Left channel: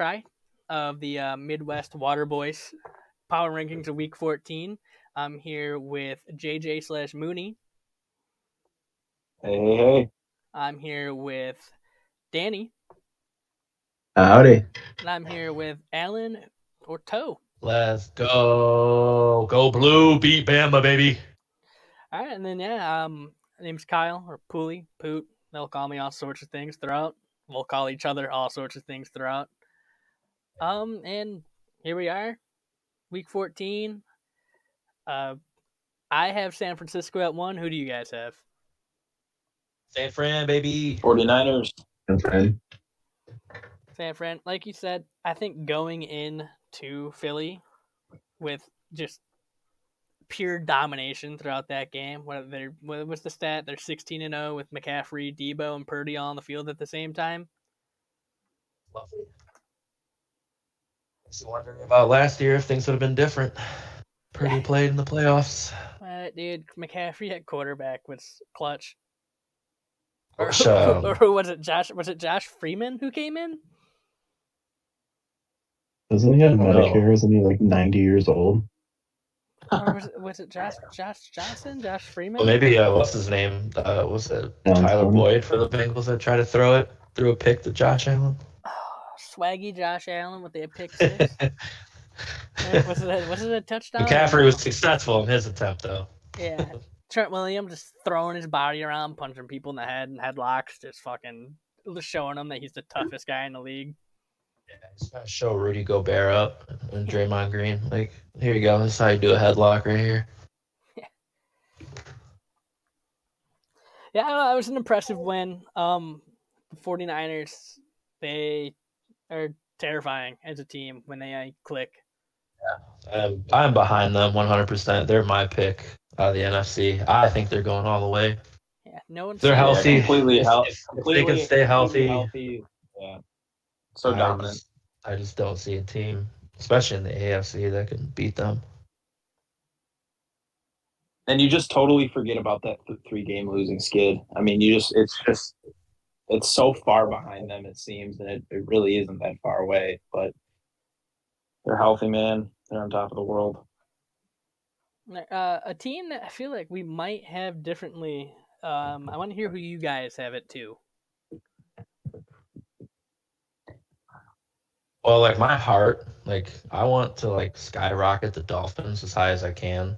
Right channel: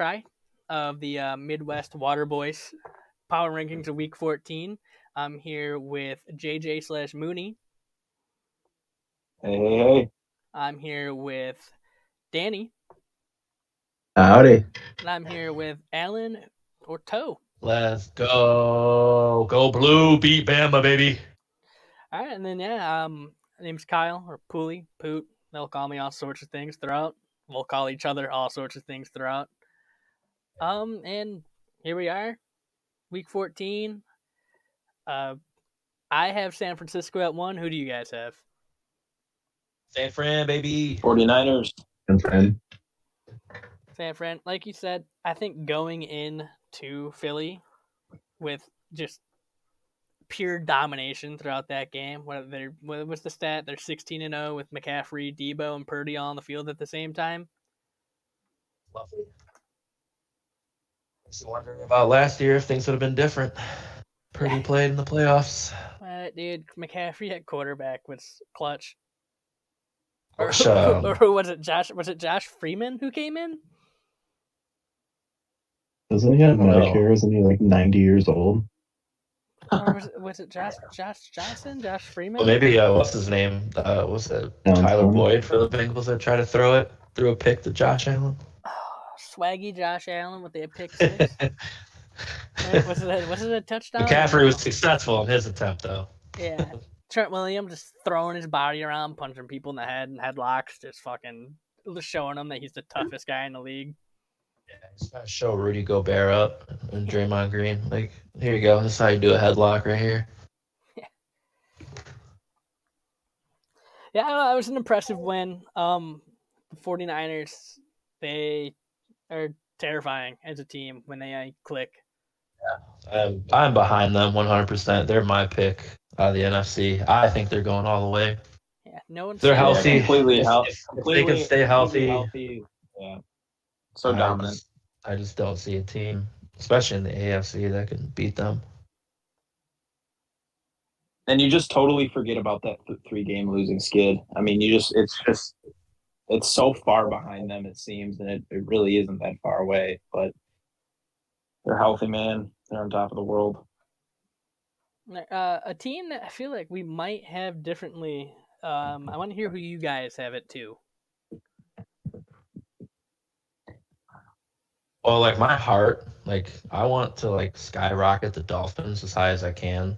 try of the Midwest Water Boys Power Rankings of Week 14. I'm here with JJ/Mooney. Hey. I'm here with Danny. Howdy. And I'm here with Alan Orto. Let's go. Go blue. Beat Bama, baby. All right, and then my name's Kyle or Pooley, Poot. They'll call me all sorts of things throughout. We'll call each other all sorts of things throughout. And here we are, Week 14. I have San Francisco at 1. Who do you guys have? San Fran, baby. 49ers. San Fran, like you said, I think going in to Philly with just pure domination throughout that game. What was the stat? They're 16-0 with McCaffrey, Debo, and Purdy all on the field at the same time. Lovely. Just wondering about last year if things would have been different. Purdy played in the playoffs. Dude, McCaffrey at quarterback was clutch. Or Which, who was it? Josh? Was it Josh Freeman who came in? Doesn't he have Medicare? Isn't he like 90 years old? Or was it Josh Johnson? Josh Freeman? Well, maybe what's his name? Was it Tyler Boyd for the Bengals that tried to threw a pick to Josh Allen? Oh, swaggy Josh Allen with the pick six. Was it a touchdown? McCaffrey was successful in his attempt, though. Yeah. Trent Williams just throwing his body around, punching people in the head and headlocks, just showing them that he's the toughest guy in the league. Yeah, he's got to show Rudy Gobert up and Draymond Green. Like, here you go. This is how you do a headlock right here. Yeah, it was an impressive win. The 49ers, they are terrifying as a team when they click. Yeah, I'm behind them 100%. They're my pick out of the NFC. I think they're going all the way. Yeah, no one's they're healthy. Completely healthy. If they can stay healthy. Yeah. So dominant. I just don't see a team, especially in the AFC, that can beat them. And you just totally forget about that 3-game losing skid. I mean, it's so far behind them, it seems, and it really isn't that far away. But they're healthy, man. They're on top of the world. A team that I feel like we might have differently. I want to hear who you guys have it too. Well, like my heart, like I want to like skyrocket the Dolphins as high as I can.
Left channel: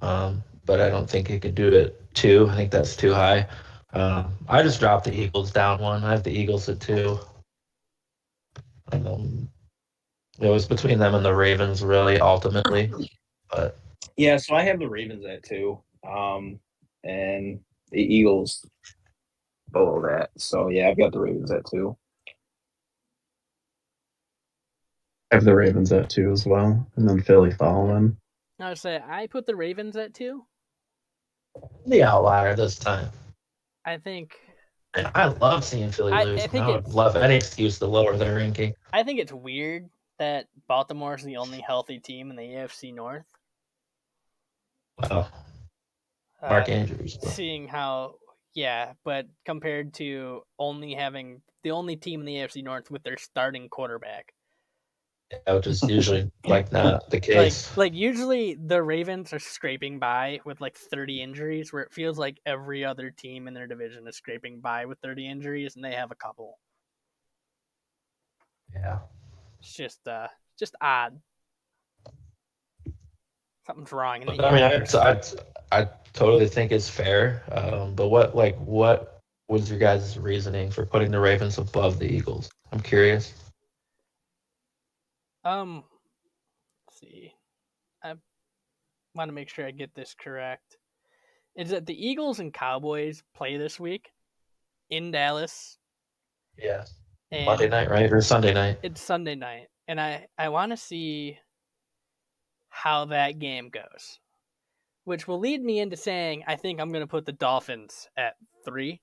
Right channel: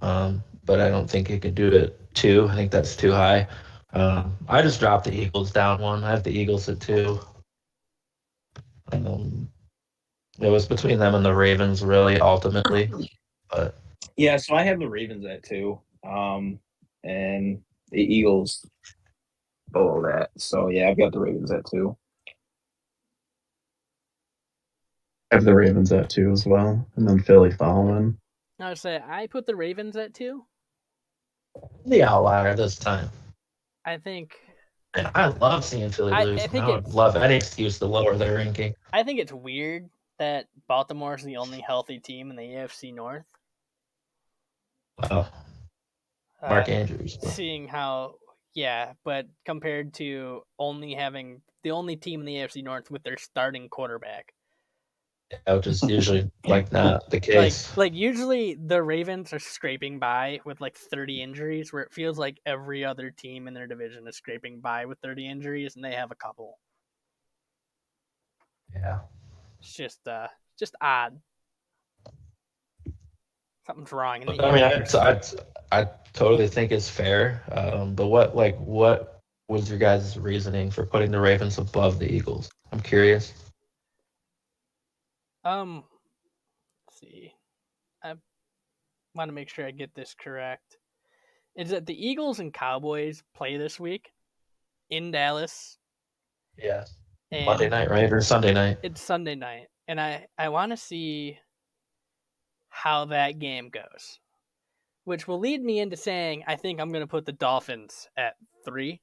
But I don't think it could do it 2. I think that's too high. I just dropped the Eagles down 1. I have the Eagles at 2. It was between them and the Ravens, really, ultimately. But yeah, so I have the Ravens at 2, and the Eagles below that. So yeah, I've got the Ravens at 2. I have the Ravens at 2 as well, and then Philly following. I would say I put the Ravens at 2. The outlier this time. I think. And I love seeing Philly lose. I would love any excuse to lower their ranking. I think it's weird that Baltimore is the only healthy team in the AFC North. Well, Mark Andrews. Seeing how, but compared to only having the only team in the AFC North with their starting quarterback. Yeah, which is usually like not the case. Like usually the Ravens are scraping by with like 30 injuries, where it feels like every other team in their division is scraping by with 30 injuries, and they have a couple. Yeah, it's just odd. Something's wrong. I totally think it's fair. But what was your guys' reasoning for putting the Ravens above the Eagles? I'm curious. Let's see. I want to make sure I get this correct. Is that the Eagles and Cowboys play this week in Dallas? Yeah. Monday night, right? Or Sunday night? It's Sunday night. And I want to see how that game goes, which will lead me into saying I think I'm going to put the Dolphins at 3.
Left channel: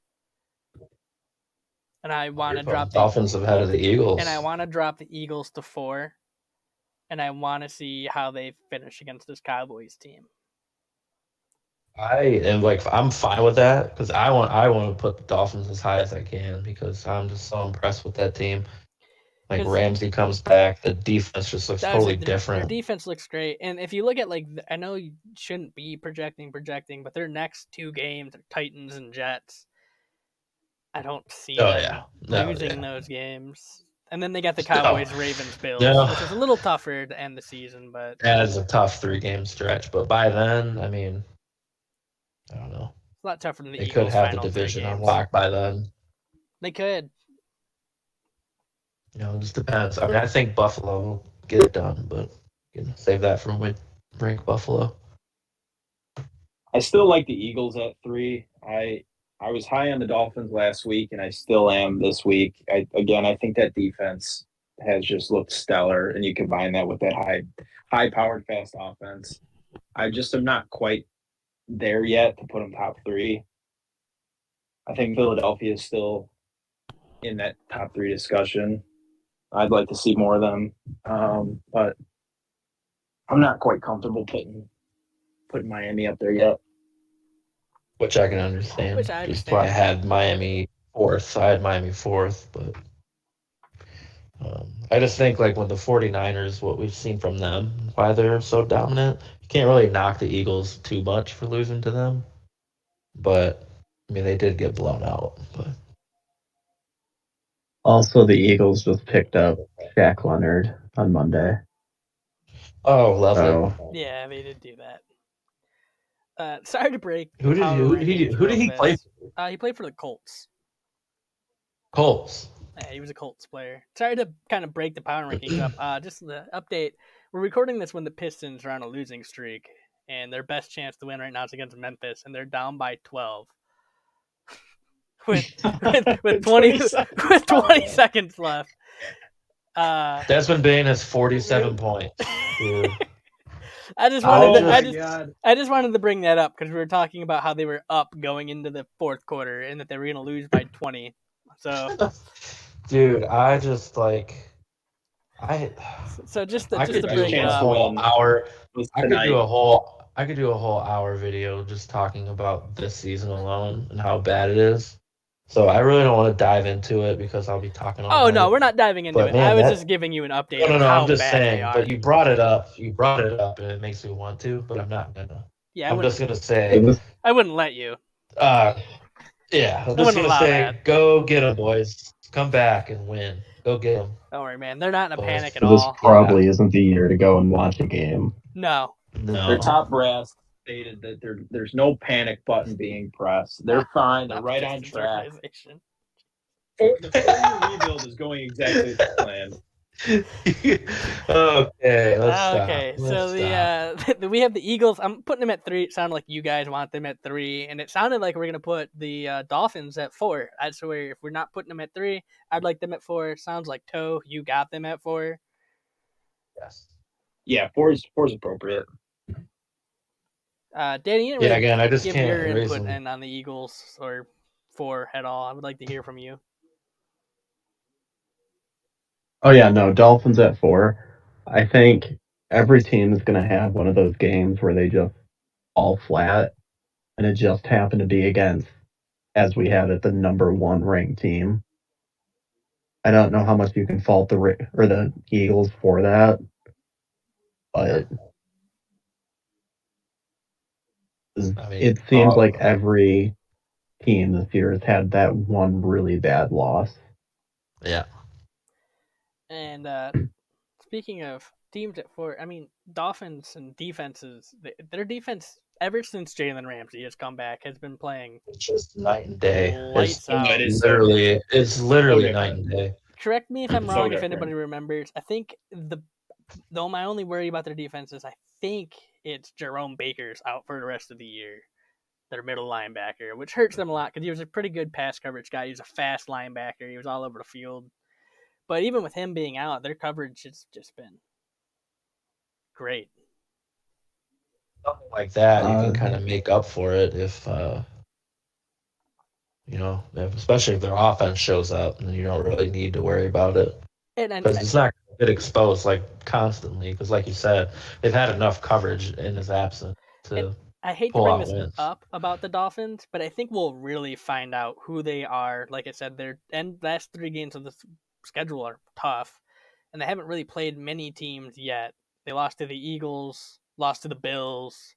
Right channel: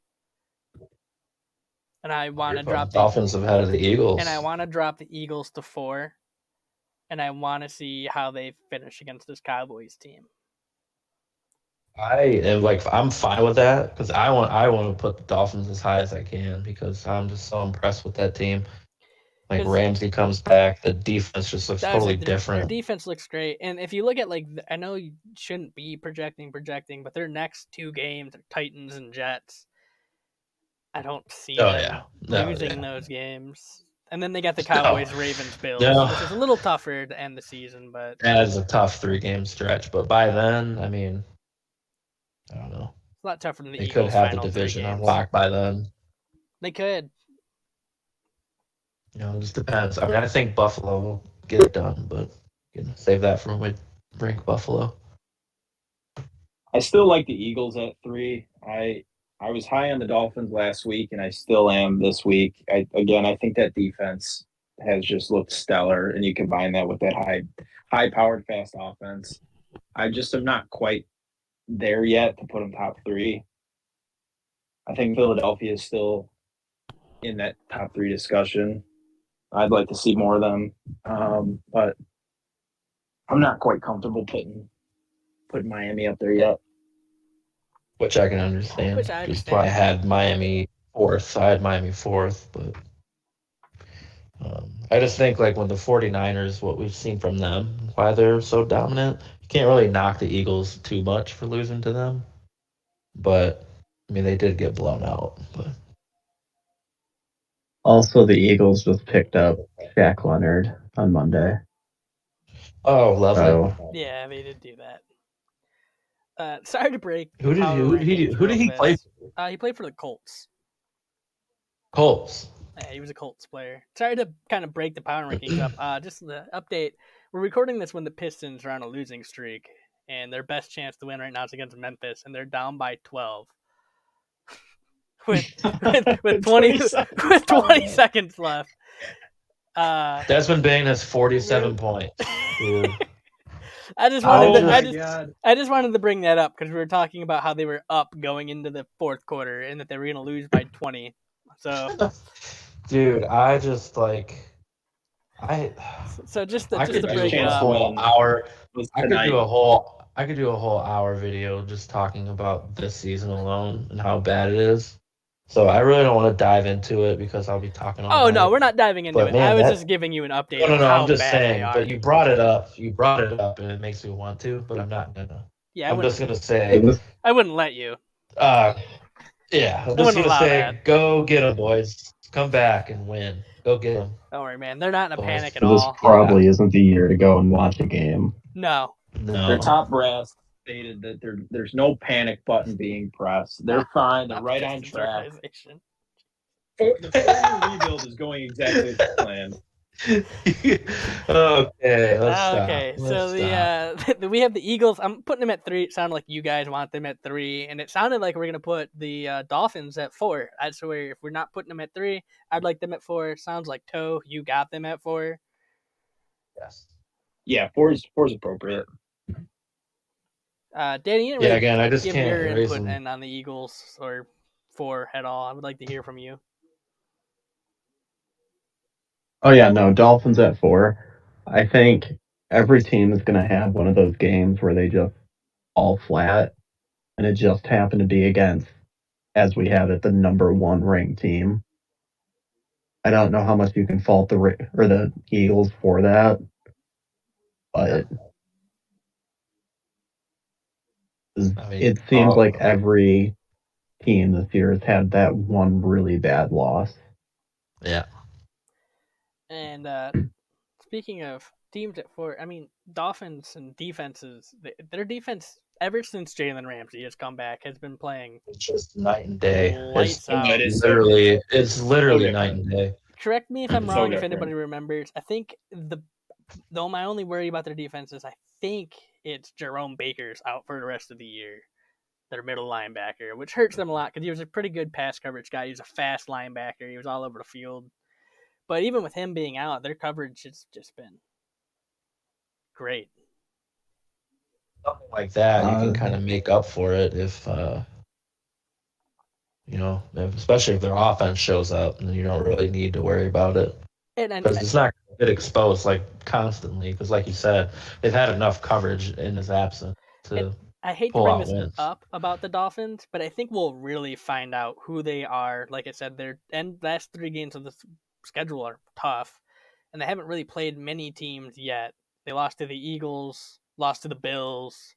And I want to drop the Dolphins ahead of the Eagles. And I want to drop the Eagles to 4. And I want to see how they finish against this Cowboys team. I'm fine with that because I want to put the Dolphins as high as I can because I'm just so impressed with that team. Like 'Cause- Ramsey comes back, the defense just looks totally Their different. defense looks great, and if you look at I know you shouldn't be projecting, but their next 2 games are Titans and Jets. I don't see Oh, them yeah. No, losing yeah. those games. And then they got the Cowboys, Ravens, Bills, No. which is a little tougher to end the season, but That is a tough 3-game stretch. But by then, I mean, I don't know. it's a lot tougher than the They could Eagles' have the final 3 division on games. lock by then. They could. You know, it just depends. I mean, I think Buffalo will get it done, but you can save that for when we rank Buffalo. I still like the Eagles at 3. I was high on the Dolphins last week, and I still am this week. I think that defense has just looked stellar, and you combine that with that high powered, fast offense. I just am not quite there yet to put them top 3. I think Philadelphia is still in that top 3 discussion. I'd like to see more of them, but I'm not quite comfortable putting Miami up there yet. Which I can understand. Which I Just why I understand. had Miami 4th. I had Miami 4th, but I just think like when the 49ers, what we've seen from them, why they're so dominant, you can't really knock the Eagles too much for losing to them. But I mean, they did get blown out. But Also, the Eagles just picked up Shaq Leonard on Monday. oh, lovely. So Yeah, they did do that. Sorry to break Who the did power rankings who did real he play? fast. He played for the Colts. Colts. Yeah, he was a Colts player. Sorry to kind of break the power rankings up. Just the update. We're recording this when the Pistons are on a losing streak, and their best chance to win right now is against Memphis, and they're down by 12 with 20 with 20 seconds left. Desmond Bain has 47 points. Dude. I just wanted to bring that up because we were talking about how they were up going into the 4th quarter and that they were going to lose by 20. So, dude, I just like just I to could break do it a up. whole hour. I could tonight. do a whole hour video just talking about this season alone and how bad it is. So I really don't want to dive into it because I'll be talking all Oh night. no, we're not diving into But, it. man, I was just giving you an update No, of how I'm just bad saying. they are. But you brought it up. And it makes me want to. But I'm not gonna. Yeah, I'm just gonna say. it was I wouldn't let you. Yeah, I'm wouldn't just gonna allow say, that. go get them, boys. Come back and win. Go get them. Don't worry, man. They're not in a Boys. panic at this all. probably isn't the year to go and watch a game. No. Their top brass stated that there's no panic button being pressed. They're fine. They're Not right the on Pistons track. organization. The 4-year rebuild is going exactly as planned. Okay, let's stop. Okay, Let's so stop. we have the Eagles. I'm putting them at 3. It sounded like you guys want them at 3, and it sounded like we're gonna put the Dolphins at 4. That's where if we're not putting them at 3, I'd like them at 4. Sounds like Toe, you got them at 4. Yes. Yeah, 4 is appropriate. Danny, you didn't really again, I just give can't your erase input them. in on the Eagles or 4 at all. I would like to hear from you. Oh yeah, no, Dolphins at 4. I think every team is going to have one of those games where they just fall flat, and it just happened to be against, as we have it, the number 1 ranked team. I don't know how much you can fault the Eagles for that, but it seems like every team this year has had that one really bad loss. Yeah. And speaking of teams at 4, I mean, Dolphins and defenses, their defense, ever since Jalen Ramsey has come back, has been playing It's just night and day. Lights out. It's literally night and day. Correct me if I'm wrong, if different. anybody remembers. I think though my only worry about their defense is I think it's Jerome Baker's out for the rest of the year. Their middle linebacker, which hurts them a lot because he was a pretty good pass coverage guy. He was a fast linebacker. He was all over the field. But even with him being out, their coverage has just been great. Something like that, you can kind of make up for it if, especially if their offense shows up, and you don't really need to worry about it. Because it's not going to get exposed constantly. Because, like you said, they've had enough coverage in his absence to. I hate to bring this up about the Dolphins, but I think we'll really find out who they are. Like I said, their last 3 games of the schedule are tough, and they haven't really played many teams yet. They lost to the Eagles, lost to the Bills,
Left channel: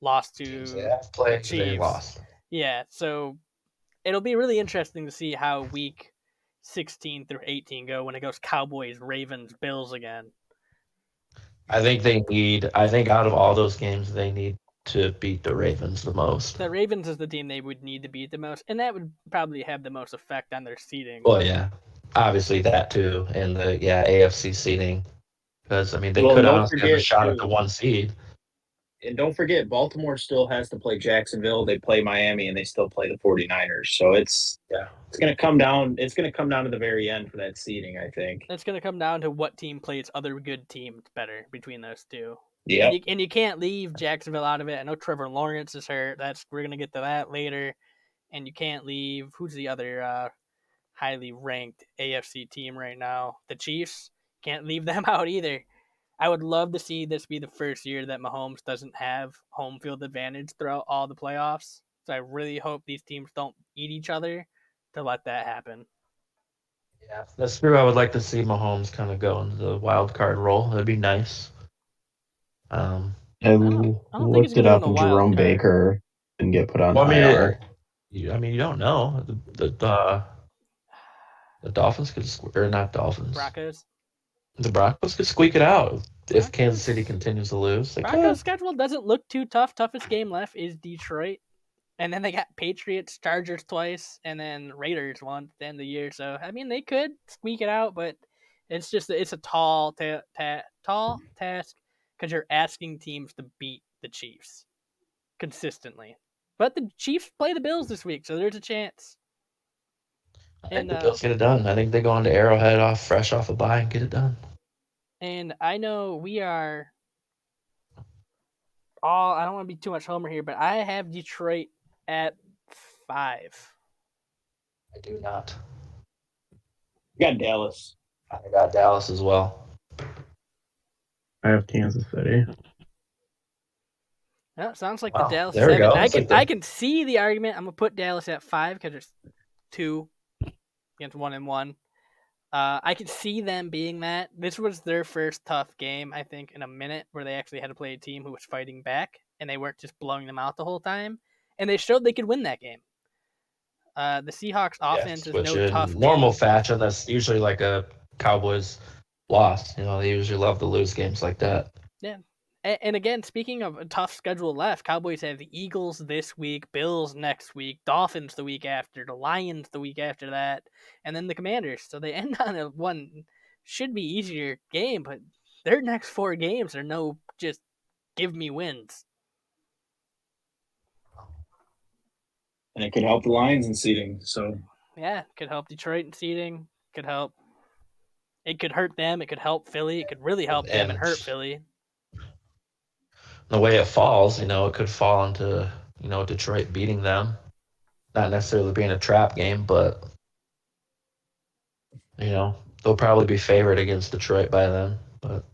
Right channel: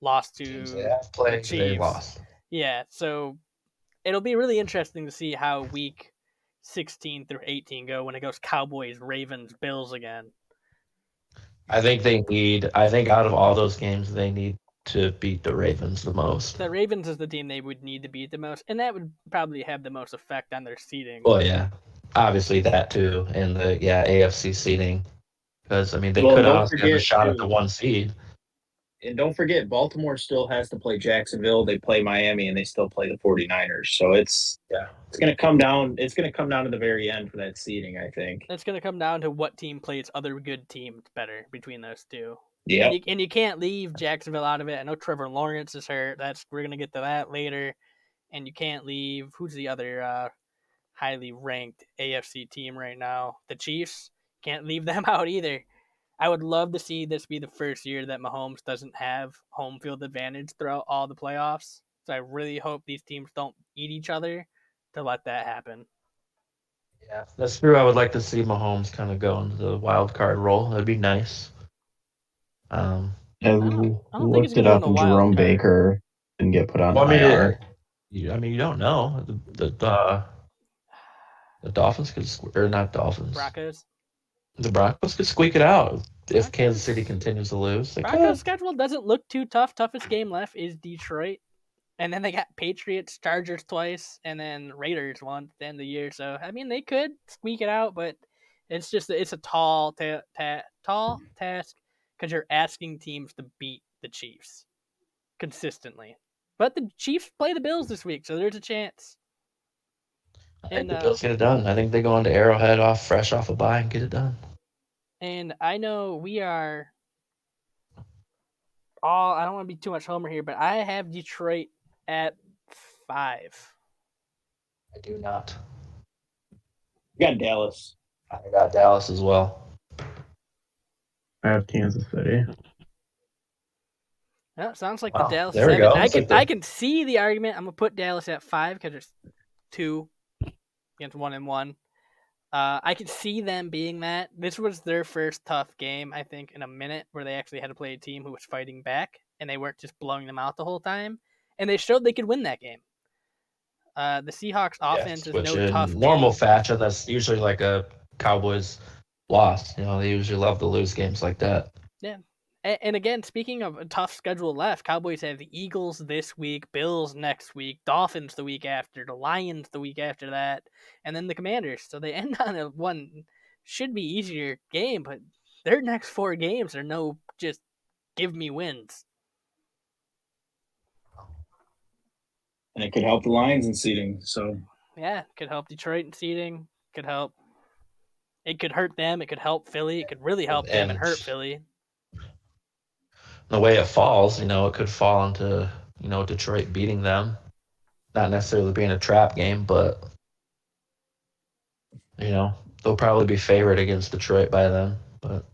lost Teams they to have the played, they Chiefs. lost. Yeah, so it'll be really interesting to see how week 16 through 18 go when it goes Cowboys, Ravens, Bills again. I think out of all those games, they need to beat the Ravens the most. The Ravens is the team they would need to beat the most, and that would probably have the most effect on their seeding. Well, yeah, obviously that too, and the AFC seeding, because I mean they Well, could don't honestly have a forget, shot at too. the 1 seed. And don't forget, Baltimore still has to play Jacksonville. They play Miami, and they still play the 49ers. So it's going to come down. It's going to come down to the very end for that seeding, I think. It's going to come down to what team plays other good teams better between those two. Yeah. And you can't leave Jacksonville out of it. I know Trevor Lawrence is hurt. We're going to get to that later. And you can't leave, who's the other highly ranked AFC team right now? The Chiefs. Can't leave them out either. I would love to see this be the first year that Mahomes doesn't have home field advantage throughout all the playoffs. So I really hope these teams don't eat each other to let that happen. Yeah, that's true. I would like to see Mahomes kind of go into the wild card role. That'd be nice. And I don't think he's looked it gonna up, go in and the wild Jerome card. Baker didn't get put on Well, I mean, IR. you don't know. The Dolphins could, or not Dolphins. Broncos. The Broncos could squeak it out if Kansas City continues to lose. Broncos' schedule doesn't look too tough. Toughest game left is Detroit. And then they got Patriots, Chargers twice, and then Raiders once at the end of the year. So, I mean, they could squeak it out, but it's a tall task because you're asking teams to beat the Chiefs consistently. But the Chiefs play the Bills this week, so there's a chance. I think the Bills get it done. I think they go into Arrowhead fresh off a bye and get it done. And I know we are all, I don't want to be too much homer here, but I have Detroit at 5. I do not. You got Dallas. I got Dallas as well. I have Kansas City. Well, sounds like Wow, the Dallas there we 7. go. I can see the argument. I'm gonna put Dallas at 5 because there's 2 against 1 and 1. I could see them being that. This was their first tough game, I think, in a minute where they actually had to play a team who was fighting back and they weren't just blowing them out the whole time. And they showed they could win that game. The Seahawks offense is no tough normal game. fashion. That's usually like a Cowboys loss. They usually love to lose games like that. Yeah. And again, speaking of a tough schedule left, Cowboys have the Eagles this week, Bills next week, Dolphins the week after, the Lions the week after that, and then the Commanders. So they end on a one should be easier game, but their next 4 games are no just give me wins. And it could help the Lions in seeding. So yeah, could help Detroit in seeding. Could help. It could hurt them. It could help Philly. It could really help them and hurt Philly. The way it falls, it could fall into, Detroit beating them. Not necessarily being a trap game, but, they'll probably be favored against Detroit by then. But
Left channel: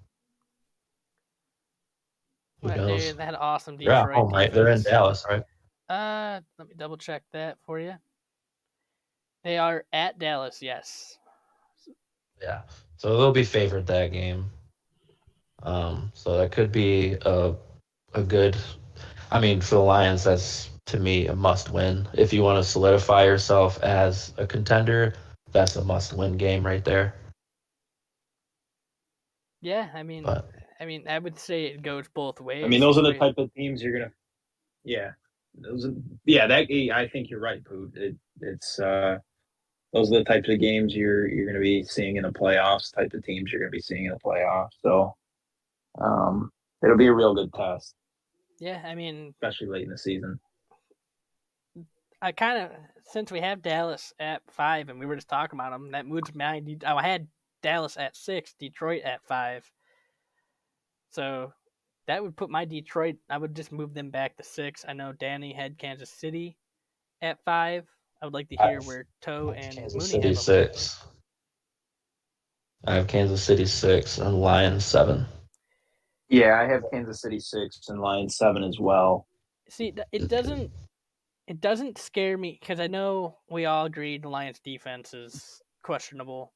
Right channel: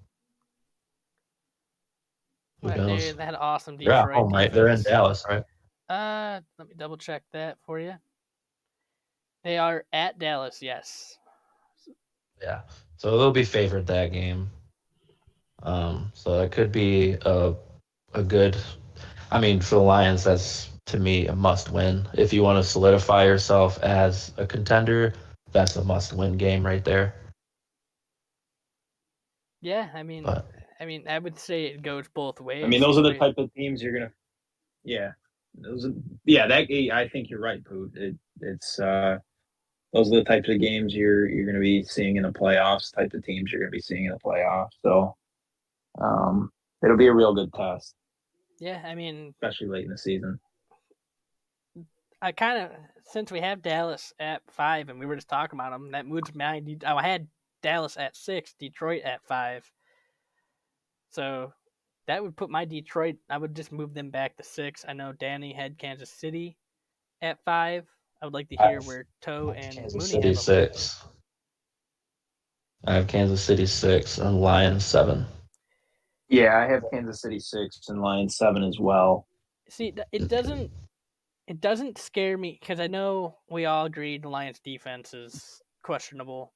who knows? Dude, that awesome Detroit They're at home, right? They're in Dallas, right? Let me double check that for you. They are at Dallas, yes. Yeah. So they'll be favored that game. So that could be a good, for the Lions, that's to me a must win. If you want to solidify yourself as a contender, that's a must win game right there. Yeah, I would say it goes both ways. those are the type of teams you're gonna. Yeah, I think you're right, Poot. It's those are the types of games you're going to be seeing in the playoffs. Type of teams you're going to be seeing in the playoffs. So, it'll be a real good test. Yeah, especially late in the season. I kind of, since we have Dallas at 5 and we were just talking about them, that moves my. I had Dallas at 6, Detroit at 5. So that would put my Detroit. I would just move them back to 6. I know Danny had Kansas City at 5. I would like to hear where Toe and Kansas Mooney have 6. I have Kansas City 6 and Lions 7. Yeah, I have Kansas City 6 and Lions 7 as well. See, it doesn't scare me because I know we all agree the Lions defense is questionable.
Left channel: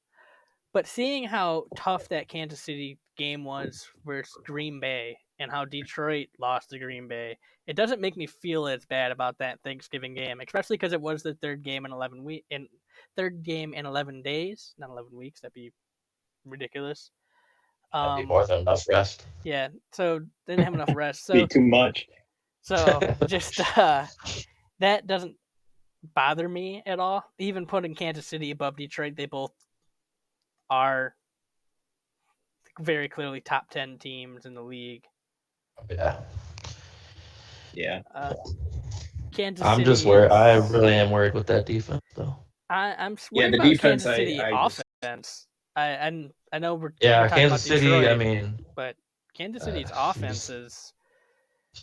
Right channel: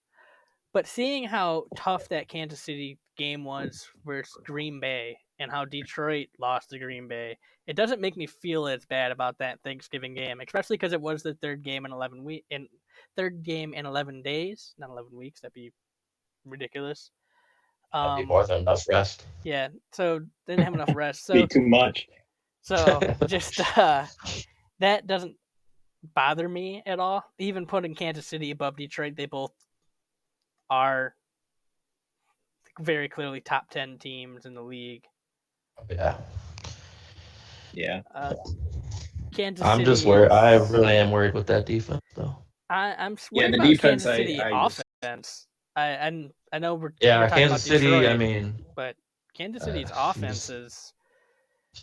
But seeing how tough that Kansas City game was versus Green Bay and how Detroit lost to Green Bay, it doesn't make me feel as bad about that Thanksgiving game, especially because it was the third game in 11 days, not 11 weeks. That'd be ridiculous. That'd be more than enough rest. Yeah, so didn't have enough rest. Be So too much. so just that doesn't bother me at all. Even putting Kansas City above Detroit, they both are very clearly top 10 teams in the league. Yeah. Kansas I'm City just worried. I really am worried with that defense, though. I'm worried the about defense, Kansas City I just- offense. I know we're Yeah, talking Kansas about City. Detroit, I mean, but Kansas City's uh, offense is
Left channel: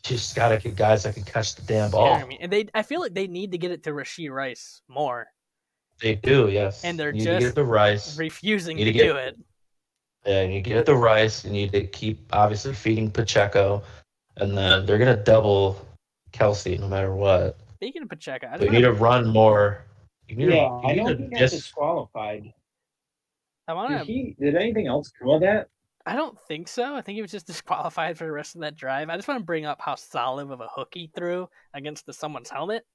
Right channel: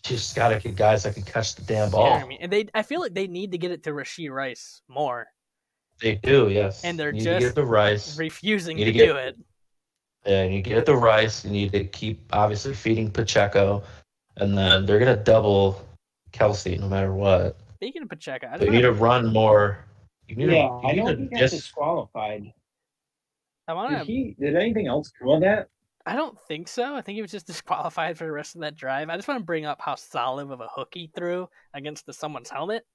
just gotta get guys that can catch the damn ball. scaring me, and I feel like they need to get it to Rashee Rice more, They do, yes. and they're You need to just get the Rice. refusing Need to to get- do it. Yeah, you get the Rice. You need to keep obviously feeding Pacheco, and then they're gonna double Kelsey no matter what. Speaking of Pacheco, So you need to run more. You need Yeah, to, I you know need he to got just disqualified. I want to. Did anything else come of that? I don't think so. I think he was just disqualified for the rest of that drive. I just want to bring up how solid of a hook he threw against someone's helmet.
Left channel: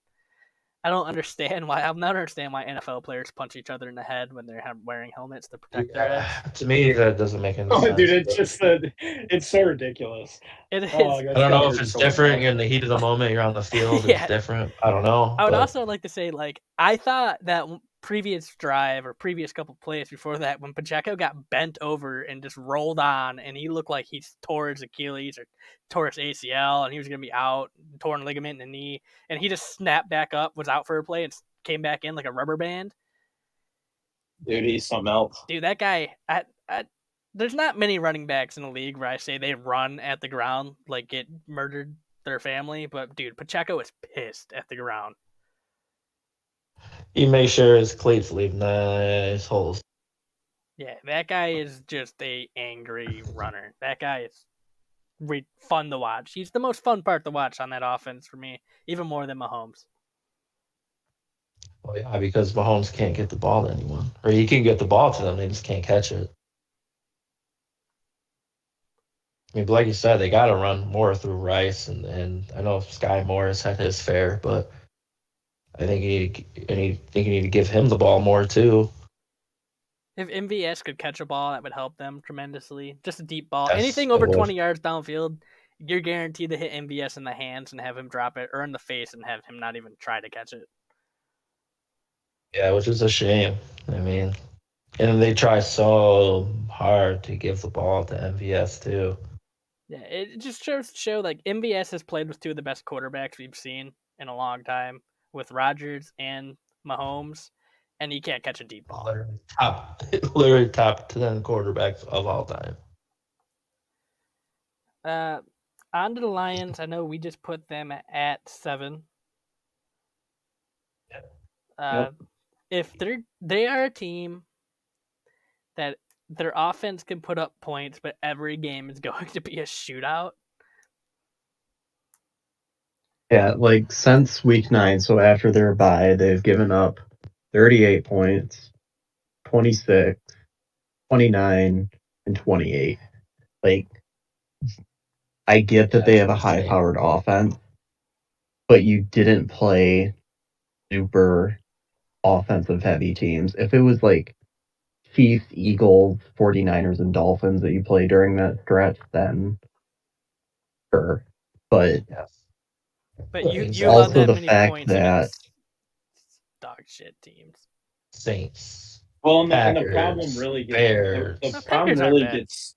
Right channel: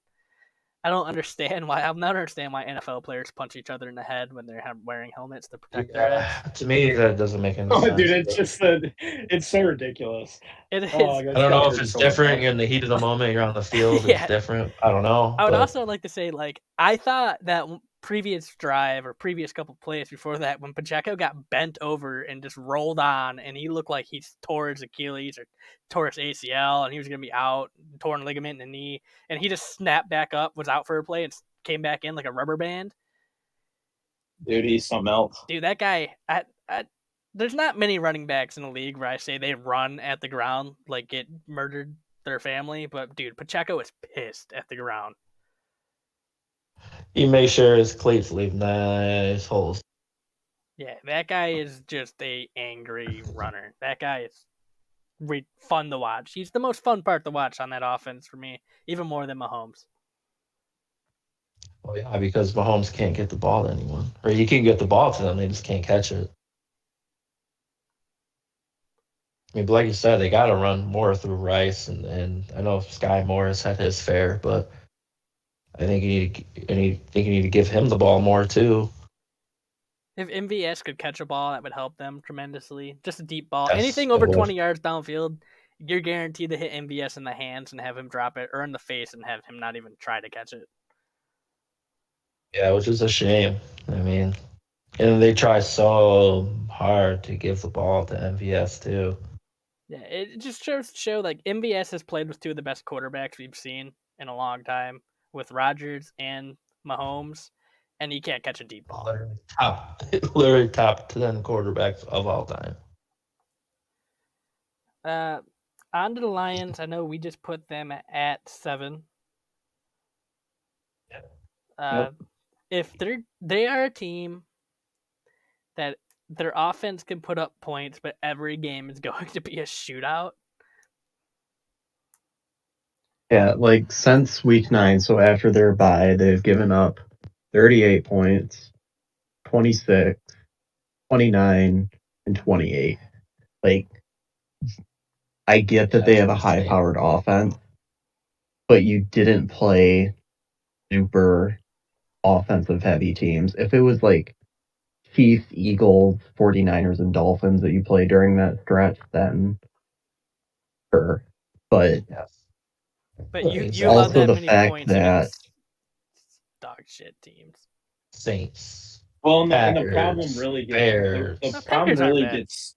I don't understand why. I'll never understand why NFL players punch each other in the head when they're wearing helmets to protect their heads. To me, that doesn't make any Oh, sense. dude, it's just it's so ridiculous. It is. Oh, I don't know if it's different. You're in the heat of the moment. You're on the field. Yeah. It's different. I don't know. I would but also like to say, like, I thought that previous drive or previous couple plays before that, when Pacheco got bent over and just rolled on, and he looked like he tore his Achilles or tore his ACL, and he was going to be out, torn ligament in the knee, and he just snapped back up, was out for a play, and came back in like a rubber band. Dude, he's something else. Dude, that guy, there's not many running backs in the league where I say they run at the ground, like get murdered their family, but dude, Pacheco is pissed at the ground. he made sure his cleats leave nice holes. Yeah, that guy is just a angry runner. That guy is fun to watch. He's the most fun part to watch on that offense for me, even more than Mahomes. Well, yeah, because Mahomes can't get the ball to anyone, or he can get the ball to them, they just can't catch it. I mean, but like you said, they got to run more through Rice, and I know Sky Morris had his fair, but I think you need to give him the ball more too. If MVS could catch a ball, that would help them tremendously. Just a deep ball. Yes, Anything it over would. 20 yards downfield, you're guaranteed to hit MVS in the hands and have him drop it, or in the face and have him not even try to catch it. Yeah, which is a shame. I mean, and they try so hard to give the ball to MVS too. Yeah, it just shows to show like MVS has played with two of the best quarterbacks we've seen in a long time, with Rodgers and Mahomes, and he can't catch a deep ball. Literally top 10 quarterbacks of all time. On to the Lions. I know we just put them at 7. If they are a team that their offense can put up points, but every game is going to be a shootout. Yeah, like since week 9, so after their bye, they've given up 38 points, 26, 29, and 28. Like, I get that they have a high-powered offense, but you didn't play super offensive-heavy teams. If it was like Chiefs, Eagles, 49ers, and Dolphins that you play during that stretch, then sure. But Yes. But But you it's allowed also that the many fact points that- against dog shit teams. Saints. Well, and the Packers, problem really Bears. gets No, the problem Packers aren't really bad. gets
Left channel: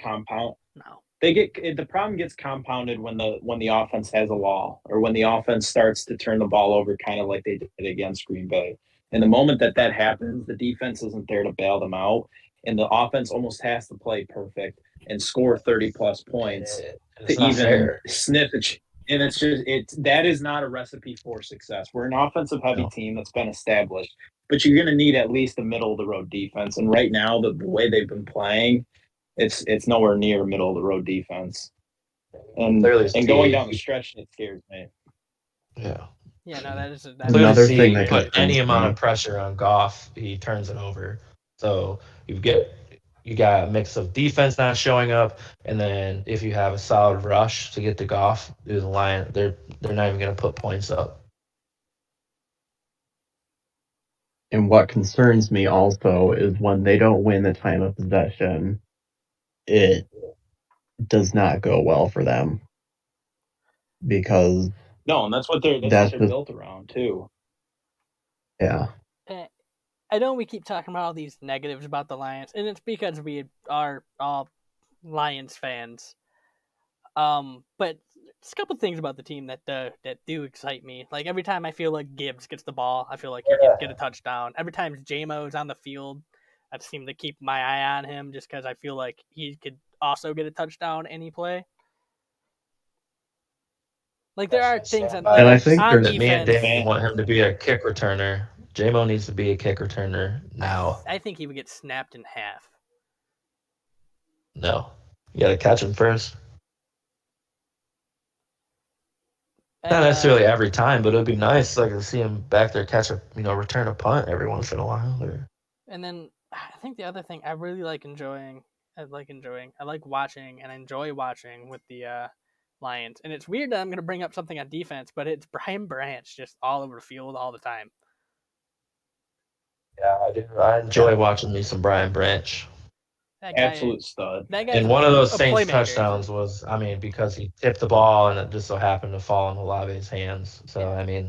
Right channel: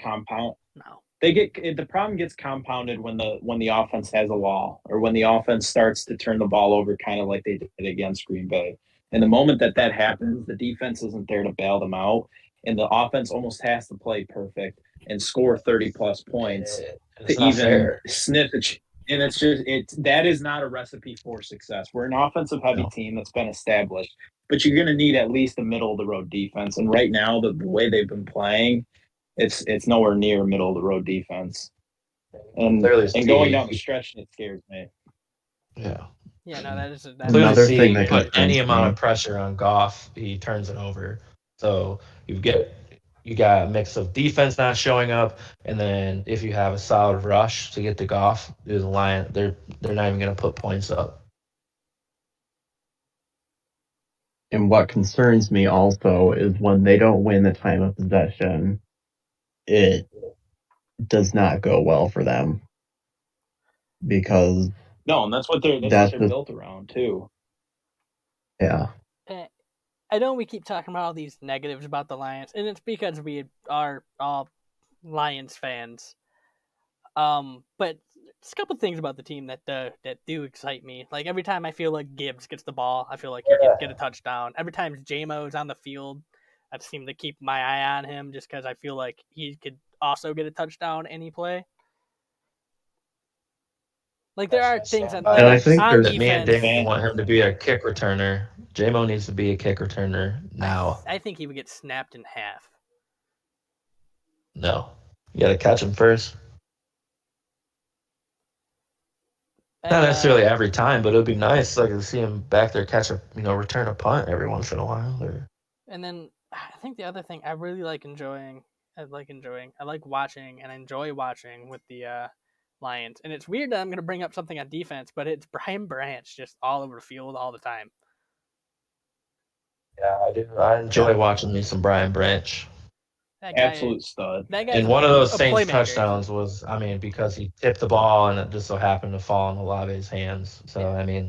compound. No. The problem gets compounded when the offense has a lull, or when the offense starts to turn the ball over, kind of like they did against Green Bay. And the moment that happens, the defense isn't there to bail them out, and the offense almost has to play perfect and score 30+ points It's to not even fair. sniff it. And that is not a recipe for success. We're an offensive heavy No. team that's been established, but you're going to need at least a middle of the road defense. And right now, the way they've been playing, it's nowhere near middle of the road defense. And Clearly going see- down the stretch, it scares me. Yeah. Yeah, no, that is Clearly Another see thing you that put concerns any amount me- of pressure on Goff, he turns it over. So you got a mix of defense not showing up, and then if you have a solid rush to get to Goff, the Lions they're not even going to put points up. And what concerns me also is when they don't win the time of possession, it does not go well for them. Because No, and that's what they're built around too. Yeah. I know we keep talking about all these negatives about the Lions, and it's because we are all Lions fans. But just a couple things about the team that do excite me. Like every time I feel like Gibbs gets the ball, I feel like he can get a touchdown. Every time J-Mo's on the field, I seem to keep my eye on him just because I feel like he could also get a touchdown any play. Like there are things on, like, and I think on there's Me and defense. Dan want him to be a kick returner. J-Mo needs to be a kick returner now. I think he would get snapped in half. No, you got to catch him first. Not necessarily every time, but it would be nice, like, to see him back there catch a, return a punt every once in a while. And then I think the other thing I really like enjoying, I like watching and enjoy watching with the Lions. And it's weird that I'm going to bring up something on defense, but it's Brian Branch just all over the field all the time. Yeah, I do. I enjoy watching me some Brian Branch. That guy, absolute stud. That guy, and one of those Saints playmaker. touchdowns was, because he tipped the ball and it just so happened to fall in Olave's hands. So, yeah.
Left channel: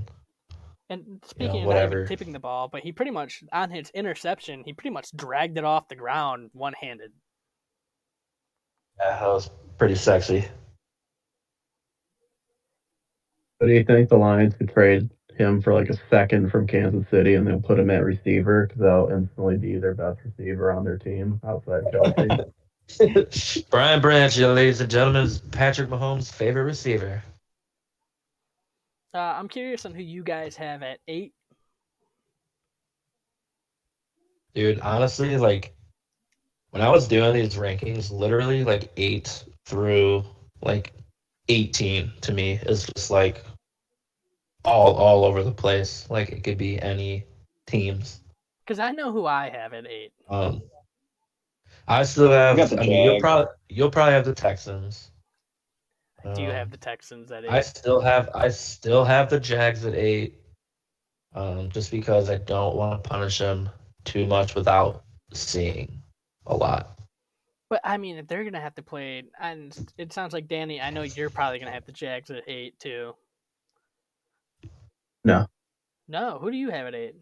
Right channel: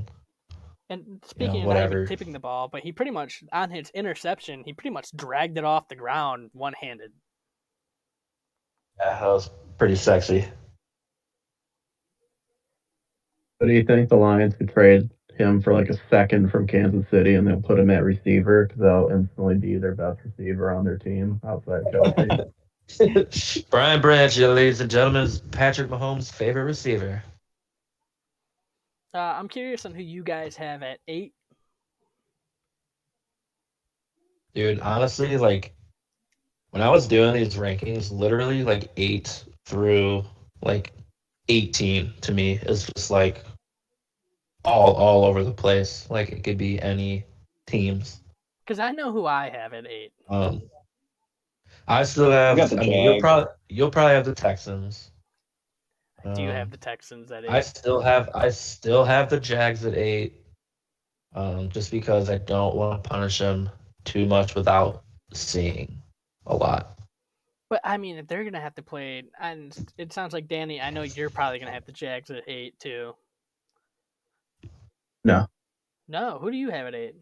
And speaking of not even tipping the ball, but he pretty much, on his interception, he pretty much dragged it off the ground one-handed. Yeah, that was pretty sexy. So do you think the Lions could trade him for like a second from Kansas City and they'll put him at receiver because they'll instantly be their best receiver on their team outside Kelsey? Brian Branch, ladies and gentlemen, is Patrick Mahomes' favorite receiver. I'm curious on who you guys have at 8. Dude, honestly, like, when I was doing these rankings, literally, like, 8 through, like, 18 to me is just, like, all over the place. Like, it could be any teams. Because I know who I have at 8. I still have. You'll probably have the Texans. Do you have the Texans at 8? I still have the Jags at 8. Just because I don't want to punish them too much without seeing a lot. But I mean, if they're gonna have to play, and it sounds like Danny, I know you're probably gonna have the Jags at 8 too. No. Who do you have at 8?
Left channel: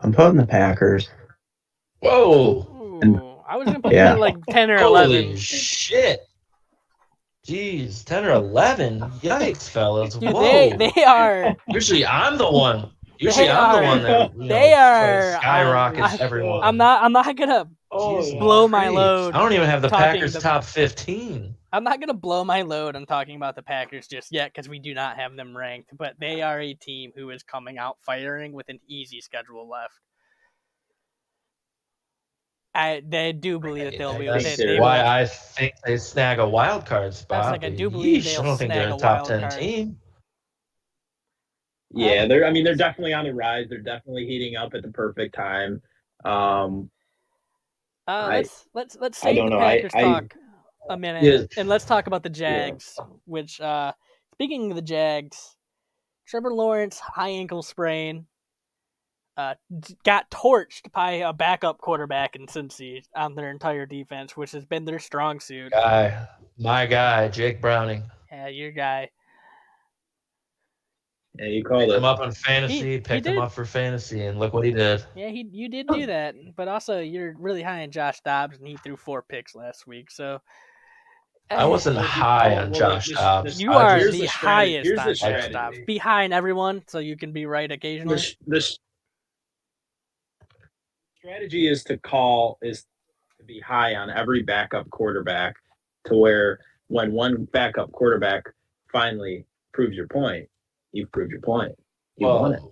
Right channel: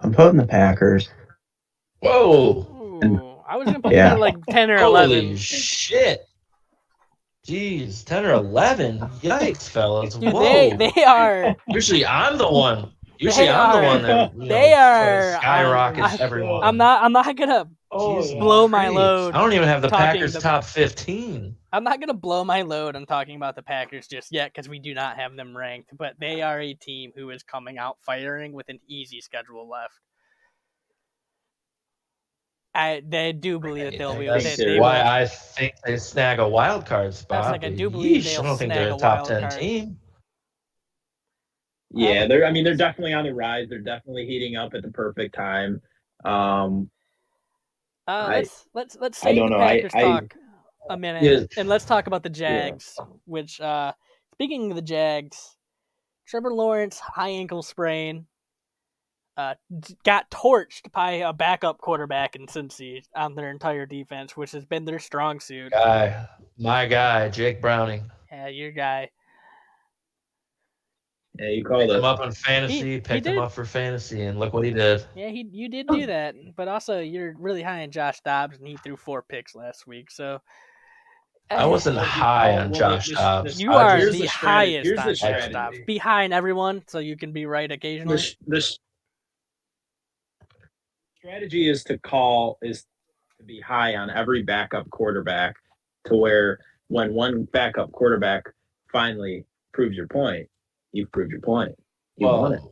I'm putting the Packers. Whoa! Ooh, I was gonna put them at like 10 or 11. Holy shit! Jeez, 10 or 11. Yikes, fellas! Dude, whoa! they are. Usually I'm the one. They skyrockets everyone. I'm not gonna blow my load. I don't even have the Packers top 15. I'm not gonna blow my load on talking about the Packers just yet because we do not have them ranked. But they are a team who is coming out firing with an easy schedule left. They do believe that they'll be. I think they snag a wild card spot. I do believe they'll snag a wild card team. Yeah, they're definitely on the rise. They're definitely heating up at the perfect time. Let's save the Packers talk a minute, and let's talk about the Jags. Which, speaking of the Jags, Trevor Lawrence high ankle sprain, got torched by a backup quarterback in Cincy on their entire defense, which has been their strong suit. My guy, Jake Browning. Yeah, your guy. Yeah, you called him up on fantasy, picked him up for fantasy, and look what he did. Yeah, you did do that. But also, you're really high on Josh Dobbs, and he threw 4 picks last week. So I wasn't high on Josh Dobbs. You are the highest on Josh Dobbs. Be high on everyone, so you can be right occasionally. The strategy is to be high on every backup quarterback, to where when one backup quarterback finally proves your point, you've proved your point. You won it.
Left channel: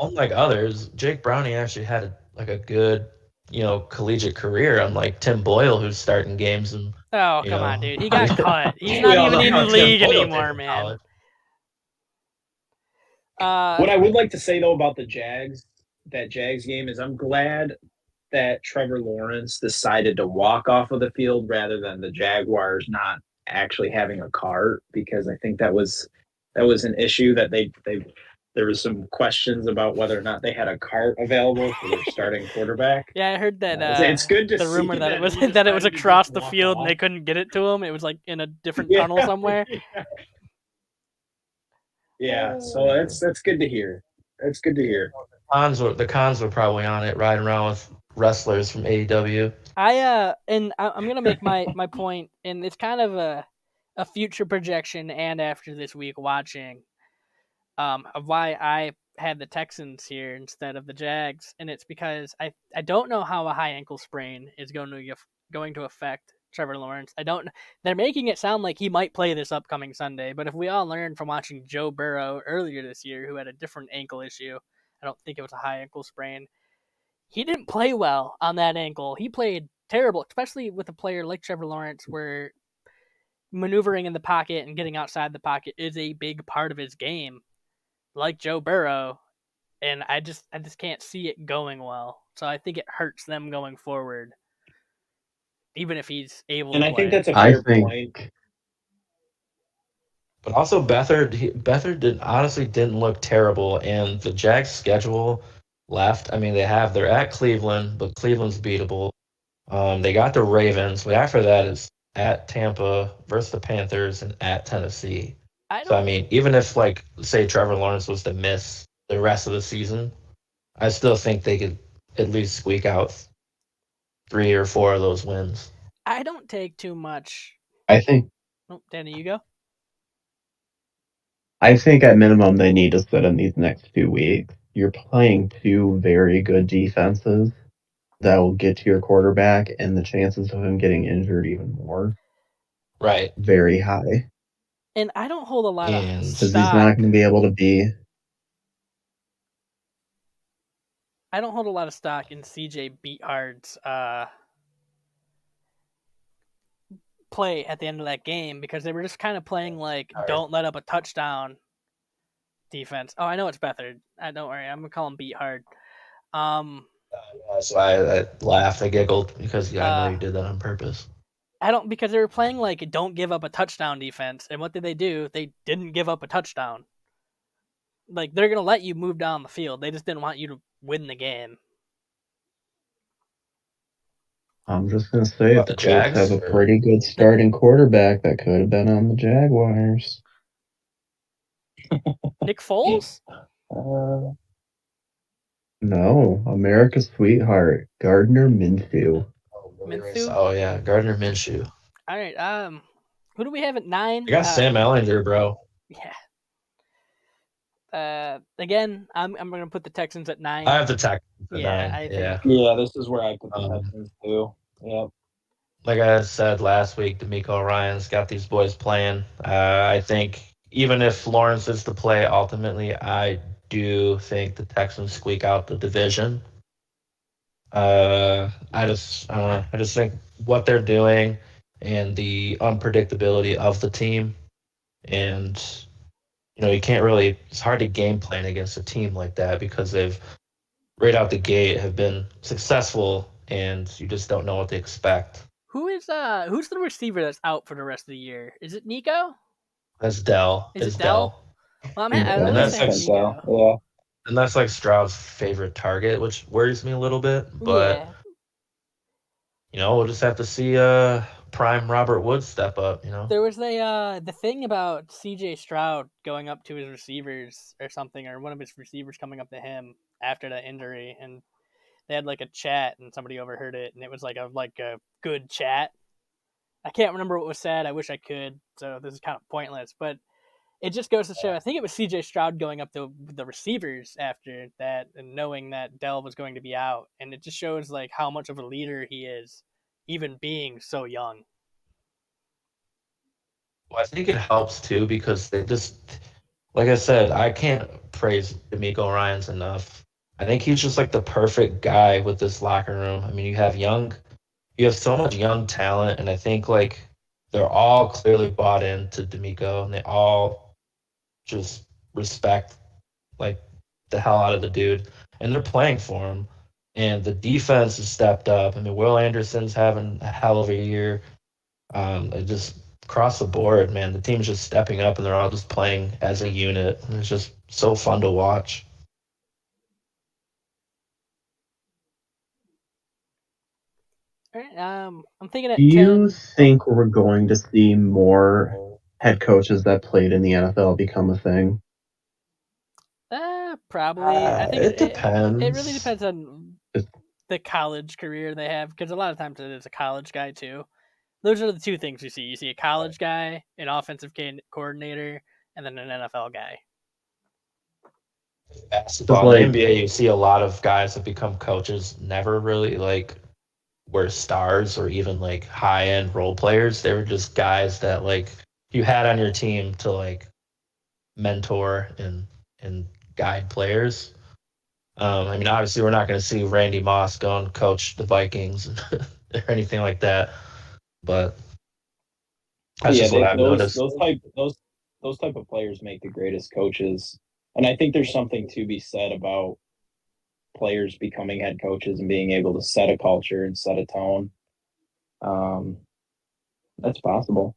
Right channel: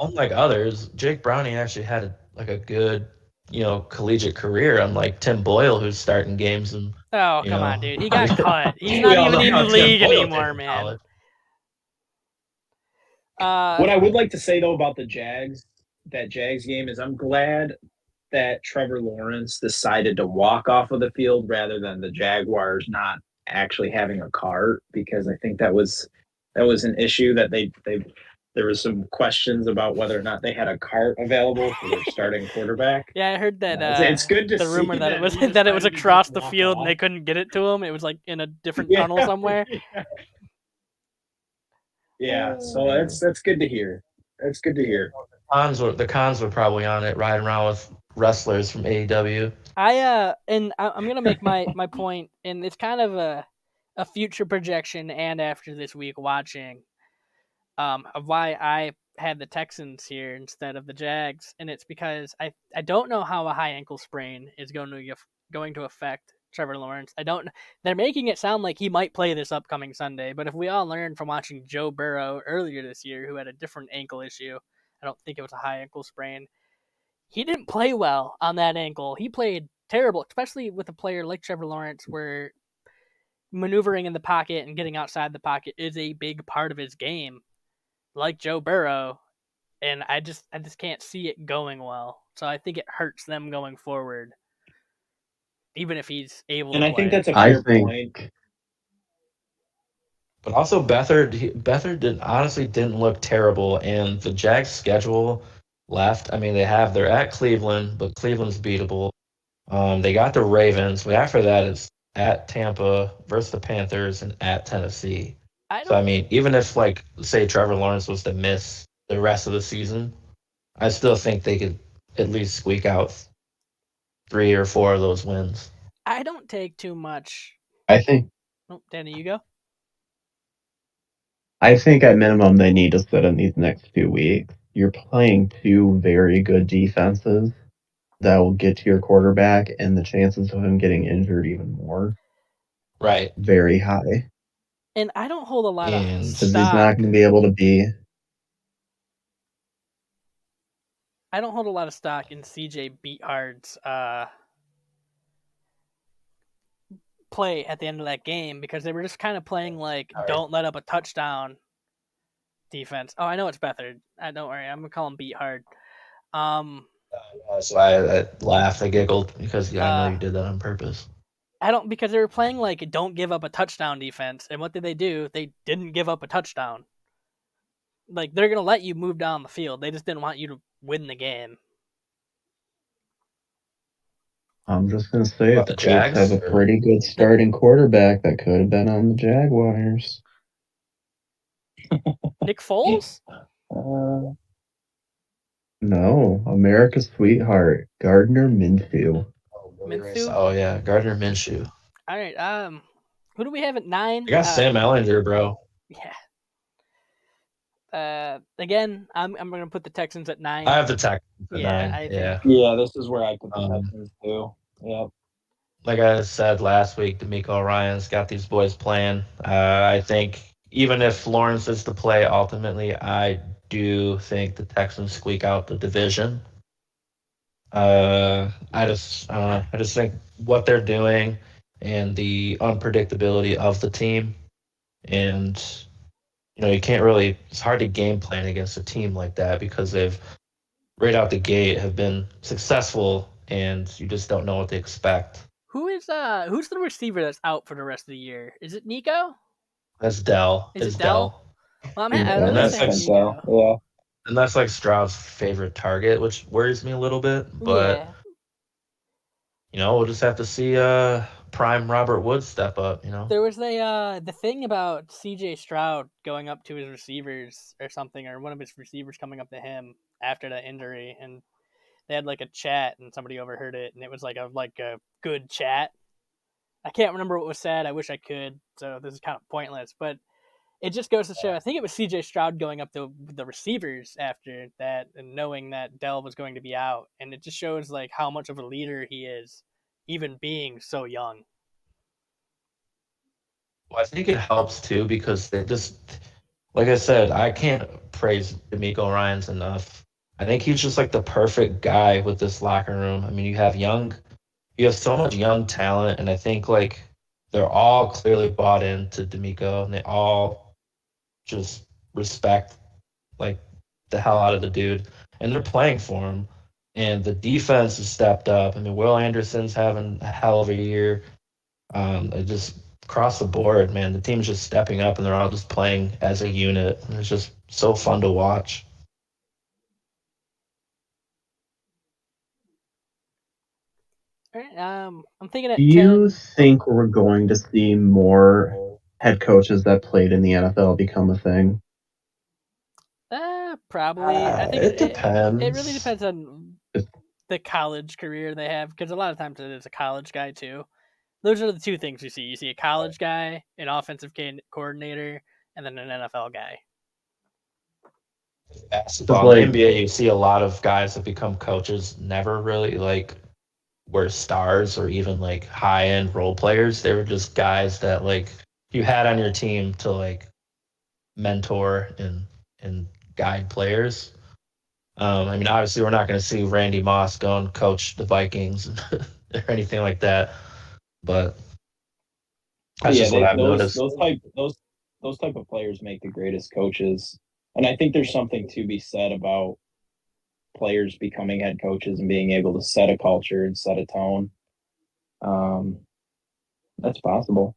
Unlike others, Jake Browning actually had a good, collegiate career. Unlike Tim Boyle, who's starting games and. Oh, come on, dude! He got cut. He's not even in the league anymore, man. What I would like to say though about that Jags game is I'm glad that Trevor Lawrence decided to walk off of the field rather than the Jaguars not actually having a cart, because I think that was an issue that they there was some questions about whether or not they had a cart available for their starting quarterback. Yeah, I heard that. It's good to the see rumor that it was he that it was decided to across just the walk field and off. they couldn't get it to him. It was like in a different Yeah. tunnel somewhere. Yeah, so that's good to hear. That's good to hear. The cons were probably on it, riding around with wrestlers from AEW. I'm gonna make my point, and it's kind of a future projection, and after this week watching, of why I had the Texans here instead of the Jags, and it's because I don't know how a high ankle sprain is going to affect Trevor Lawrence. I don't. They're making it sound like he might play this upcoming Sunday, but if we all learned from watching Joe Burrow earlier this year, who had a different ankle issue, I don't think it was a high ankle sprain. He didn't play well on that ankle. He played terrible, especially with a player like Trevor Lawrence, where maneuvering in the pocket and getting outside the pocket is a big part of his game, like Joe Burrow. And I just can't see it going well. So I think it hurts them going forward, even if he's able And to I play. think that's a I fair point. think But also Beathard honestly didn't look terrible, and the Jags' schedule left. I mean, they're at Cleveland, but Cleveland's beatable. They got the Ravens, but after that it's at Tampa versus the Panthers and at Tennessee. I So I don't. mean, even if like say Trevor Lawrence was to miss the rest of the season, I still think they could at least squeak out 3 or 4 of those wins. I don't take too much. I think Oh, Danny, you go. at minimum they need to sit in these next 2 weeks. You're playing two very good defenses that will get to your quarterback, and the chances of him getting injured even more Right. very high And I don't hold a lot of And- 'cause he's stock. not going to be able to be. I don't hold a lot of stock in CJ Beathard's play at the end of that game, because they were just kind of playing like All right. don't let up a touchdown defense. Oh, I know it's Beathard. Don't worry, I'm gonna call him Beathard. So I laughed, I giggled because I know you did that on purpose. Because they were playing like don't give up a touchdown defense, and what did they do? They didn't give up a touchdown. Like, they're gonna let you move down the field. They just didn't want you to win the game. I'm just going to say What, the the Colts Jags, have a or- pretty good starting quarterback that could have been on the Jaguars. Nick Foles? No, America's sweetheart, Gardner Minshew. Minshew? Oh yeah, Gardner Minshew. All right. Who do we have at 9? I got Sam Ellinger, bro. Yeah. Again, I'm gonna put the Texans at 9. I have the Texans at Yeah, 9. I think. Yeah, this is where I put the Texans too. Yep. Like I said last week, D'Amico Ryan's got these boys playing. I think even if Lawrence is to play, ultimately, I do think the Texans squeak out the division. I just think what they're doing and the unpredictability of the team, and you can't really. It's hard to game plan against a team like that because they've right out the gate have been successful, and you just don't know what to expect. Who's the receiver that's out for the rest of the year? Is it Nico? That's Dell. Is It's it Dell? Well, I And at that's least have like Nico. Yeah. And that's like Stroud's favorite target, which worries me a little bit. But we'll just have to see prime Robert Woods step up. There was the thing about CJ Stroud going up to his receivers or something, or one of his receivers coming up to him after that injury, and they had like a chat, and somebody overheard it, and it was like a good chat. I can't remember what was said. I wish I could, so this is kind of pointless, but it just goes to show. I think it was CJ Stroud going up to the receivers after that, and knowing that Dell was going to be out, and it just shows like how much of a leader he is, even being so young. Well, I think it helps too because they just, like I said, I can't praise D'Amico Ryans enough. I think he's just like the perfect guy with this locker room. I mean, you have so much young talent, and I think like they're all clearly bought into D'Amico, and they all just respect like the hell out of the dude, and they're playing for him. and the defense has stepped up. I mean, Will Anderson's having a hell of a year. Just across the board, man, the team's just stepping up, and they're all just playing as a unit. And it's just so fun to watch. All right, I'm thinking Do at you 10. Oh, think we're going to see more head coaches that played in the NFL become a thing? probably. I think It it really depends. depends on the college career they have, because a lot of times it is a college guy too. Those are the two things you see. You see a college guy, an offensive coordinator, and then an NFL guy. Because Basketball in the NBA, you see a lot of guys that become coaches never really like were stars or even like high end role players. They were just guys that like you had on your team to like mentor and guide players. I mean, obviously, we're not going to see Randy Moss go and coach the Vikings or anything like that, but that's Yeah, just what they I've noticed. those type of players make the greatest coaches. And I think there's something to be said about players becoming head coaches and being able to set a culture and set a tone. Um, that's possible.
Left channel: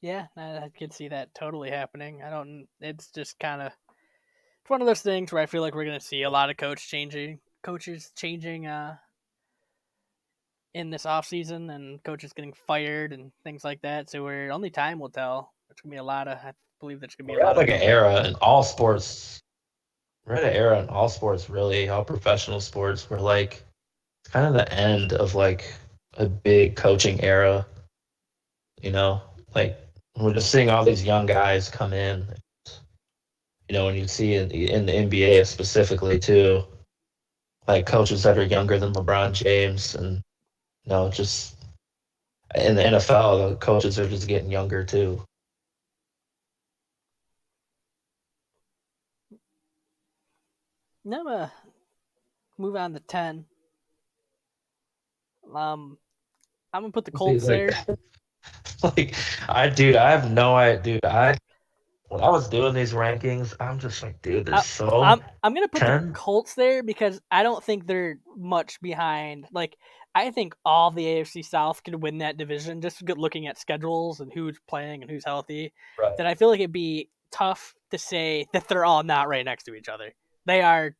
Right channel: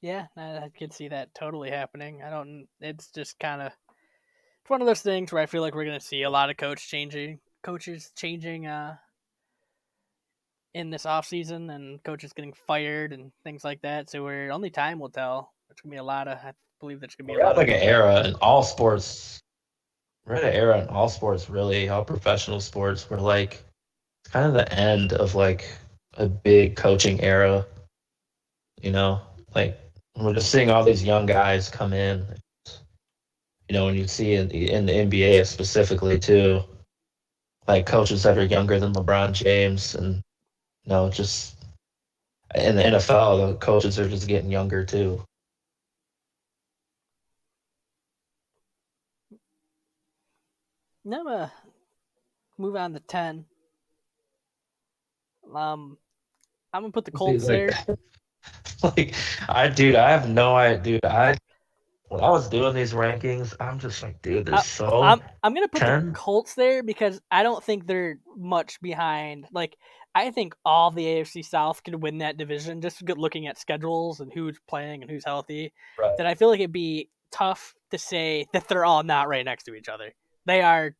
Yeah, I could see that totally happening. I don't. It's just kind of it's one of those things where I feel like we're gonna see a lot of coaches changing in this off season, and coaches getting fired and things like that. So we're only time will tell. There's gonna be a lot of. I believe there's gonna be a We're lot at of like an movement. era in all sports. We're at an era in all sports, really, all professional sports. We're like it's kind of the end of like a big coaching era. You know, like we're just seeing all these young guys come in. You know, when you see in the NBA specifically too, like coaches that are younger than LeBron James, and just in the NFL, the coaches are just getting younger too. Now, move on to 10. I'm gonna put the See, Colts like, there. like I have no idea, dude. When I was doing these rankings, I'm just like, dude, they're I, so I'm gonna put the 10. Colts there because I don't think they're much behind. Like, I think all the AFC South could win that division, just looking at schedules and who's playing and who's healthy. Right. That I feel like it'd be tough to say that they're all not right next to each other. They are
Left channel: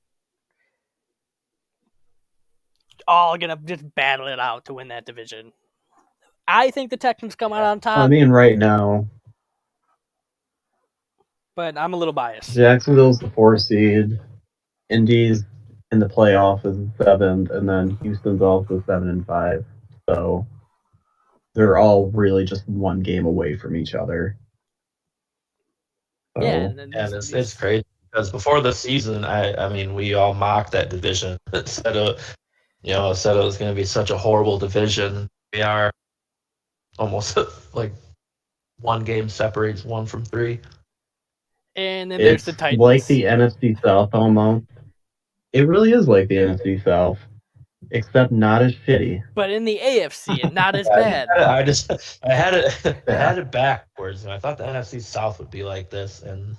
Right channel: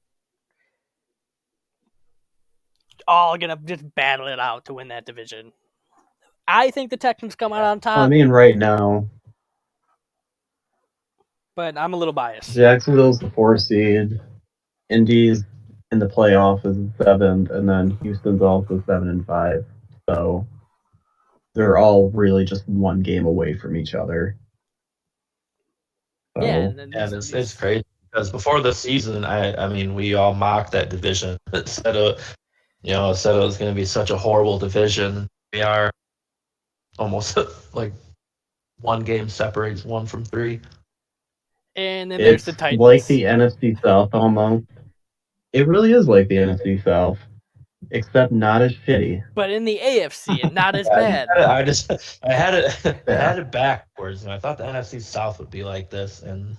all gonna just battle it out to win that division. I think the Texans come out on I top, mean, right now, but I'm a little biased. Jacksonville's the 4 seed, Indy's in the playoff is 7th, and then Houston's also 7-5. So they're all really just one game away from each other. Yeah, So and then And it's these crazy because before the season, I mean, we all mocked that division. Said it was going to be such a horrible division. We are almost like one game separates one from three. and then there's it's the like Titans. the NFC South almost. It really is like the NFC South, except not as shitty. But in the AFC, and not as Yeah, bad. I had it I Yeah. had it backwards, and I thought the NFC South would be like this, and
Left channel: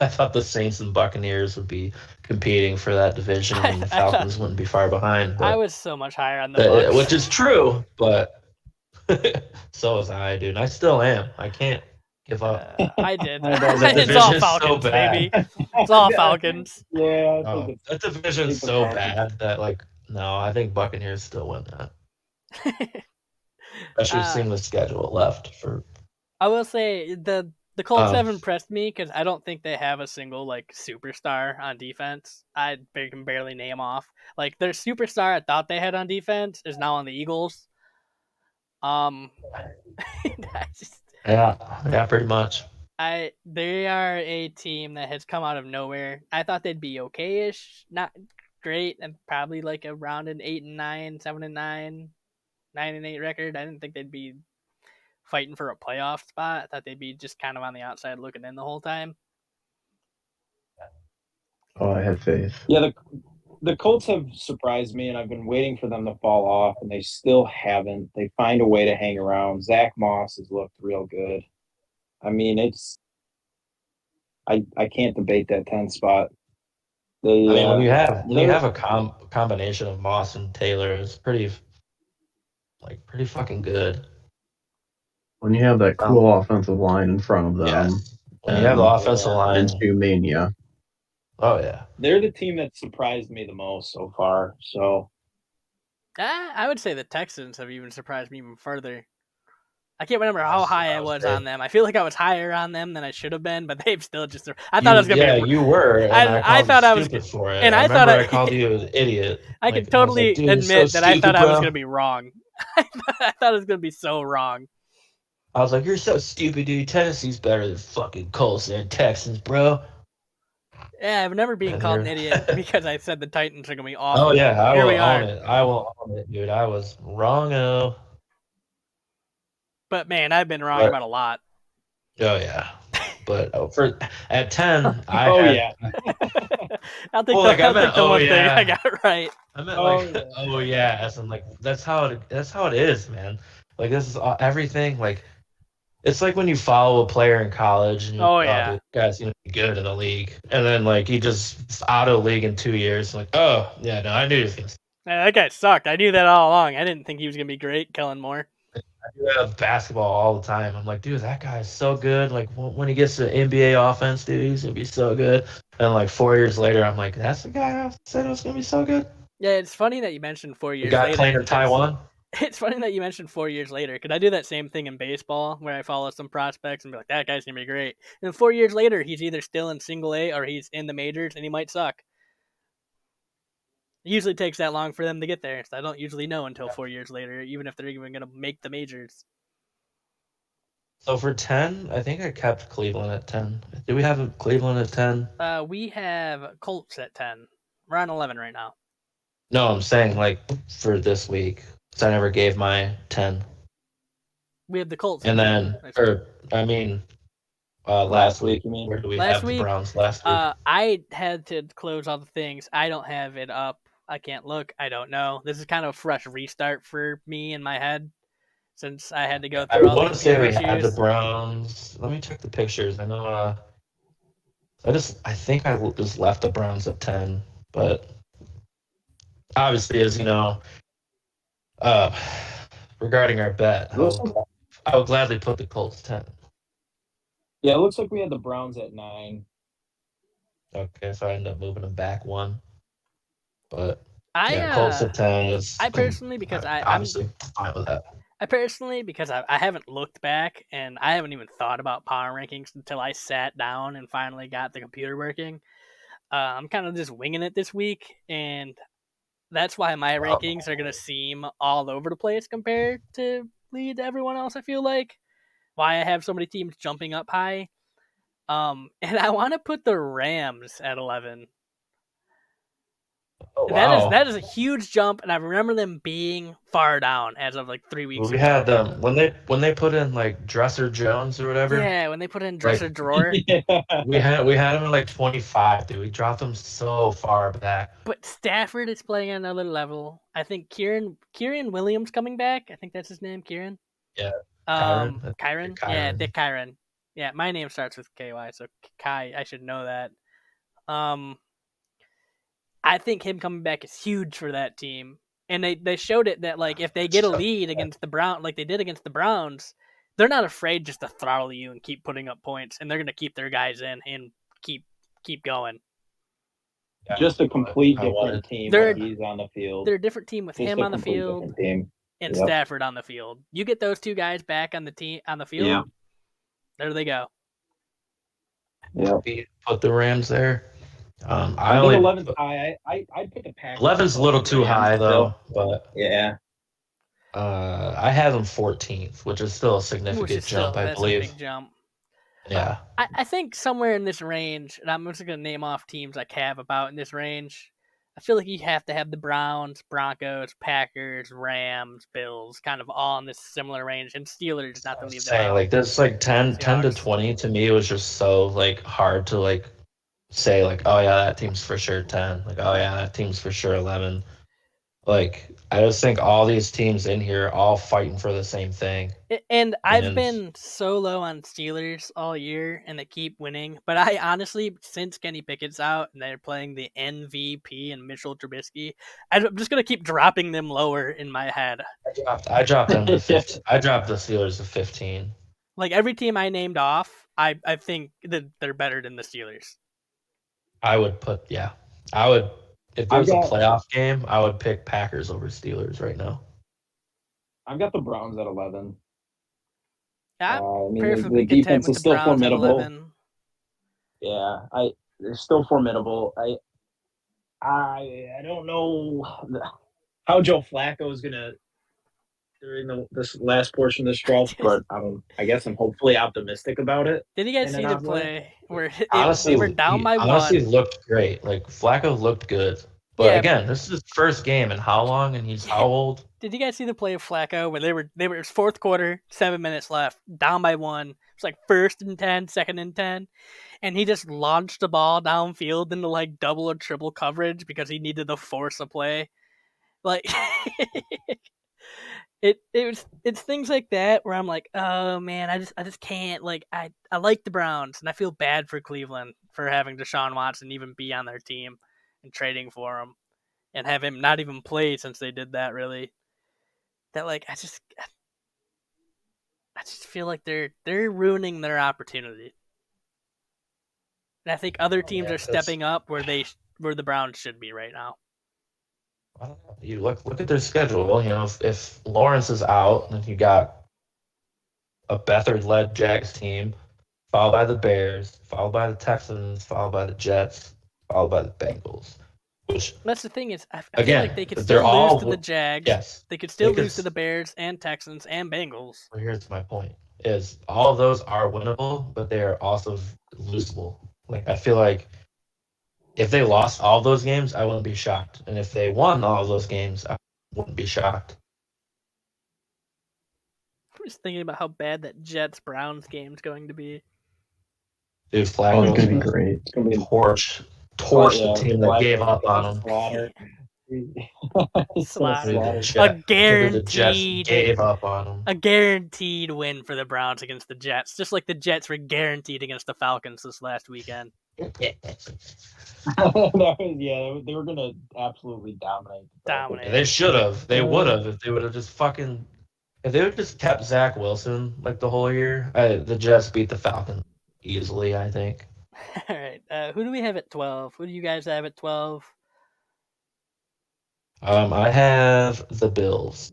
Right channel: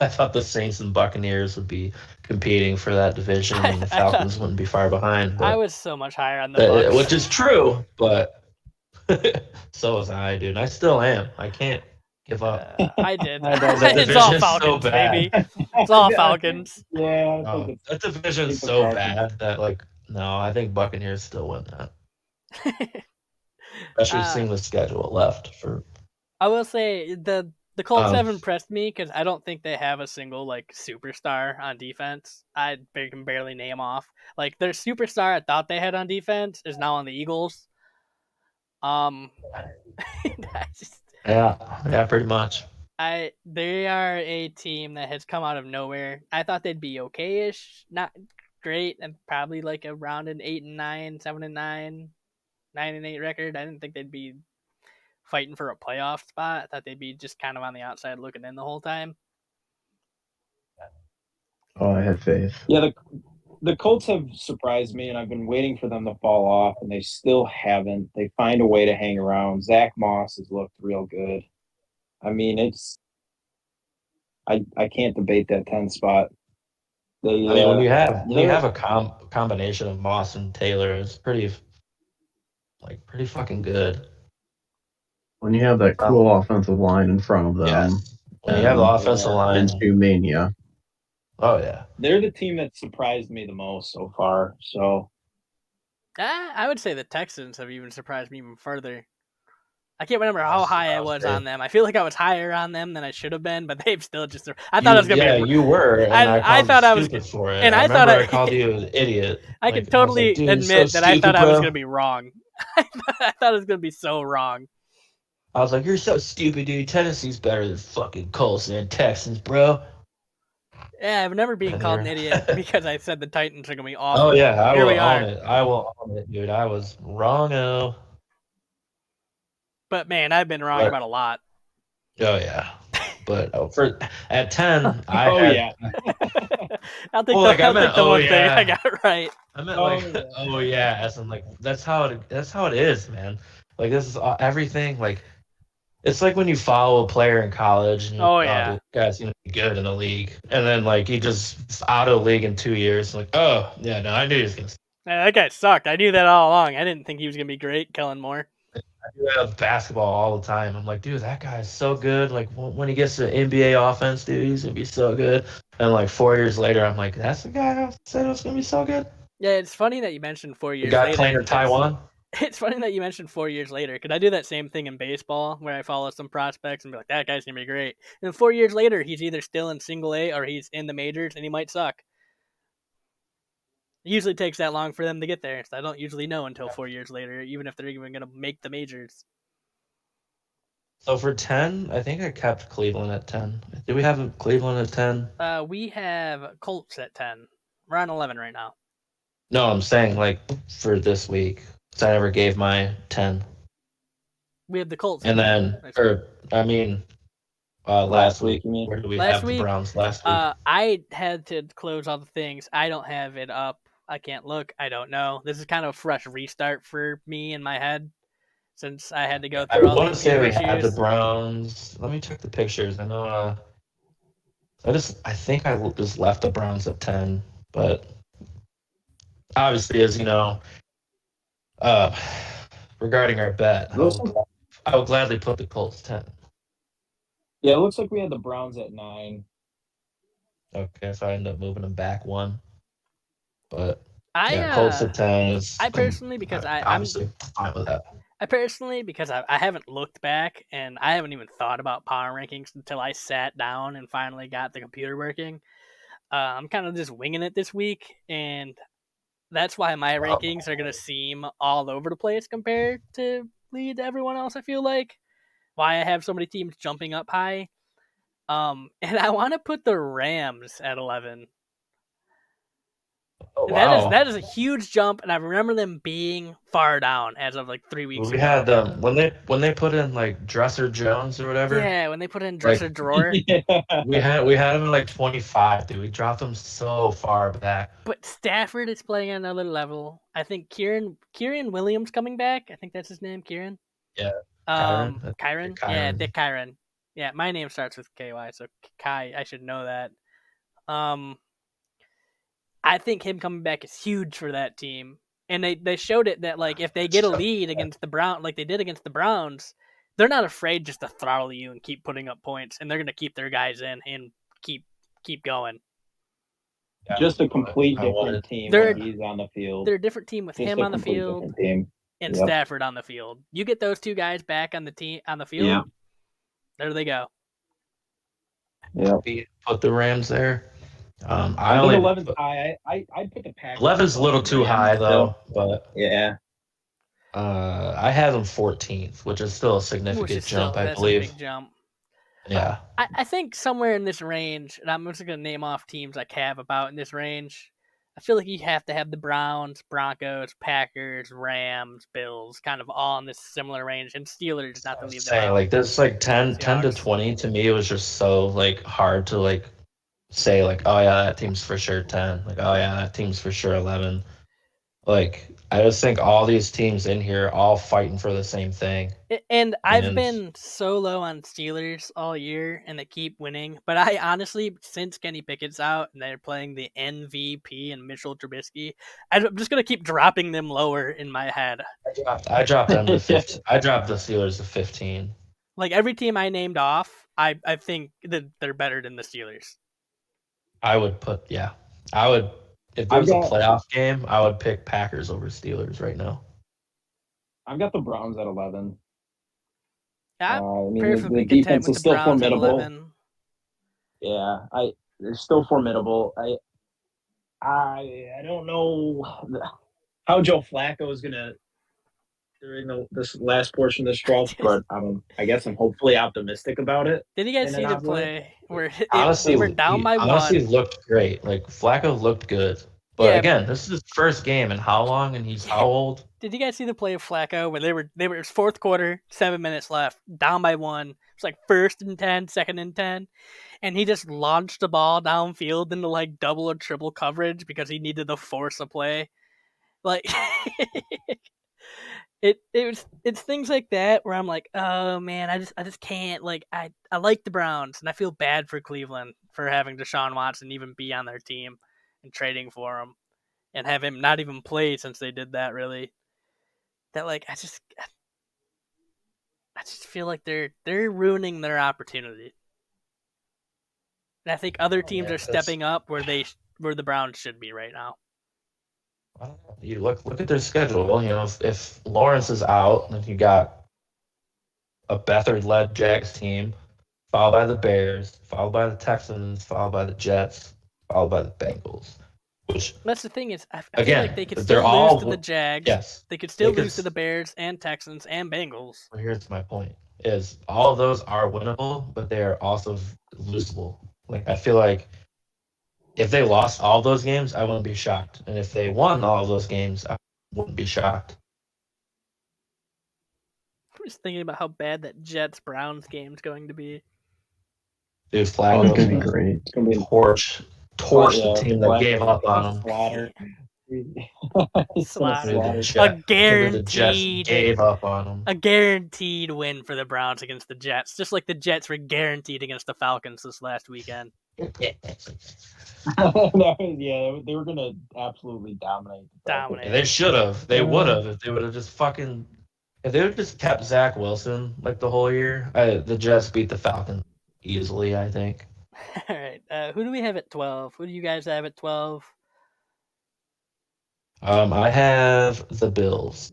I thought the Saints and Buccaneers would be competing for that division, and the I thought Falcons wouldn't be far behind. I But was so much higher on the Bucks. which is true, but so was I, dude. I still am. I can't give up. I did. I know That It's all division is so Falcons, bad. baby. It's all Falcons. Yeah, I think That I division is think the so Falcons. bad that like no, I think Buccaneers still win that. Especially uh, seeing the schedule left for I will say the Colts um have impressed me because I don't think they have a single like superstar on defense. I can barely name off. Like their superstar I thought they had on defense is now on the Eagles. Um, I just yeah, pretty much. they are a team that has come out of nowhere. I thought they'd be okay-ish, not great, and probably like around an 8-9, 7-9, 9-8 record. I didn't think they'd be fighting for a playoff spot. I thought they'd be just kind of on the outside looking in the whole time. Oh, I have faith. Yeah, the Colts have surprised me, and I've been waiting for them to fall off, and they still haven't. They find a way to hang around. Zach Moss has looked real good. I mean, I can't debate that 10 spot. I mean, when you they're- have a combination of Moss and Taylor, it's pretty fucking good. When you have that cool offensive line in front of them, Yes. When you have the offensive line, and Mania. oh yeah, they're the team that surprised me the most so far. So I would say the Texans have even surprised me even further. I can't remember how high I was on them. I feel like I was higher on them than I should have been, but they've still just. I thought it was gonna be. You were. And I thought I was. For it. And I thought I called you an idiot. I can totally admit that I thought I was gonna be wrong. I thought it was gonna be so wrong. I was like, "You're so stupid, dude. Tennessee's better than fucking Colts and Texans, bro." Yeah, I've never been called an idiot because I said the Titans are gonna be awful. Oh yeah, Here we are. I will own it, dude. I was wrong. But man, I've been wrong about a lot. Oh yeah, but at 10, I I'll take the one thing I got right. I meant as in like that's how it is, man. Like this is everything. Like it's like when you follow a player in college. And, this guy's gonna be good in the league, and then like he just out of the league in 2 years. Like, oh yeah, no, I knew he was gonna. Yeah, that guy sucked. I knew that all along. I didn't think he was gonna be great, Kellen Moore. I do that with basketball all the time. I'm like, dude, that guy is so good. Like when he gets to NBA offense, dude, he's gonna be so good. And like 4 years later, I'm like, that's the guy I said was gonna be so good. Yeah, it's funny that you mentioned 4 years the guy later. Playing in Taiwan. It's funny that you mentioned 4 years later because I do that same thing in baseball where I follow some prospects and be like, that guy's gonna be great. And 4 years later, he's either still in Single A or he's in the majors and he might suck. It usually takes that long for them to get there. So I don't usually know until 4 years later, even if they're even gonna make the majors. So for 10, I think I kept Cleveland at 10. Do we have Cleveland at 10? We have Colts at 10. We're on 11 right now. No, I'm saying like for this week. So I never gave my 10. We have the Colts. And then, last week. You mean? Where do we have the Browns last week? I had to close all the things. I don't have it up. I can't look. I don't know. This is kind of a fresh restart for me in my head. Since I had to go through all these issues. Had the Browns. Let me check the pictures. I know. I think I just left the Browns at 10, but obviously, as you know, regarding our bet, I would gladly put the Colts 10. Yeah, it looks like we had the Browns at 9. Okay, so I ended up moving them back 1, but Colts at 10. I personally, because I'm fine with that. I haven't looked back and I haven't even thought about power rankings until I sat down and finally got the computer working. I'm kind of just winging it this week, and that's why my rankings are going to seem all over the place compared to everyone else, I feel like. Why I have so many teams jumping up high. And I want to put the Rams at 11. Oh, wow. That is a huge jump, and I remember them being far down as of like 3 weeks ago. We had them when they put in like Dresser Jones or whatever. Yeah, when they put in Dresser Drawer. We had them at like 25, dude. We dropped them so far back. But Stafford is playing at another level. I think Kieran Williams coming back. I think that's his name, Kieran. Yeah. Kyron? Yeah, Dick Kyron. Yeah, my name starts with KY, so Kai, I should know that. I think him coming back is huge for that team. And they showed it that like if they get a lead against the Browns, like they did against the Browns, they're not afraid just to throttle you and keep putting up points, and they're going to keep their guys in and keep going. Yeah, just a complete different team. He's on the field. They're a different team with him on the field and Stafford on the field. You get those two guys back on the field. There they go. Yeah, put the Rams there. I think 11's high. I'd put the Packers. 11's a little too high though, but yeah. I have them 14th, which is still a significant jump. I believe. That's a big jump. Yeah. I think somewhere in this range, and I'm just going to name off teams I have about in this range. I feel like you have to have the Browns, Broncos, Packers, Rams, Bills, kind of all in this similar range, and Steelers not to leave them out. Like this, like 10 to 20 to me, it was just so like hard to like say like, oh yeah, that team's for sure 10. Like, oh yeah, that team's for sure 11. Like, I just think all these teams in here are all fighting for the same thing. And I've And been so low on Steelers all year, and they keep winning. But I honestly, since Kenny Pickett's out and they're playing the MVP and Mitchell Trubisky, I'm just gonna keep dropping them lower in my head. I dropped them to 15. I dropped the Steelers to 15. Like every team I named off, I think that they're better than the Steelers. I would if there was a playoff game, I would pick Packers over Steelers right now. I've got the Browns at 11. I'm perfectly the content defense with is the still Browns at formidable. 11. Yeah, they're still formidable. I don't know how Joe Flacco is gonna during this last portion of the stretch, but I guess I'm hopefully optimistic about it. Did you guys see the play where honestly, they were down by honestly one? Looked great. Like Flacco looked good. But Yeah. Again, this is his first game in how long, and he's how old? Did you guys see the play of Flacco where they were fourth quarter, 7 minutes left, down by one? It's like 1st and 10, 2nd and 10, and he just launched the ball downfield into like double or triple coverage because he needed to force a play. Like it's things like that where I'm like, oh man, I just can't. Like I like the Browns and I feel bad for Cleveland for having Deshaun Watson even be on their team and trading for him and have him not even play since they did that. Really, that like I just feel like they're ruining their opportunity. And I think other teams are stepping up where the Browns should be right now. I don't know. You look at their schedule. You know, if Lawrence is out, then you got a Beathard-led Jags team, followed by the Bears, followed by the Texans, followed by the Jets, followed by the Bengals. Which that's the thing is, I again, feel like they could still lose to the Jags. Yes, they could still lose to the Bears and Texans and Bengals. Here's my point: is all of those are winnable, but they are also losable. Like I feel like if they lost all those games, I wouldn't be shocked, and if they won all those games, I wouldn't be shocked. I'm just thinking about how bad that Jets Browns game is going to be. Dude, Flacco's going to be great. It's going to be torch the team that gave up on him. Slaughter. Gave up on him. A guaranteed win for the Browns against the Jets, just like the Jets were guaranteed against the Falcons this last weekend. They were gonna absolutely dominate. They should have. They would have if they would have just if they would have just kept Zach Wilson like the whole year. The Jets beat the Falcons easily, I think. All right. Who do we have at 12? Who do you guys have at 12? I have the Bills.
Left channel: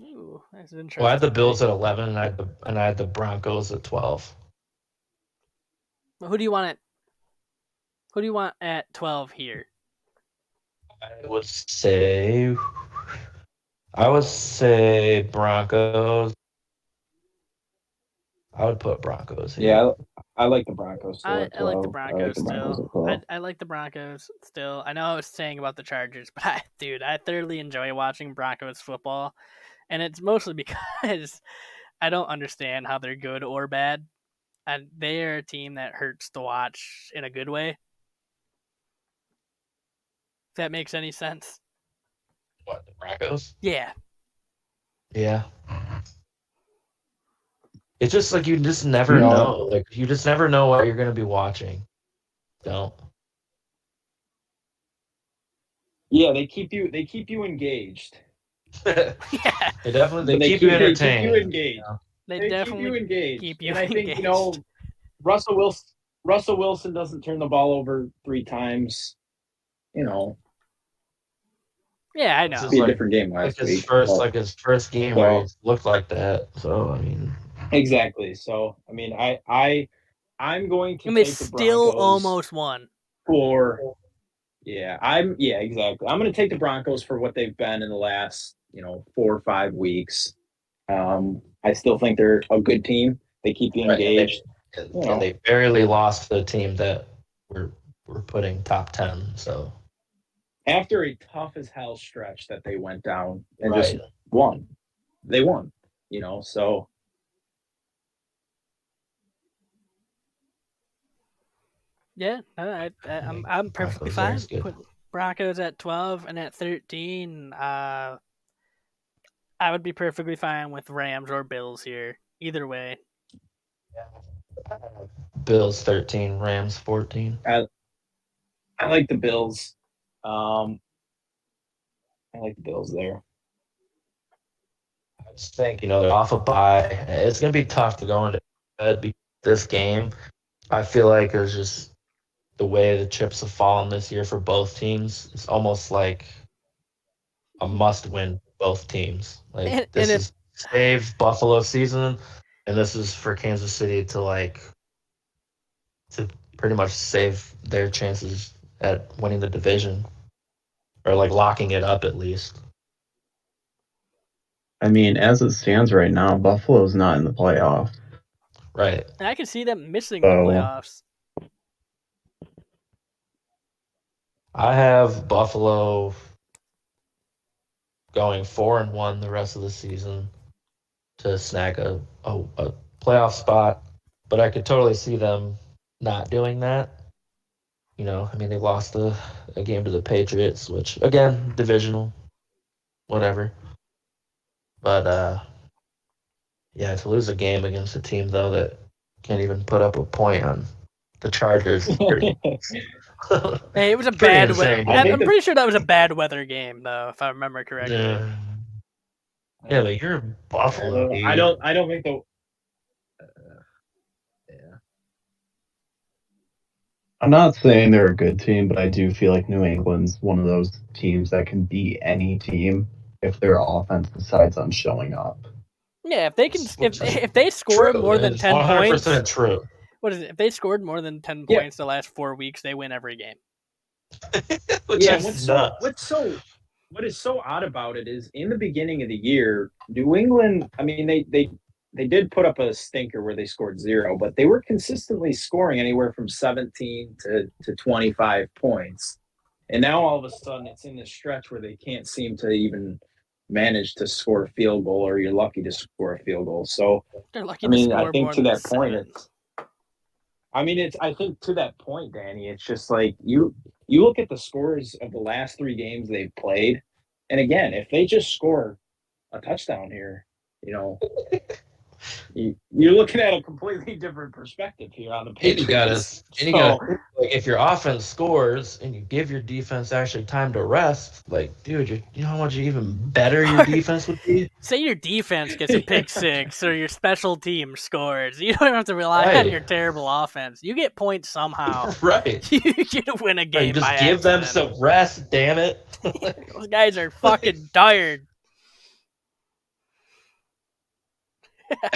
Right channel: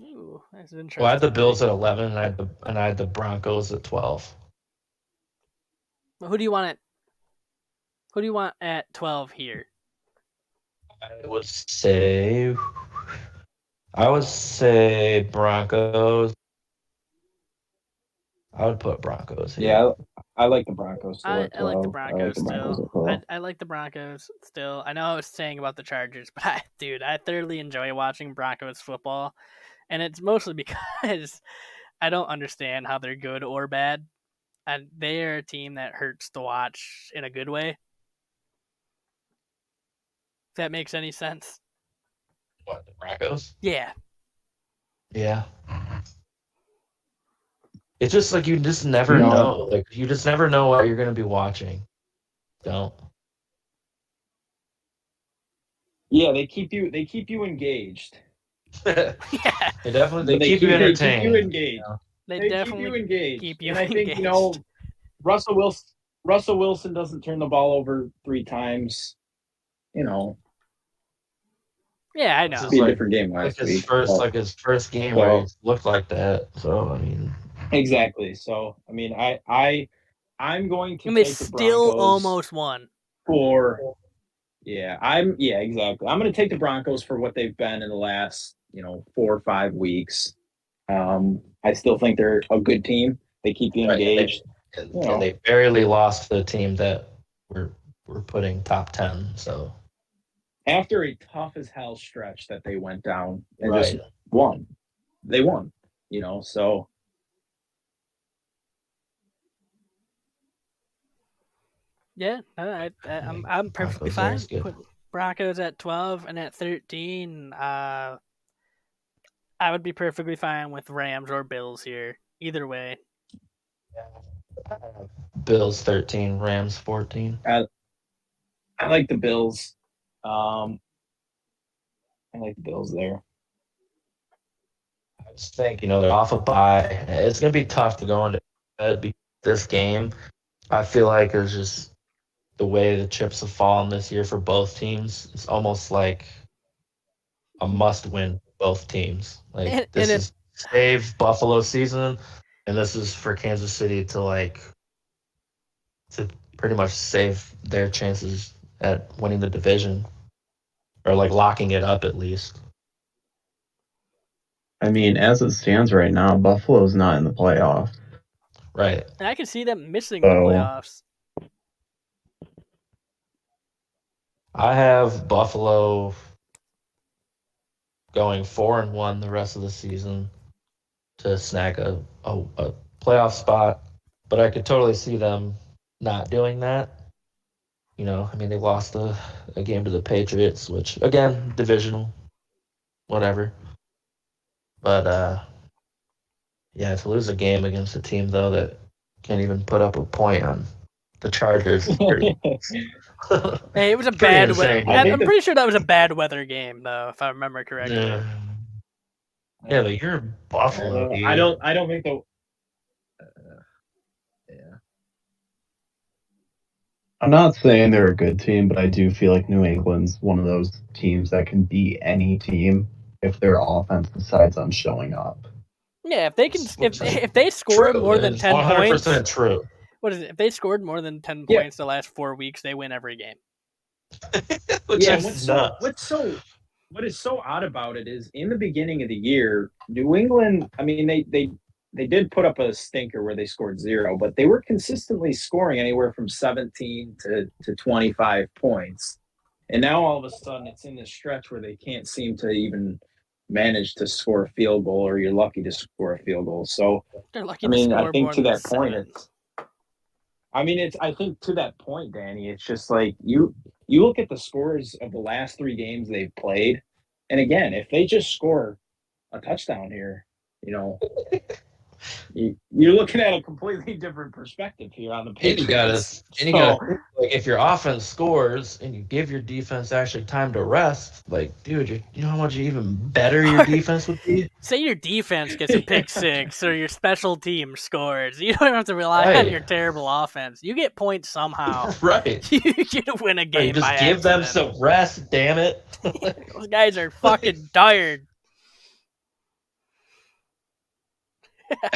Ooh, that's interesting. Well, I had the Bills at 11, and I had the Broncos at 12. Well, who do you want at 12 here? I would say Broncos. I would put Broncos here. Yeah, I like the Broncos still. I like the Broncos still. I like the Broncos still. I know I was saying about the Chargers, but I thoroughly enjoy watching Broncos football. And it's mostly because I don't understand how they're good or bad. And they are a team that hurts to watch in a good way. If that makes any sense. What, the Broncos? Yeah. Yeah. It's just like you just never know. Like you just never know what you're gonna be watching. Don't. Yeah, they keep you engaged. Yeah. They definitely keep you entertained. They keep you engaged. They definitely keep you engaged. Keep you and engaged. I think, Russell Wilson doesn't turn the ball over 3 times. Yeah, I know. It's a different game last week. His first game where he looked like that. So I mean, exactly. So I mean, I'm going to. And they still almost won. Exactly. I'm going to take the Broncos for what they've been in the last 4 or 5 weeks. I still think they're a good team. They keep you engaged. And they barely lost to the team that we're putting top 10. So. After a tough as hell stretch that they went down and just won. They won, so. Yeah, I'm perfectly fine Broncos at 12, and at 13, I would be perfectly fine with Rams or Bills here. Either way. Bills 13, Rams 14. I like the Bills. I like the Bills there. I just think, they're off a bye. It's going to be tough to go into this game. I feel like it's just the way the chips have fallen this year for both teams. It's almost like a must-win both teams. Like this is save Buffalo's season, and this is for Kansas City to pretty much save their chances at winning the division, or locking it up at least. I mean, as it stands right now, Buffalo's not in the playoffs. Right. And I can see them missing the playoffs. I have Buffalo going 4-1 the rest of the season to snag a playoff spot, but I could totally see them not doing that. They lost a game to the Patriots, which, again, divisional, whatever. But, to lose a game against a team, though, that can't even put up a point on the Chargers. Hey, it was a bad weather. I'm pretty sure that was a bad weather game, though, if I remember correctly. Yeah, but you're Buffalo. I don't think the. I'm not saying they're a good team, but I do feel like New England's one of those teams that can beat any team if their offense decides on showing up. Yeah, if they can, if they score more than 10 points, 100% true. What is it? If they scored more than 10 points the last 4 weeks, they win every game. What is so odd about it is in the beginning of the year, New England, I mean, they did put up a stinker where they scored 0, but they were consistently scoring anywhere from 17 to 25 points. And now all of a sudden it's in this stretch where they can't seem to even manage to score a field goal, or you're lucky to score a field goal. So they're lucky to score more than 7. I think to that point, Danny, it's just like you look at the scores of the last 3 games they've played, and again, if they just score a touchdown here, you're looking at a completely different perspective here on the Patriots. And you gotta if your offense scores and you give your defense actually time to rest, dude, you know how much even better your defense would be? Say your defense gets a pick 6 or your special team scores. You don't have to rely on your terrible offense. You get points somehow. Right. You get to win a game by accident. Give them some rest, damn it. Those guys are fucking tired. All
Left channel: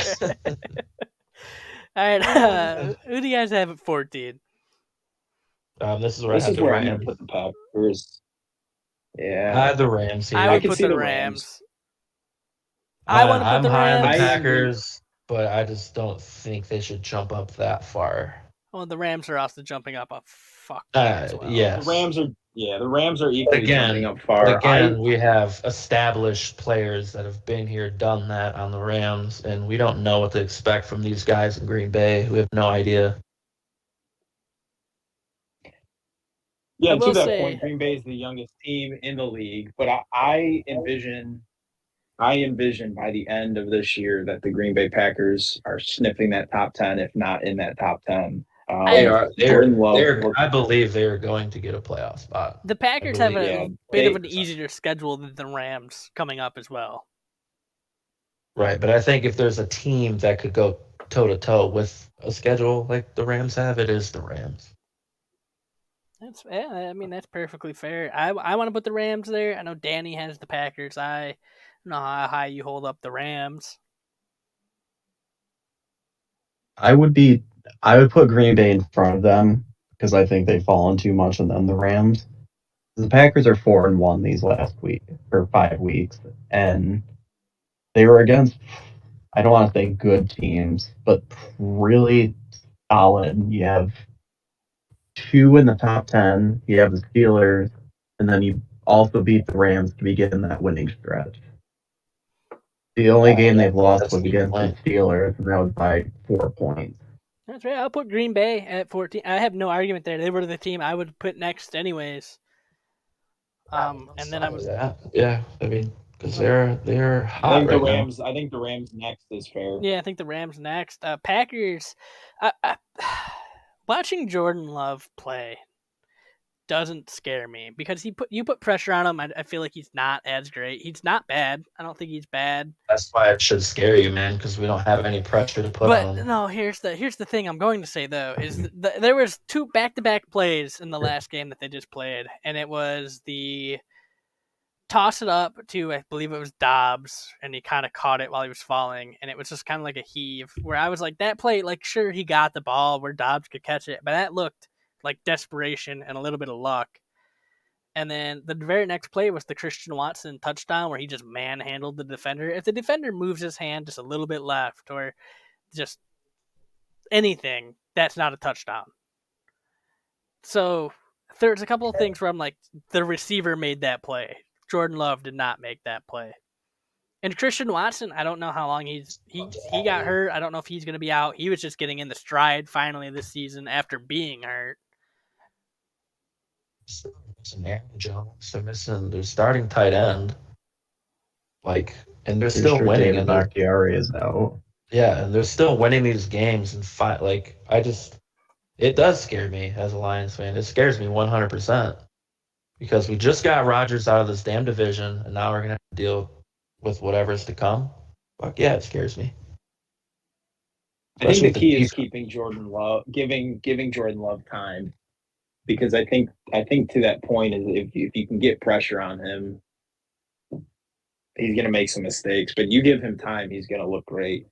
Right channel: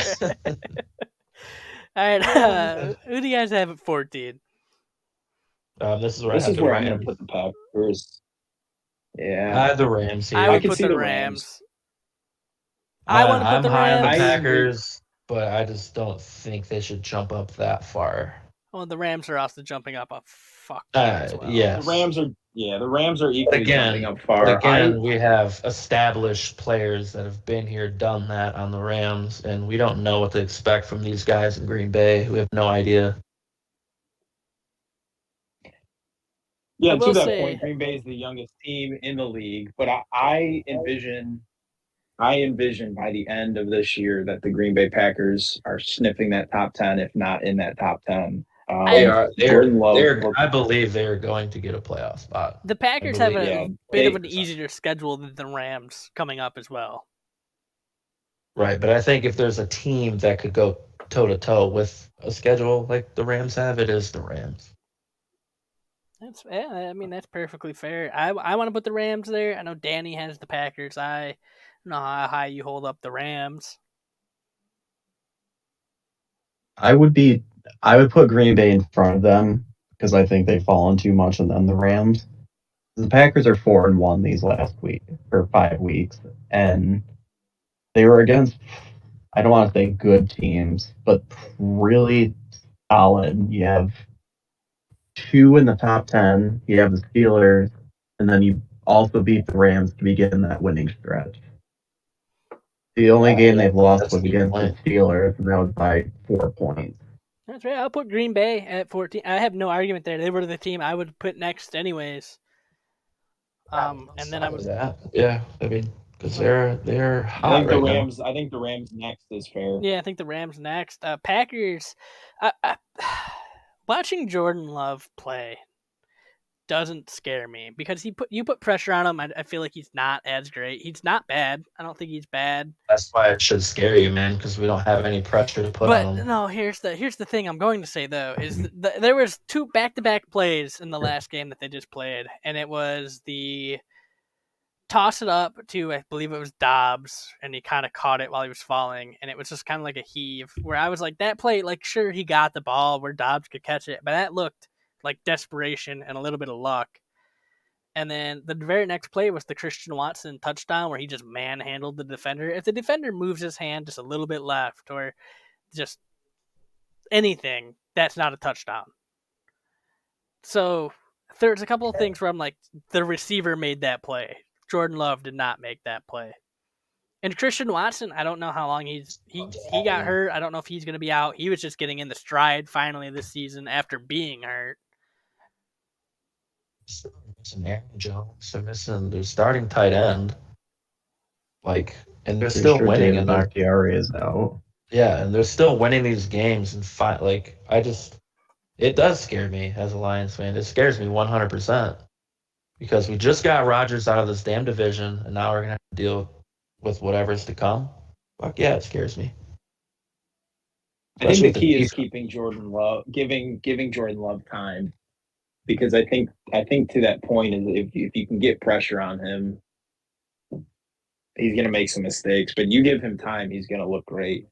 right, who do you guys have at 14? This is where I'm going to put the Packers. Yeah, I had the Rams here. I would put the Rams. I want to put the Rams. I'm the Packers, but I just don't think they should jump up that far. Well, the Rams are also jumping up a fuck as well. Yes. The Rams are equally jumping up far. Again, we have established players that have been here, done that on the Rams, and we don't know what to expect from these guys in Green Bay. We have no idea. Yeah, to that point, Green Bay is the youngest team in the league, but I envision by the end of this year that the Green Bay Packers are sniffing that top 10, if not in that top 10. I believe they are going to get a playoff spot. The Packers have a bit of an easier schedule than the Rams coming up as well. Right, but I think if there's a team that could go toe-to-toe with a schedule like the Rams have, it is the Rams. That's perfectly fair. I want to put the Rams there. I know Danny has the Packers. I don't know how high you hold up the Rams. I would put Green Bay in front of them because I think they've fallen too much, and then the Rams. The Packers are 4-1 these last 5 weeks, and they were against, I don't want to say good teams, but really solid. You have 2 in the top 10. You have the Steelers, and then you also beat the Rams to begin that winning stretch. The only game they've lost was against the Steelers, and that was by 4 points. That's right. I'll put Green Bay at 14. I have no argument there. They were the team I would put next anyways. And then I was Yeah, I mean, because they're I hot think the right now. Rams. I think the Rams next is fair. I think the Rams next. Packers. Watching Jordan Love play doesn't scare me because you put pressure on him. I feel like he's not as great. He's not bad. I don't think he's bad. That's why it should scare you, man, because we don't have any pressure to put But on them. no, here's the thing I'm going to say though is there was 2 back-to-back plays in the last game that they just played, and it was the toss it up to, I believe it was Dobbs, and he kind of caught it while he was falling, and it was just kind of like a heave where I was like, that play, like, sure, he got the ball where Dobbs could catch it, but that looked like desperation and a little bit of luck. And then the very next play was the Christian Watson touchdown where he just manhandled the defender. If the defender moves his hand just a little bit left or just anything, that's not a touchdown. So there's a couple of things where I'm like, the receiver made that play. Jordan Love did not make that play. And Christian Watson, I don't know how long he got hurt. I don't know if he's going to be out. He was just getting in the stride finally this season after being hurt. Missing Aaron Jones. They're missing their starting tight end. And they're Pretty still sure winning. David Bakhtiari is out. Yeah, and they're still winning these games. And it does scare me as a Lions fan. It scares me 100% because we just got Rodgers out of this damn division, and now we're gonna have to deal with whatever's to come. Fuck yeah, it scares me. I think the key is keeping Jordan Love, giving Jordan Love time, because I think to that point is if you can get pressure on him, he's going to make some mistakes. But you give him time, he's going to look great,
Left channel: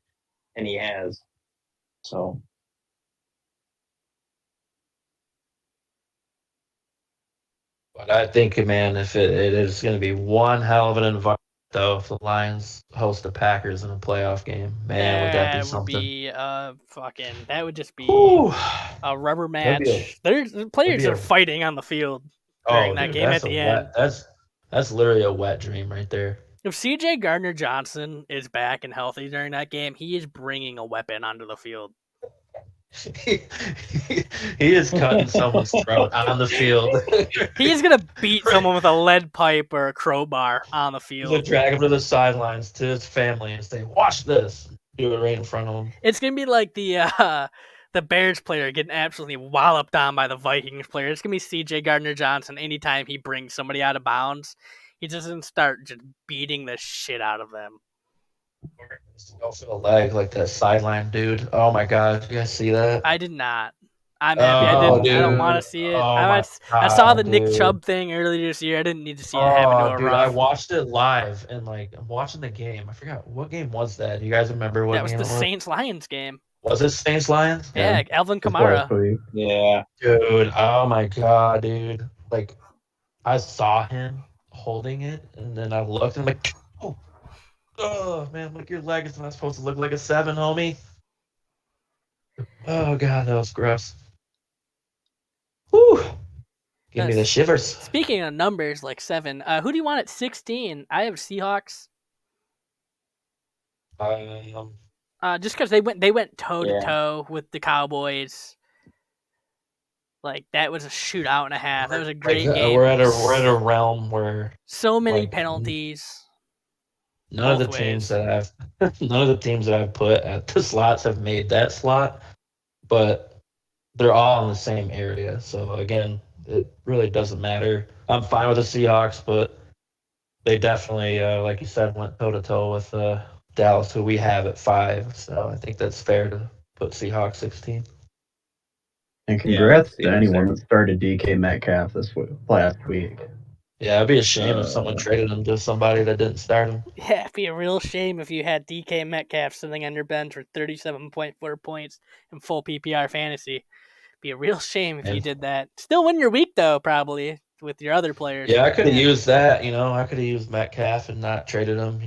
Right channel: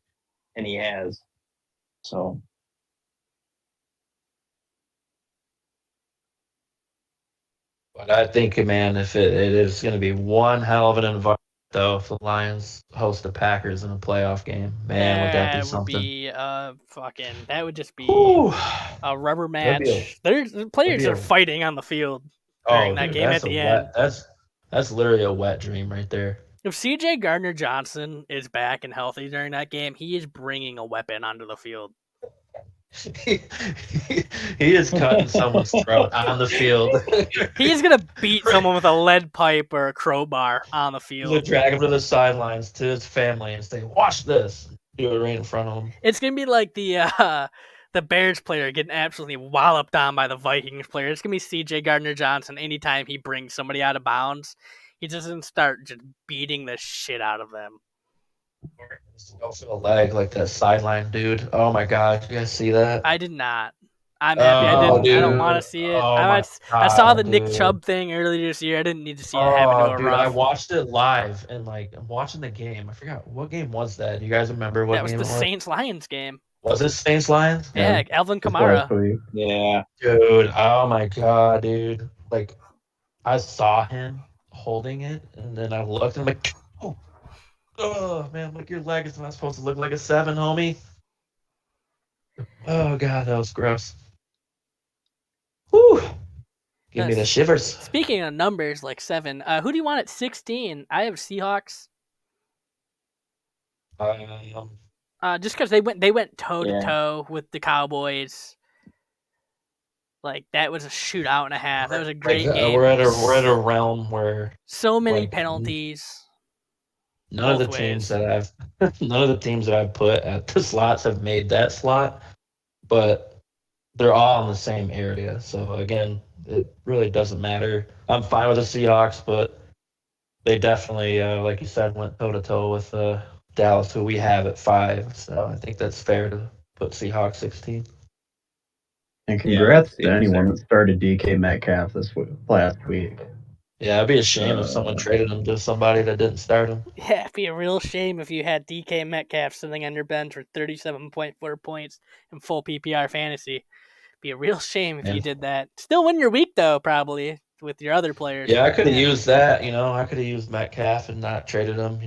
and he has. So. But I think, man, if it is going to be one hell of an environment, though, if the Lions host the Packers in a playoff game, man, would that be something? That would just be Ooh. a rubber match. The players are fighting on the field during that game at the end. That's literally a wet dream right there. If CJ Gardner-Johnson is back and healthy during that game, he is bringing a weapon onto the field. He is cutting someone's throat on the field. He is going to beat someone with a lead pipe or a crowbar on the field. He'll drag him to the sidelines to his family and say, watch this. Do it right in front of him. It's going to be like the Bears player getting absolutely walloped on by the Vikings player. It's going to be CJ Gardner-Johnson anytime he brings somebody out of bounds. He doesn't start just beating the shit out of them. Go for the leg like that sideline dude. Oh my god, did you guys see that? I did not. I'm happy I didn't. Dude. I don't want to see it. I saw the Nick Chubb thing earlier this year. I didn't need to see it happen to a rough. I watched it live and I'm watching the game. I forgot what game was that. Do you guys remember what? That was the Saints-Lions game. Was it Saints-Lions? Yeah, Alvin Kamara. Yeah, dude. Oh my god, dude. I saw him holding it, and then I looked, and I'm like, oh man, your leg is not supposed to look like a 7, homie. Oh god, that was gross. Whew. Give me the shivers. Speaking of numbers like 7, who do you want at 16? I have Seahawks. Just because they went toe to toe with the Cowboys. That was a shootout and a half. That was a great game. We're at a realm where so many penalties. None of the teams that I've put at the slots have made that slot, but they're all in the same area. So again, it really doesn't matter. I'm fine with the Seahawks, but they definitely, like you said, went toe to toe with Dallas, who we have at 5. So I think that's fair to put Seahawks 16. And congrats to anyone that started DK Metcalf last week. Yeah, it'd be a shame if someone traded him to somebody that didn't start him. Yeah, it'd be a real shame if you had DK Metcalf sitting on your bench for 37.4 points in full PPR fantasy. It'd be a real shame if you did that. Still win your week, though, probably, with your other players. Yeah, I could have used that. I could have used Metcalf and not traded him.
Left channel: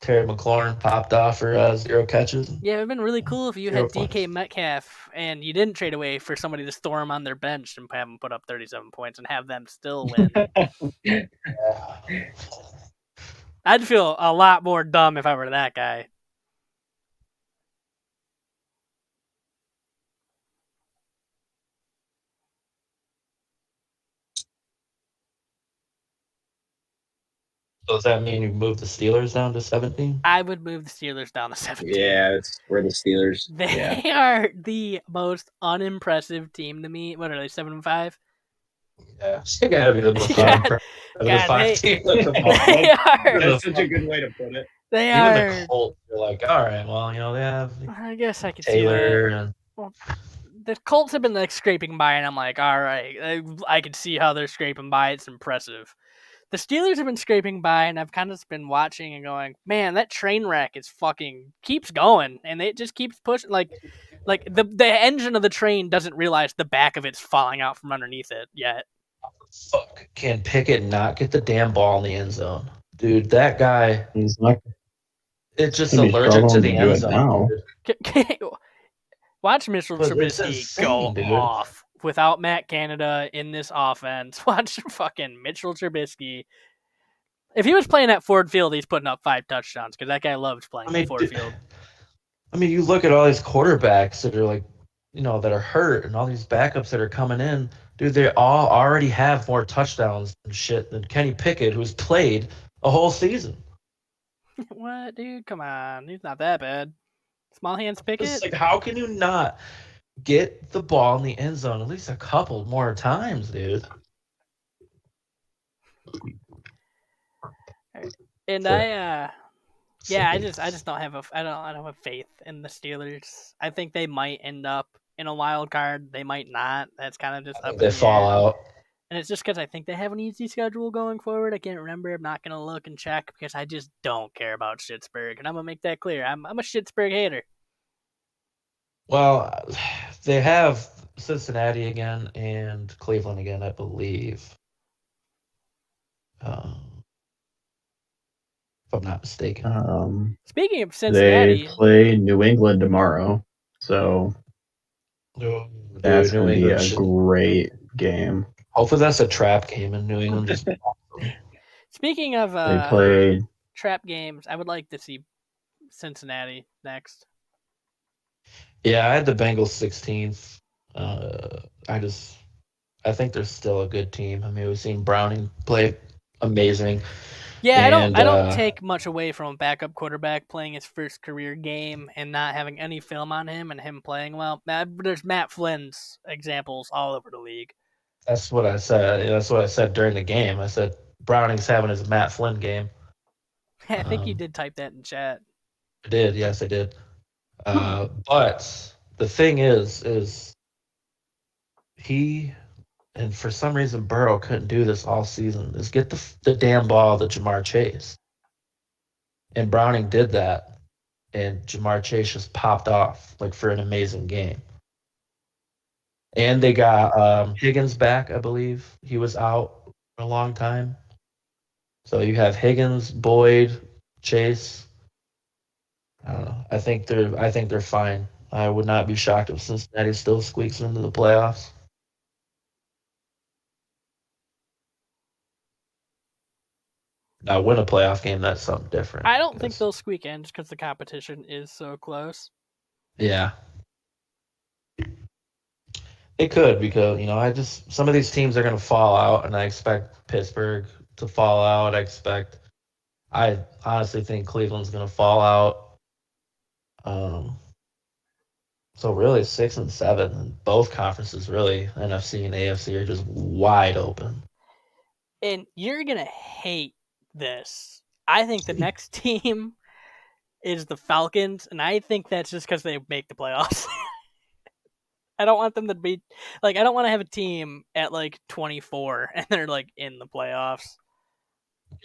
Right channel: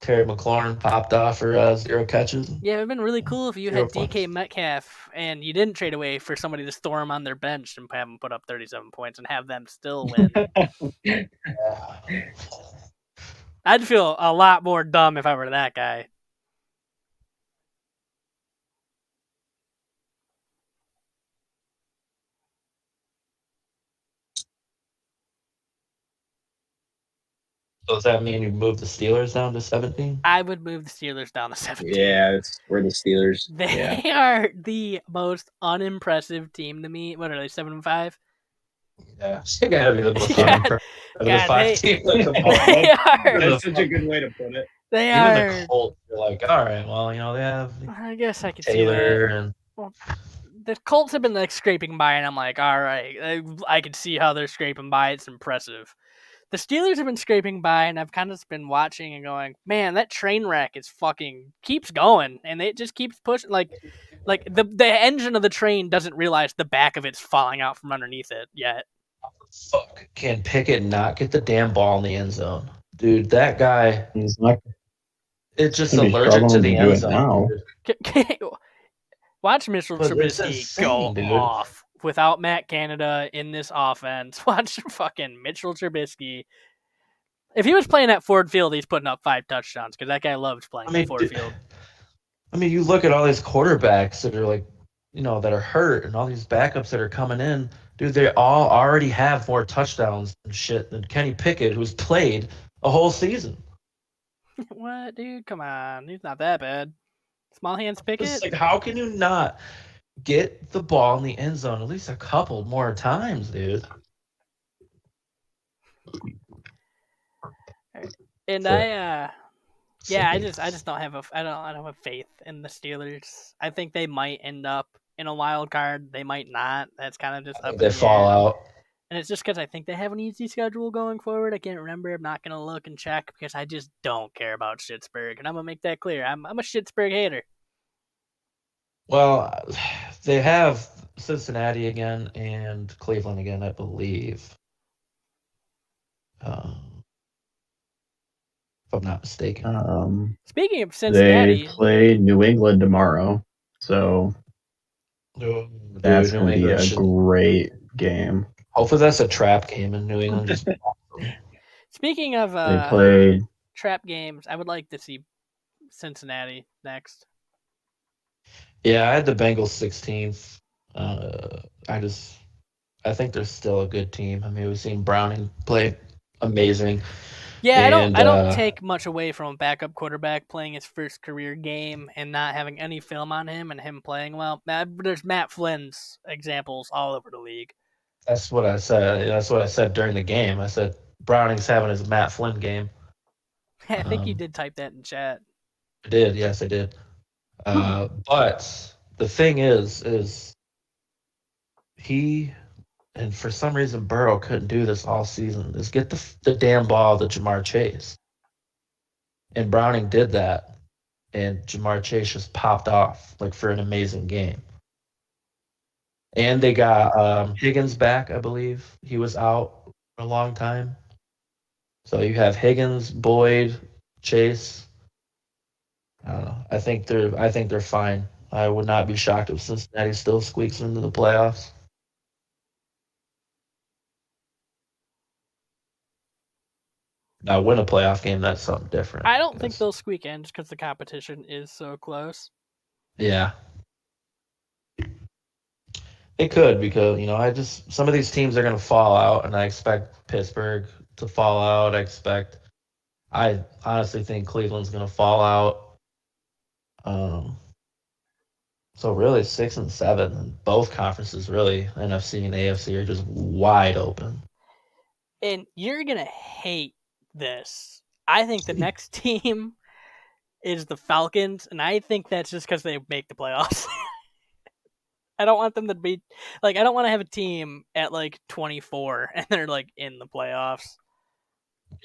Terry McLaurin popped off for 0 catches. Yeah, it would have been really cool if you had DK Metcalf and you didn't trade away for somebody to store him on their bench and have them put up 37 points and have them still win. Yeah. I'd feel a lot more dumb if I were that guy. So does that mean you move the Steelers down to 17? I would move the Steelers down to 17. Yeah, we're the Steelers. They Yeah. are the most unimpressive team to me. What are they, 7-5? Yeah, they gotta be the most God, unimpressive God, five team. They are. That's such a good way to put it. They Even are. the Colts are like, all right, well, they have I guess I could see Taylor that. and The Colts have been like scraping by, and I'm like, all right, I can see how they're scraping by. It's impressive. The Steelers have been scraping by, and I've kind of been watching and going, man, that train wreck is fucking keeps going, and it just keeps pushing. Like the engine of the train doesn't realize the back of it's falling out from underneath it yet. fuck, can Pickett not get the damn ball in the end zone? Dude, that guy, He's not it's just gonna be allergic to struggling the to do end it zone. now. Dude. Watch Mitchell But it's Trubisky insane, go dude. off without Matt Canada in this offense. Watch fucking Mitchell Trubisky. If he was playing at Ford Field, he's putting up 5 touchdowns because that guy loves playing at Ford Field. I mean, you look at all these quarterbacks that are like, that are hurt, and all these backups that are coming in. Dude, they all already have more touchdowns and shit than Kenny Pickett, who's played a whole season. What, dude? Come on, he's not that bad. Small hands Pickett. It's like, how can you not get the ball in the end zone at least a couple more times, dude? And So- I just don't have I don't have faith in the Steelers. I think they might end up in a wild card. They might not. That's kind of just up in They the fall air. out. And it's just because I think they have an easy schedule going forward. I can't remember. I'm not gonna look and check because I just don't care about Schittsburg, and I'm gonna make that clear. I'm a Schittsburg hater. Well, they have Cincinnati again and Cleveland again, I believe. If I'm not mistaken. Speaking of They Cincinnati, play New England tomorrow, so Dude, that's New going to be England a should- great game. Hopefully that's a trap game in New England. speaking of They play. trap games, I would like to see Cincinnati next. Yeah, I had the Bengals 16th. I think they're still a good team. I mean, we've seen Browning play amazing. Yeah, I don't And, take much away from a backup quarterback playing his first career game and not having any film on him and him playing well. There's Matt Flynn's examples all over the league. That's what I said. That's what I said during the game. I said Browning's having his Matt Flynn game. I think you did type that in chat. I did. Yes, I did. But the thing is he, and for some reason Burrow couldn't do this all season, is get the damn ball to Jamar Chase. And Browning did that, and Jamar Chase just popped off like for an amazing game. And they got Higgins back, I believe. He was out for a long time. So you have Higgins, Boyd, Chase. I don't know. I think they're fine. I would not be shocked if Cincinnati still squeaks into the playoffs. Now, win a playoff game, that's something different. I don't think they'll squeak in just because the competition is so close. Yeah. It could, because some of these teams are going to fall out, and I expect Pittsburgh to fall out. I honestly think Cleveland's going to fall out. So really 6 and 7, and both conferences really, NFC and AFC, are just wide open. And you're going to hate this. I think the next team is the Falcons, and I think that's just because they make the playoffs. I don't want them to be I don't want to have a team at 24 and they're in the playoffs.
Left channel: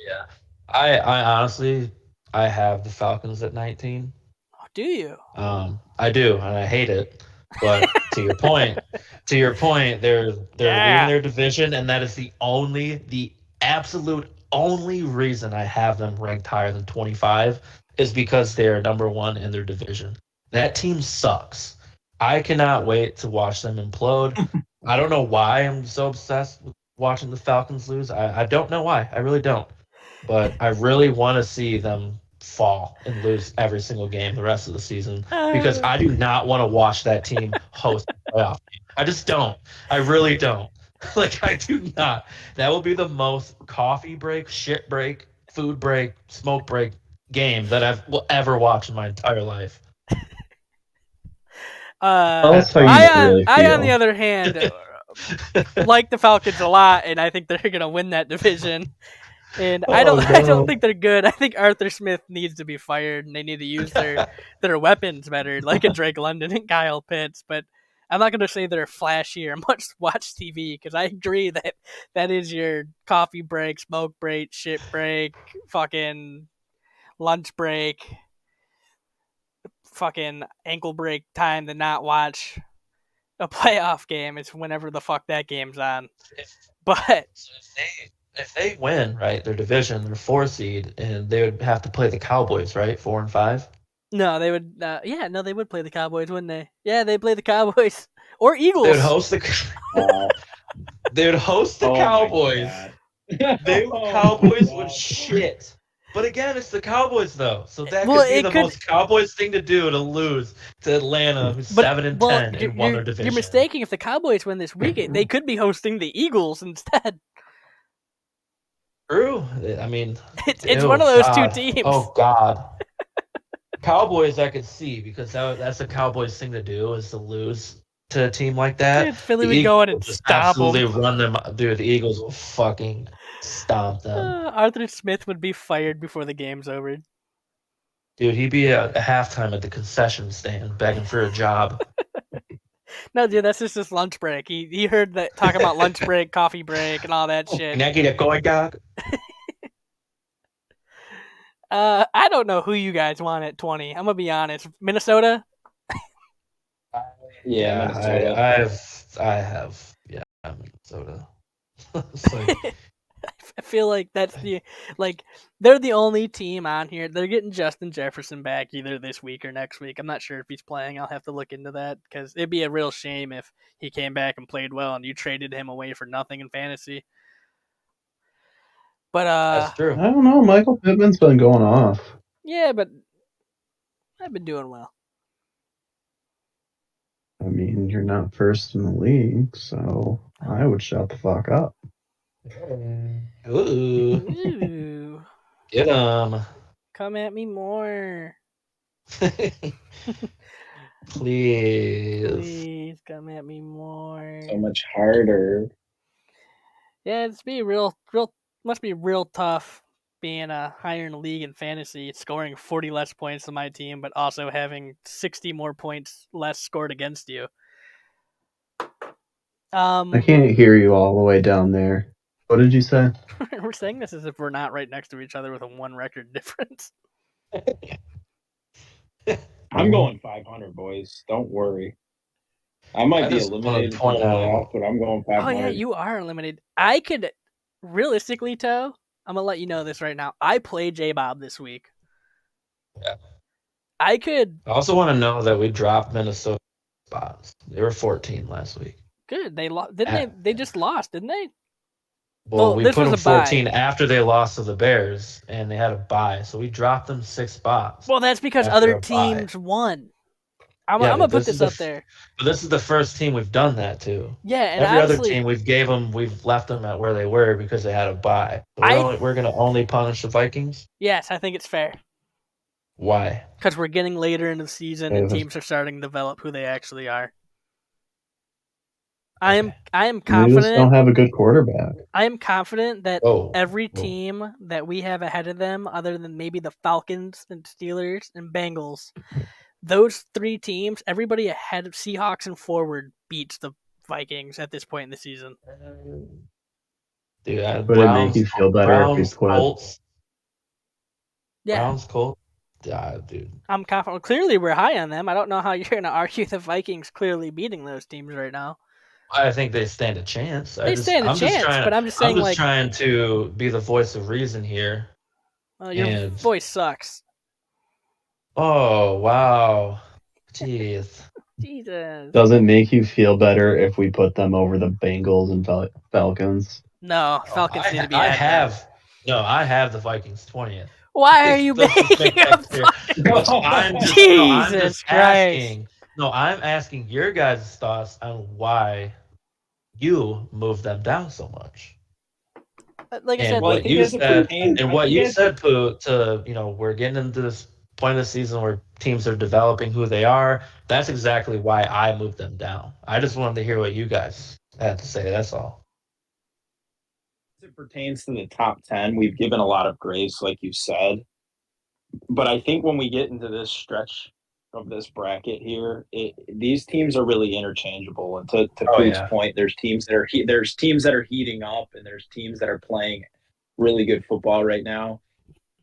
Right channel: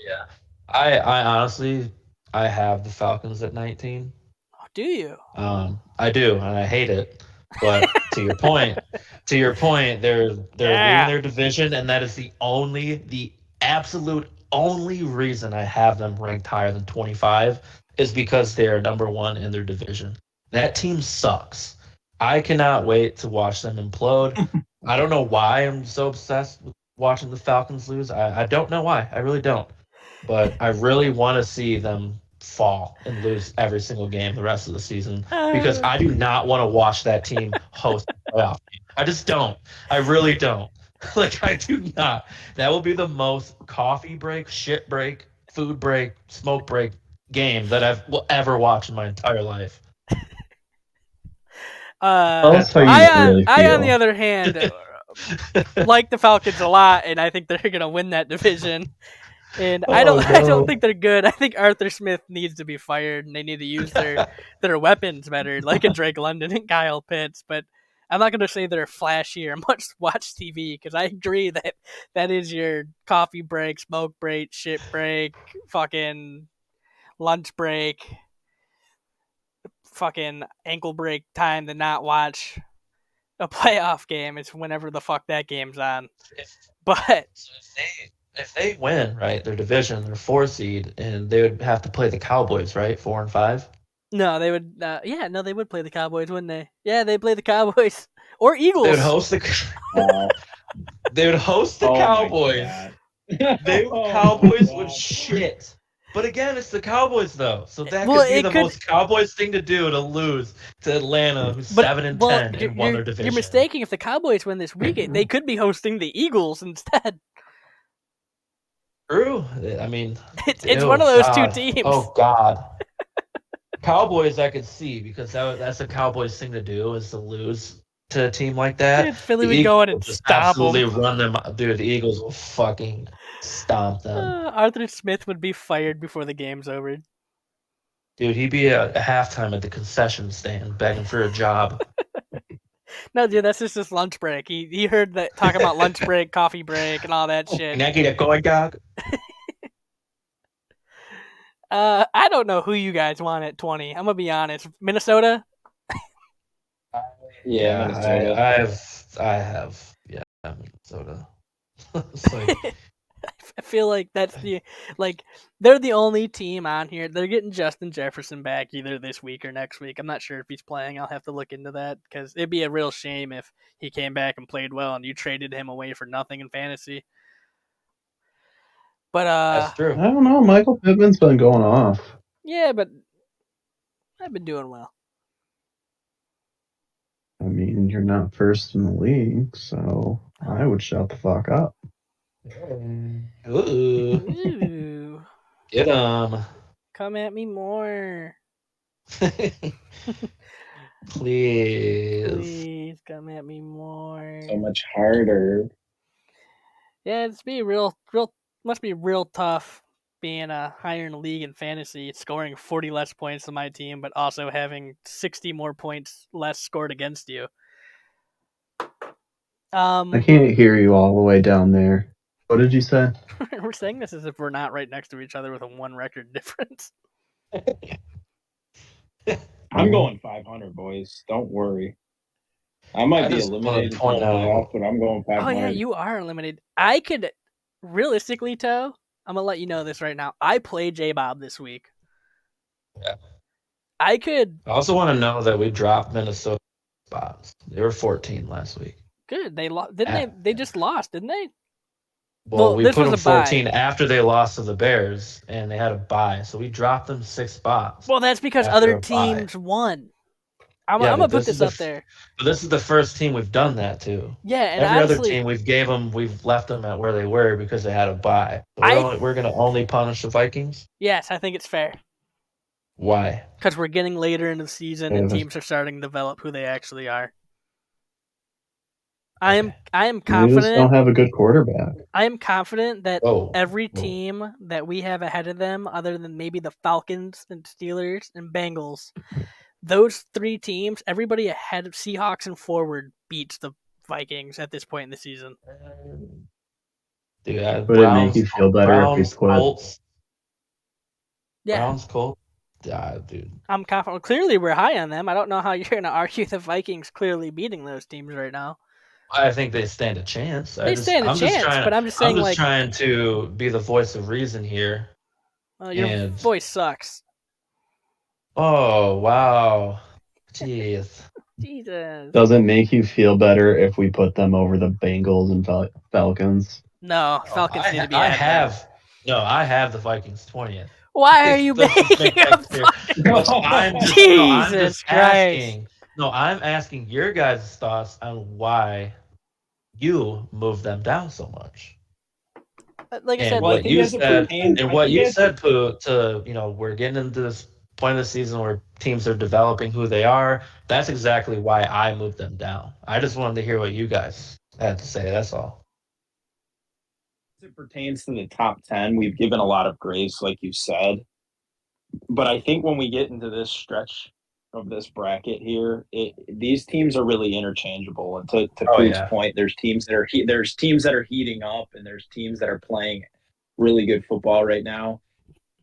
Yeah. I honestly have the Falcons at 19. Oh, do you? I do, and I hate it. But to your point, they're leading their division, and that is the absolute only reason I have them ranked higher than 25 is because they are number one in their division. That team sucks. I cannot wait to watch them implode. I don't know why I'm so obsessed with watching the Falcons lose. I don't know why. I really don't. But I really want to see them fall and lose every single game the rest of the season because I do not want to watch that team host a playoff game. I just don't. I really don't. I do not. That will be the most coffee break, shit break food break, smoke break game that I will ever watch in my entire life. Tell us how you I really on the feel. other hand like the Falcons a lot, and I think they're gonna win that division. And I Oh, don't no. think they're good. I think Arthur Smith needs to be fired, and they need to use their weapons better, like a Drake London and Kyle Pitts. But I'm not gonna say they're flashy or much watch TV because I agree that that is your coffee break, smoke break, shit break, fucking lunch break, fucking ankle break time to not watch a playoff game. It's whenever the fuck that game's on. But So if they win, right, their division, their 4 seed, and they would have to play the Cowboys, right, 4 and 5. no, they would. They would play the Cowboys, wouldn't they? Yeah, they play the Cowboys or They would Eagles. host the. They would host the Oh my Cowboys. God. Cowboys Oh, would shit. But again, it's the Cowboys though, so that Well, could be it the could- most Cowboys thing to do to lose to Atlanta, who's But 7 and well, 10 and won their division. you're mistaking. If the Cowboys win this week, they could be hosting the Eagles instead. True. I mean, It's ew, one of those God. two teams. Oh God. Cowboys, I could see because that's a Cowboys thing to do is to lose to a team like that. Dude, Philly The would go in and Eagles just stomp 'em. absolutely run them. Dude, the Eagles will fucking stomp them. Arthur Smith would be fired before the game's over. Dude, he'd be at halftime at the concession stand begging for a job. No, dude, that's just his lunch break. He heard that talk about lunch break, coffee break, and all that shit. Can I get a going dog? I don't know who you guys want at 20. I'm gonna be honest. Minnesota. Yeah, Minnesota. I have Minnesota. It's like, I feel like that's they're the only team on here. They're getting Justin Jefferson back either this week or next week. I'm not sure if he's playing. I'll have to look into that because it'd be a real shame if he came back and played well and you traded him away for nothing in fantasy. But that's I true. don't know. Michael Pittman's been going off. yeah, but I've been doing well. I mean, you're not first in the league, so I would shut the fuck up. Ooh. Ooh, Get him. come at me more, Please. please. Come at me more. So much harder. Yeah, must be real tough being higher in the league in fantasy, scoring 40 less points than my team, but also having 60 more points less scored against you. I can't hear you all the way down there. What did you say? We're saying this as if we're not right next to each other with a 1 record difference. I'm going 500, boys. Don't worry. I might be just eliminated wanna from the point out- playoff, but I'm going 500. Oh yeah, you are eliminated. I could realistically, Toe, I'm gonna let you know this right now. I play J-Bob this week. Yeah. I could. I also want to know that we dropped Minnesota spots. They were 14 last week. Good. They lost, didn't they? They just lost, didn't they? Well, we this put was them a bye. 14 after they lost to the Bears, and they had a bye, so we dropped them 6 spots. Well, that's because After other a bye. teams won. I'm Yeah, gonna but put this is this the up there. But this is the first team we've done that to. Yeah, and Every honestly, other team we've left them at where they were because they had a bye. So we're going to only punish the Vikings. yes, I think it's fair Why? because we're getting later in the season and Yeah. teams are starting to develop who they actually are. I am You just confident. don't have a good quarterback. I am confident that Oh, every Whoa. team that we have ahead of them, other than maybe the Falcons and Steelers and Bengals, those 3 teams, everybody ahead of Seahawks and forward beats the Vikings at this point in the season. Dude, Would it make you feel better if we Browns, quit? Colts. Yeah, Browns, Colts. Yeah, dude. I'm confident. Clearly, we're high on them. I don't know how you're going to argue the Vikings clearly beating those teams right now. I think they stand a chance. They stand a chance, but I'm just saying, I'm just like, trying to be the voice of reason here. your and- voice sucks. Oh, wow. Jeez. Jesus. Does it make you feel better if we put them over the Bengals and Falcons? No, Falcons need to be ahead. I have the Vikings 20th. Why are you Doesn't think making a that's fair. fucking... I'm Jesus Christ. asking. No, I'm asking your guys' thoughts on why you moved them down so much. like I And said, Well, I what think you as it said, pertains- and I what think you as- said, Pooh, to we're getting into this point of the season where teams are developing who they are. That's exactly why I moved them down. I just wanted to hear what you guys had to say. That's all. As it pertains to the top 10, we've given a lot of grace, like you said. But I think when we get into this stretch of this bracket here, these teams are really interchangeable. And to Oh, Pook's yeah. point, there's teams that are heating up, and there's teams that are playing really good football right now.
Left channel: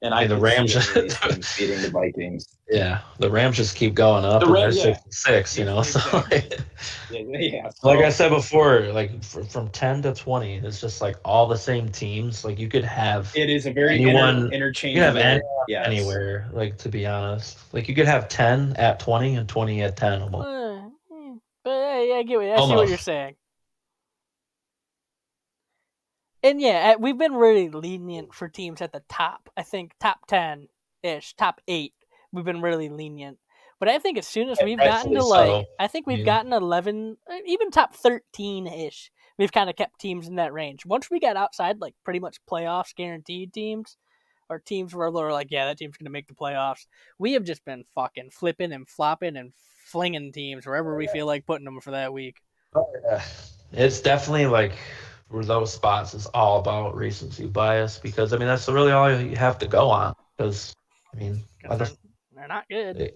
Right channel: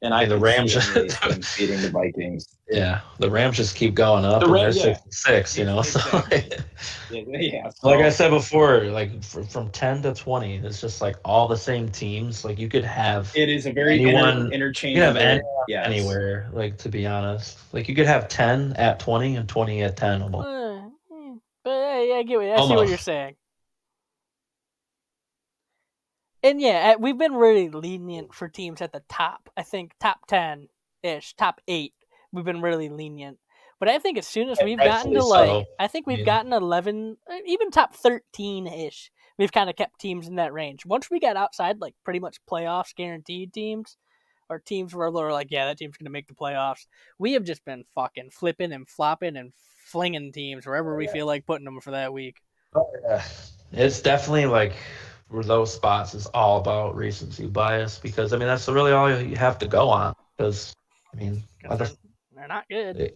And I And the could Rams see any of these teams beating the Vikings. Yeah, the Rams just keep going up, The and Rams, they're yeah. 6-6. You know, so Exactly. Yeah. like I said before, like from 10 to 20, it's just like all the same teams. Like you could have It is a very anyone, you interchangeable. could have anyone yes. anywhere. Like to be honest, like you could have 10 at 20 and 20 at 10. Almost. But I get what I see what Almost. you're saying. And yeah, we've been really lenient for teams at the top. I think top 10-ish, top 8, we've been really lenient. But I think as soon as we've gotten to Rightfully so. I think we've Yeah. gotten 11, even top 13-ish, we've kind of kept teams in that range. Once we got outside, like pretty much playoffs guaranteed teams, or teams where they're like, yeah, that team's going to make the playoffs, we have just been fucking flipping and flopping and flinging teams wherever we feel like putting them for that week. Yeah. It's definitely like where those spots is all about recency bias because I mean that's really all you have to go on because I mean They're not good.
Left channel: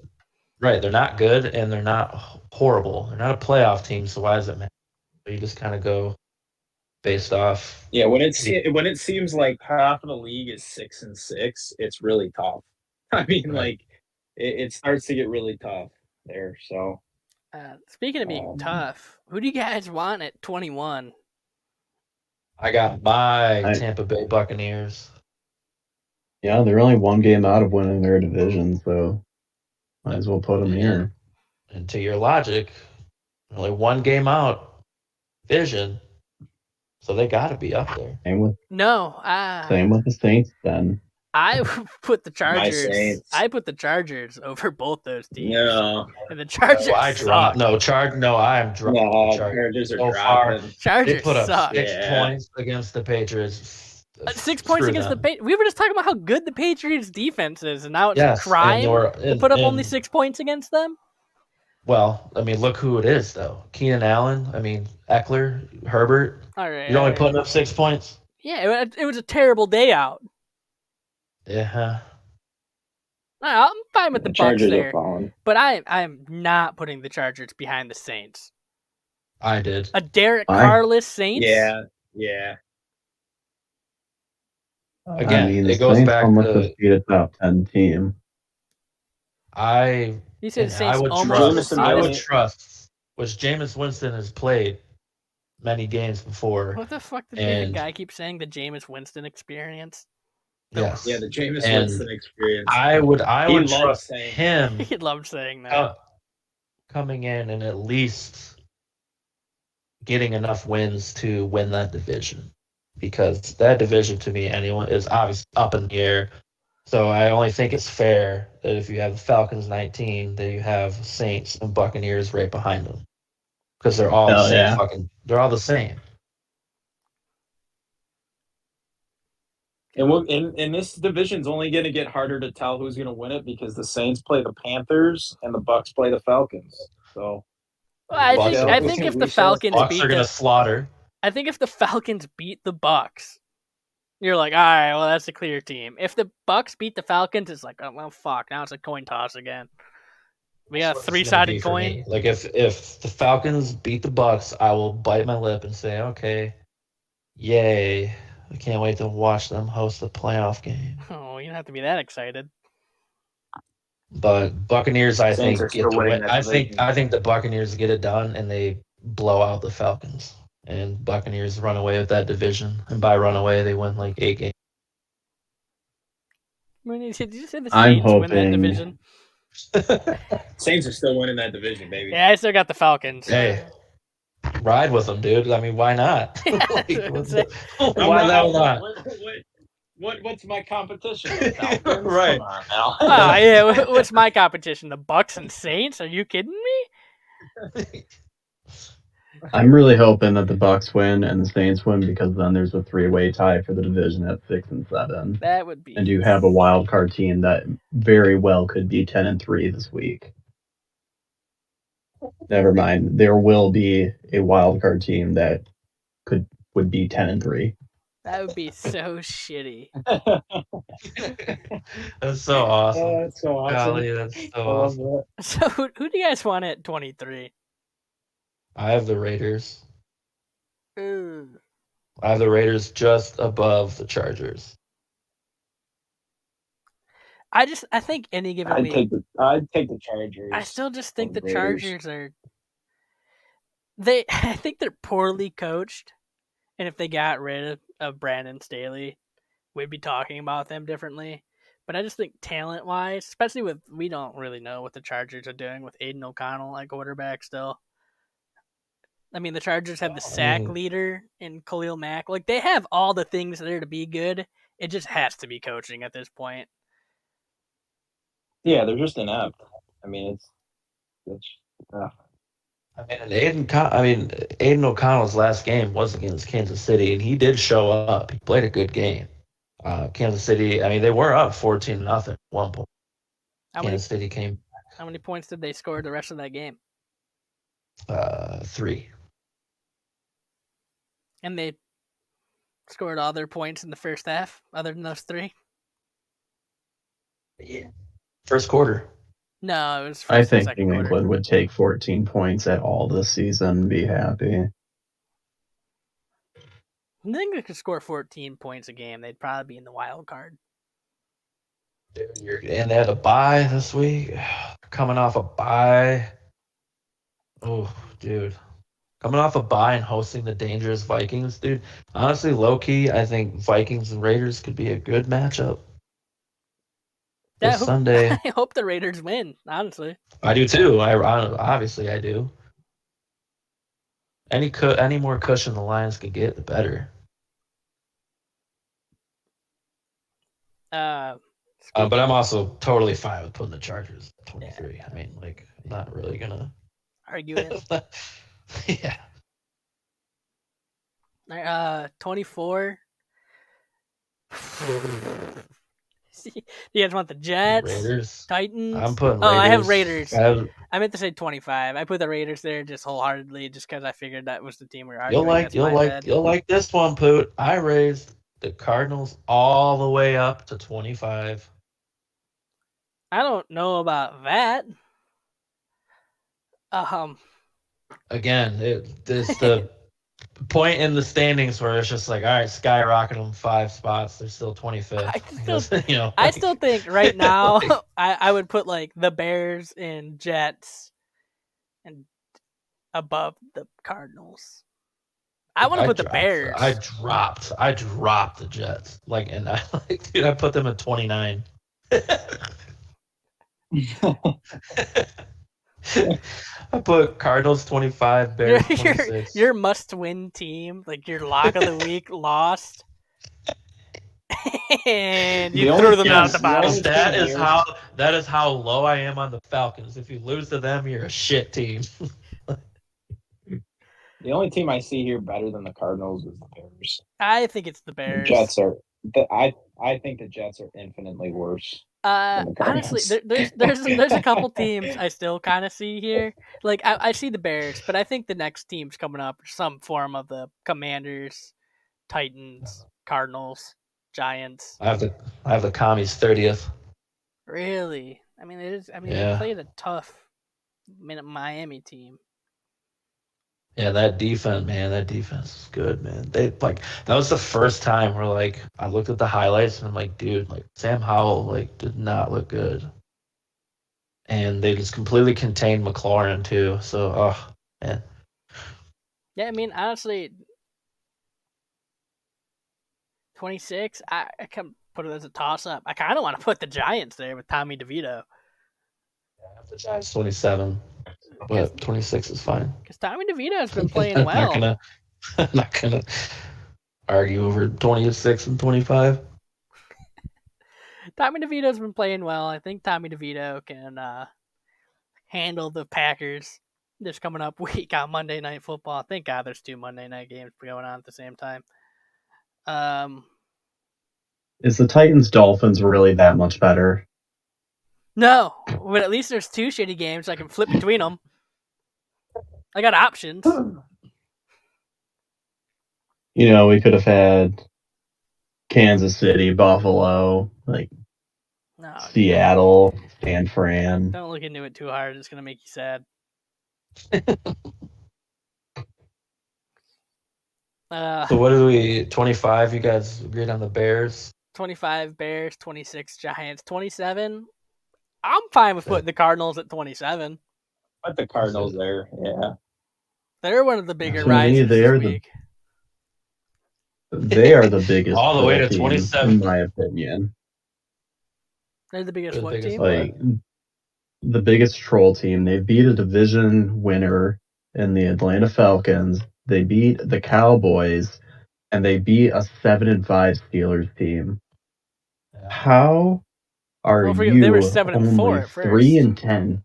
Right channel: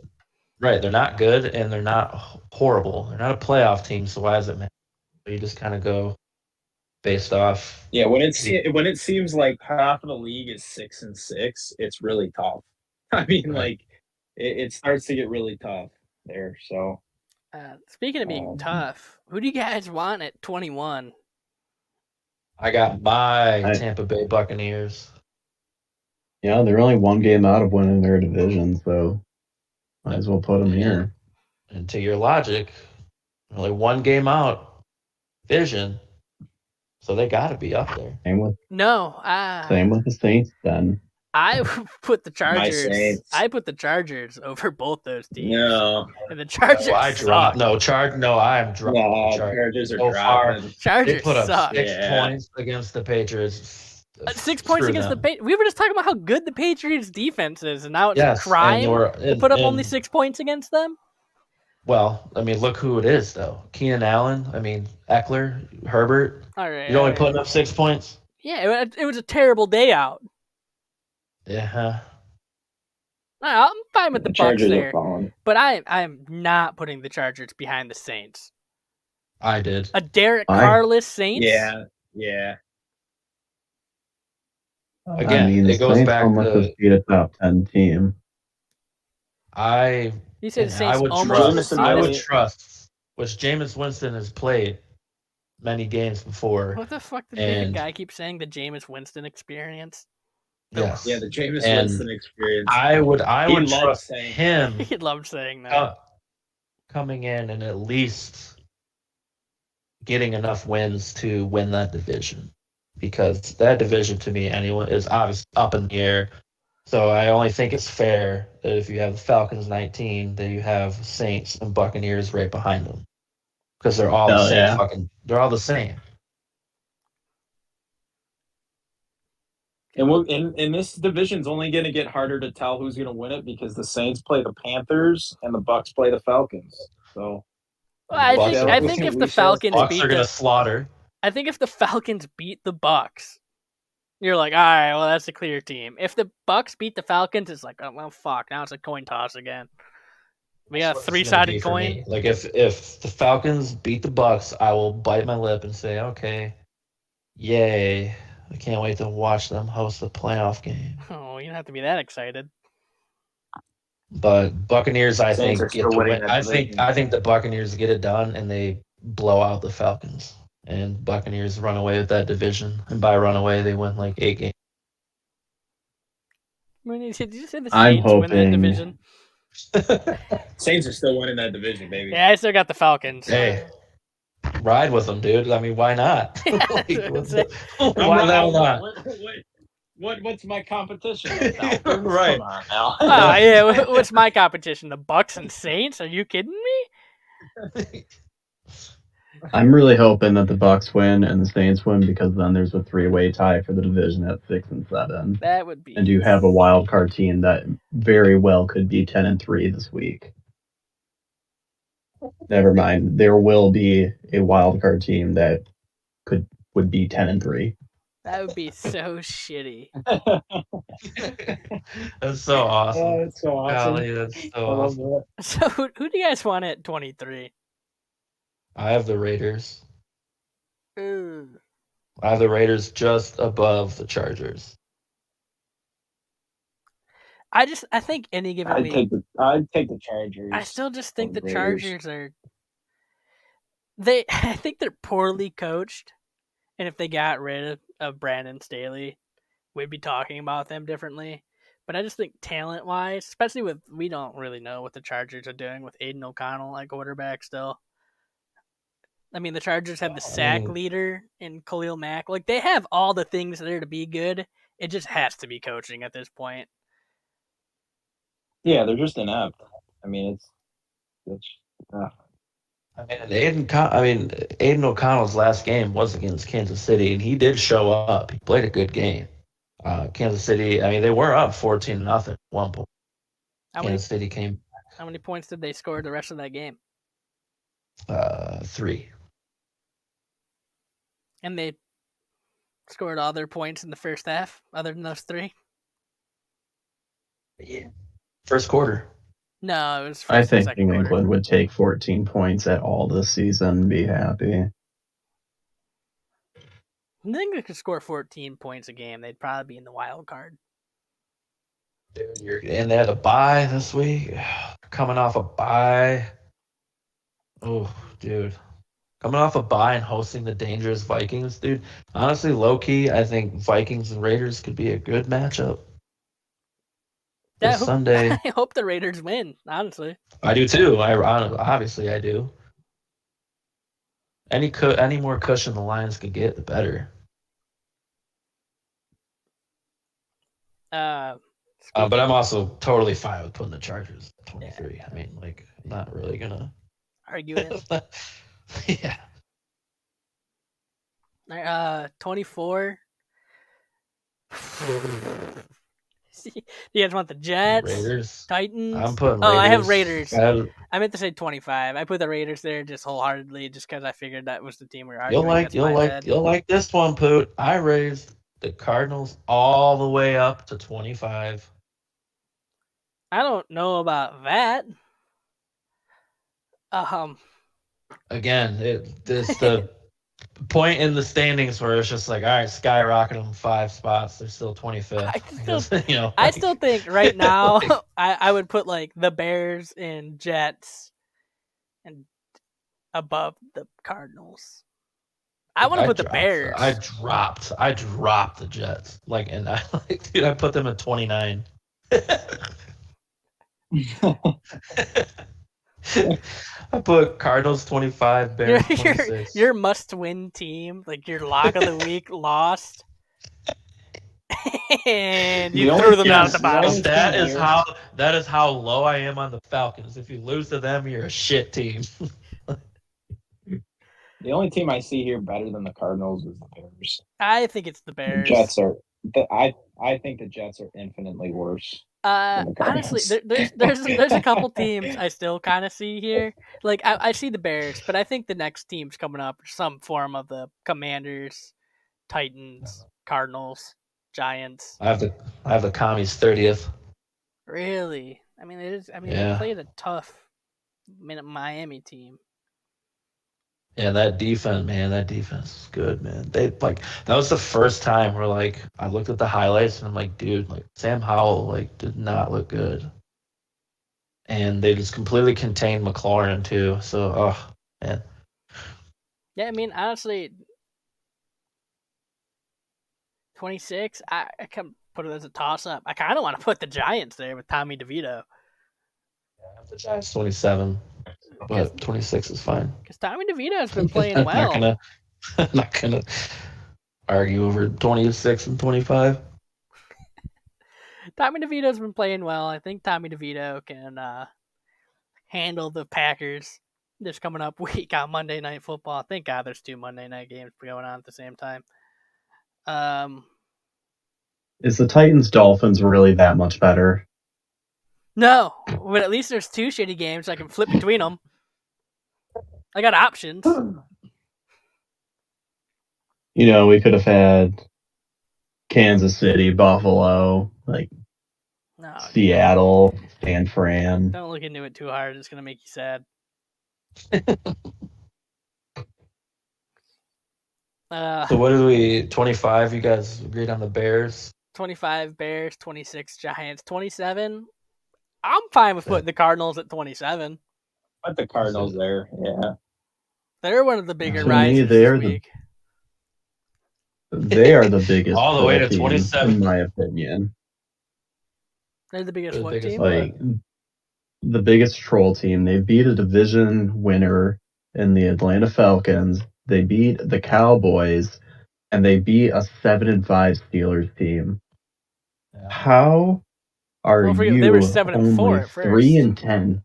Right, they're not good and they're not horrible. They're not a playoff team, so why does it matter? You just kind of go based off. Yeah, when it seems like half of the league is 6-6, it's really tough. I mean, Right. like it starts to get really tough there. So Speaking of being tough, who do you guys want at 21? I got my Tampa Bay Buccaneers. Yeah, they're only one game out of winning their division, so might as well put them here. And to your logic, only one game out, division, so they got to be up there. Same with the Saints then. I put the My Chargers. Saints. I put the Chargers over both those teams. no, And the Chargers suck. I'm dropping the Chargers are So far, dropping. they Chargers put up suck. 6 Yeah. points against the Patriots. 6 points Screw against the them. Patriots. We were just talking about how good the Patriots defense is, and now it's Yes, a crime to put up and- only 6 points against them. Well, I mean, look who it is, though. Keenan Allen, I mean, Eckler, Herbert. All right. You're only all right. putting up 6 points? Yeah, it was a terrible day out. Yeah. I'm fine with the Bucks Chargers there, are falling. but I'm not putting the Chargers behind the Saints. I did. A Derek Fine. Carr-less Saints? Yeah. Again, I mean, it the goes Saints back almost to- just beat a top 10 team. You said the Saints almost trust- I would defeated. trust, which Jameis Winston has played many games before. What the fuck did the And- guy keep saying? The Jameis Winston experience? Yes. Yeah, the Jameis And Winston experience. I would He loves trust saying- him He loved saying that. coming in and at least getting enough wins to win that division. Because that division, to me, anyone is obviously up in the air. So I only think it's fair that if you have the Falcons 19, that you have Saints and Buccaneers right behind them. Because they're all the same they're all the same. And this division's only going to get harder to tell who's going to win it because the Saints play the Panthers and the Bucks play the Falcons. So Well, I Bucks- think if we the shall- Falcons Bucks beat are going to slaughter. I think if the Falcons beat the Bucks, you're like, all right, well, that's a clear team. If the Bucks beat the Falcons, it's like, oh, well, fuck, now it's a coin toss again. We got a That's what it's gonna be 3-sided for coin. me. Like if the Falcons beat the Bucks, I will bite my lip and say, okay, yay! I can't wait to watch them host the playoff game. Oh, you don't have to be that excited. But Buccaneers, I Saints think are still get the winning win. that I division. think the Buccaneers get it done and they blow out the Falcons. And Buccaneers run away with that division. And by run away, they win like 8 games. I mean, did you say the I'm Saints win that hoping- division? Saints are still winning that division, baby. Yeah, I still got the Falcons. Hey, ride with them, dude. I mean, why not? Like, It's like- why the hell not? What's my competition? Right. Come on now. Oh yeah, what's my competition? The Bucks and Saints? Are you kidding me? I'm really hoping that the Bucks win and the Saints win because then there's a three-way tie for the division at 6 and 7, That would be. and you have a wild card team that very well could be 10 and 3 this week. Never mind, there will be a wild card team that would be 10 and 3. That would be so shitty. That's so awesome. Oh, it's so awesome. Golly, that's I so love awesome. that. So who do you guys want at 23? I have the Raiders. Ooh. I have the Raiders just above the Chargers. I think any given I'd week, take the Chargers. I still just think the Raiders. Chargers are. I think they're poorly coached, and if they got rid of Brandon Staley, we'd be talking about them differently. But I just think talent-wise, especially we don't really know what the Chargers are doing with Aiden O'Connell at quarterback still. I mean, the Chargers have the sack leader in Khalil Mack. Like, they have all the things there to be good. It just has to be coaching at this point. Yeah, they're just inept. I mean, it's Aiden O'Connell's last game was against Kansas City, and he did show up. He played a good game. Kansas City, they were up 14-0 at one point. Kansas City came. How many points did they score the rest of that game? 3. And they scored all their points in the first half, other than those 3? Yeah. First quarter. No, it was I think second New quarter. England would take 14 points at all this season and be happy. I think they could score 14 points a game. They'd probably be in the wild card. Dude, and they had a bye this week. Coming off a bye. Oh, dude. Coming off a bye and hosting the dangerous Vikings, dude. Honestly, low-key, I think Vikings and Raiders could be a good matchup. Sunday. I hope the Raiders win, honestly. I do too. Obviously I do. Any more cushion the Lions could get, the better. But I'm also totally fine with putting the Chargers at 23. Yeah. I'm not really gonna argue it. Yeah. 24. You guys want the Jets? Raiders. Titans? I'm putting Raiders. I have Raiders. I meant to say 25. I put the Raiders there just wholeheartedly just because I figured that was the team we were arguing. You'll like this one, Poot. I raised the Cardinals all the way up to 25. I don't know about that. Again, it's the point in the standings where it's just like, all right, skyrocket them 5 spots. They're still 25th. I still think right now I would put like the Bears and Jets and above the Cardinals. I want to put the Bears. I dropped the Jets. I put them at 29. I put Cardinals 25, Bears 26. Your must-win team, like your lock of the week, lost, and you threw them down at the bottom. That is how low I am on the Falcons. If you lose to them, you're a shit team. The only team I see here better than the Cardinals is the Bears. I think it's the Bears. The Jets are. I think the Jets are infinitely worse. Honestly, there's a couple teams I still kind of see here. Like I see the Bears, but I think the next team's coming up some form of the Commanders, Titans, Cardinals, Giants. I have the Commies 30th. Really? I mean, it is. I mean, They played a tough Miami team. Yeah, that defense is good, man. That was the first time where I looked at the highlights and I'm like, dude, Sam Howell did not look good. And they just completely contained McLaurin too. So, oh man. Yeah, I mean, honestly, 26. I can put it as a toss-up. I kind of want to put the Giants there with Tommy DeVito. Yeah, the Giants 27. But 26 is fine. Because Tommy DeVito has been playing well. I'm not gonna argue over 26 and 25. Tommy DeVito's been playing well. I think Tommy DeVito can handle the Packers. this coming up week on Monday Night Football. Thank God there's 2 Monday night games going on at the same time. Is the Titans Dolphins really that much better? No, but at least there's 2 shitty games. I can flip between them. I got options. We could have had Kansas City, Buffalo, No, Seattle, San Fran. don't look into it too hard. It's gonna make you sad. So what do we? 25. You guys agreed on the Bears. 25 Bears, 26 Giants, 27. I'm fine with putting the Cardinals at 27. Put the Cardinals there. Yeah. They're one of the bigger To me, risers this week. They are the biggest All the way to team, 27. in my opinion. They're the biggest They're the what biggest team? The biggest troll team. They beat a division winner in the Atlanta Falcons. They beat the Cowboys, and they beat a 7-5 Steelers team. Yeah. How are you? They were 7-4 only at first. 3-10.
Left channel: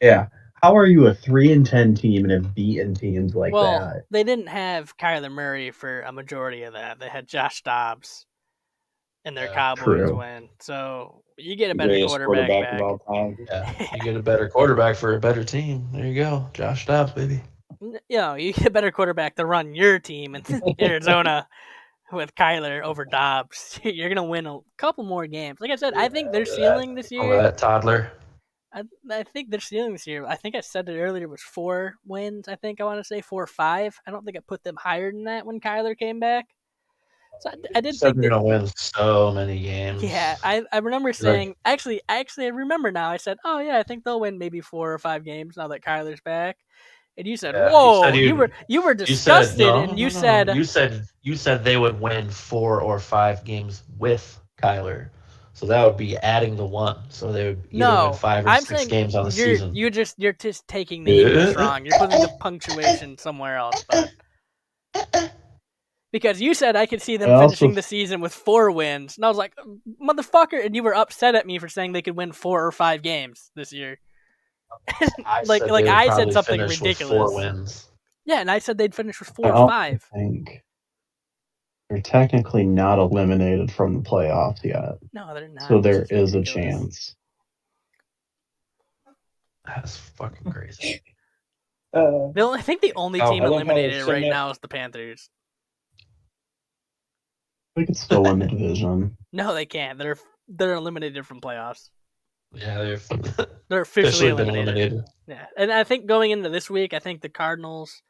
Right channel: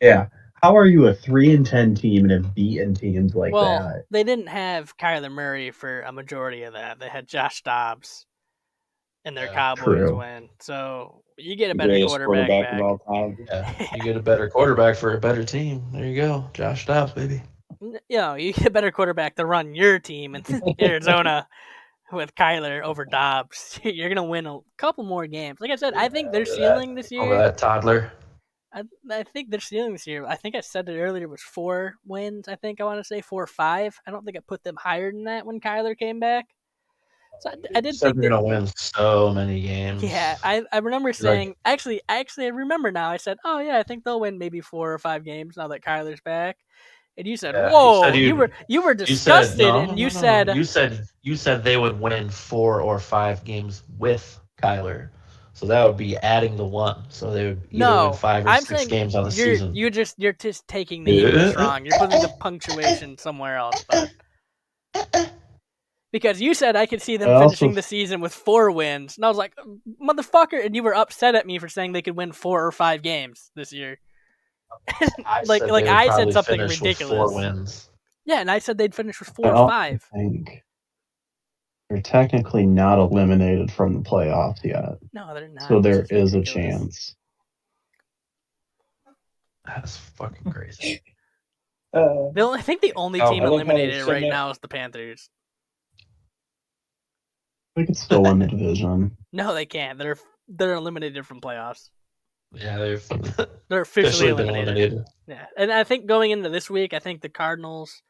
Yeah. How are you a 3-10 team and have beaten teams like that? They didn't have Kyler Murray for a majority of that. They had Josh Dobbs and their Cowboys win. So you get a better quarterback back. Of all time. Yeah, you get a better quarterback for a better team. There you go, Josh Dobbs, baby. You get a better quarterback to run your team in Arizona with Kyler over Dobbs. You're gonna win a couple more games. Like I said, I think their ceiling this year. Over that toddler. I think their ceiling this year. I think I said it earlier was 4 wins. I think I want to say 4 or 5. I don't think I put them higher than that when Kyler came back. So I did think they're gonna win so many games. Yeah, I remember saying actually I remember now. I said, oh yeah, I think they'll win maybe 4 or 5 games now that Kyler's back. And you said, whoa, you were disgusted, and you said you said they would win 4 or 5 games with Kyler. So that would be adding the 1. So they would either win 5 or 6 games on the season. You're just taking the English wrong. You're putting the punctuation somewhere else, bud. Because you said I could see them finishing the season with 4 wins, and I was like, motherfucker, and you were upset at me for saying they could win 4 or 5 games this year. I said something ridiculous. 4 wins. Yeah, and I said they'd finish with 4 or 5. I think they're technically not eliminated from the playoffs yet. No, they're not. So there is a chance. That's fucking crazy. I think the only team eliminated right now is the Panthers. They could still win the division. No, they can't. They're eliminated from playoffs. Yeah, they're officially eliminated. Yeah, and I think going into this week, I think the Cardinals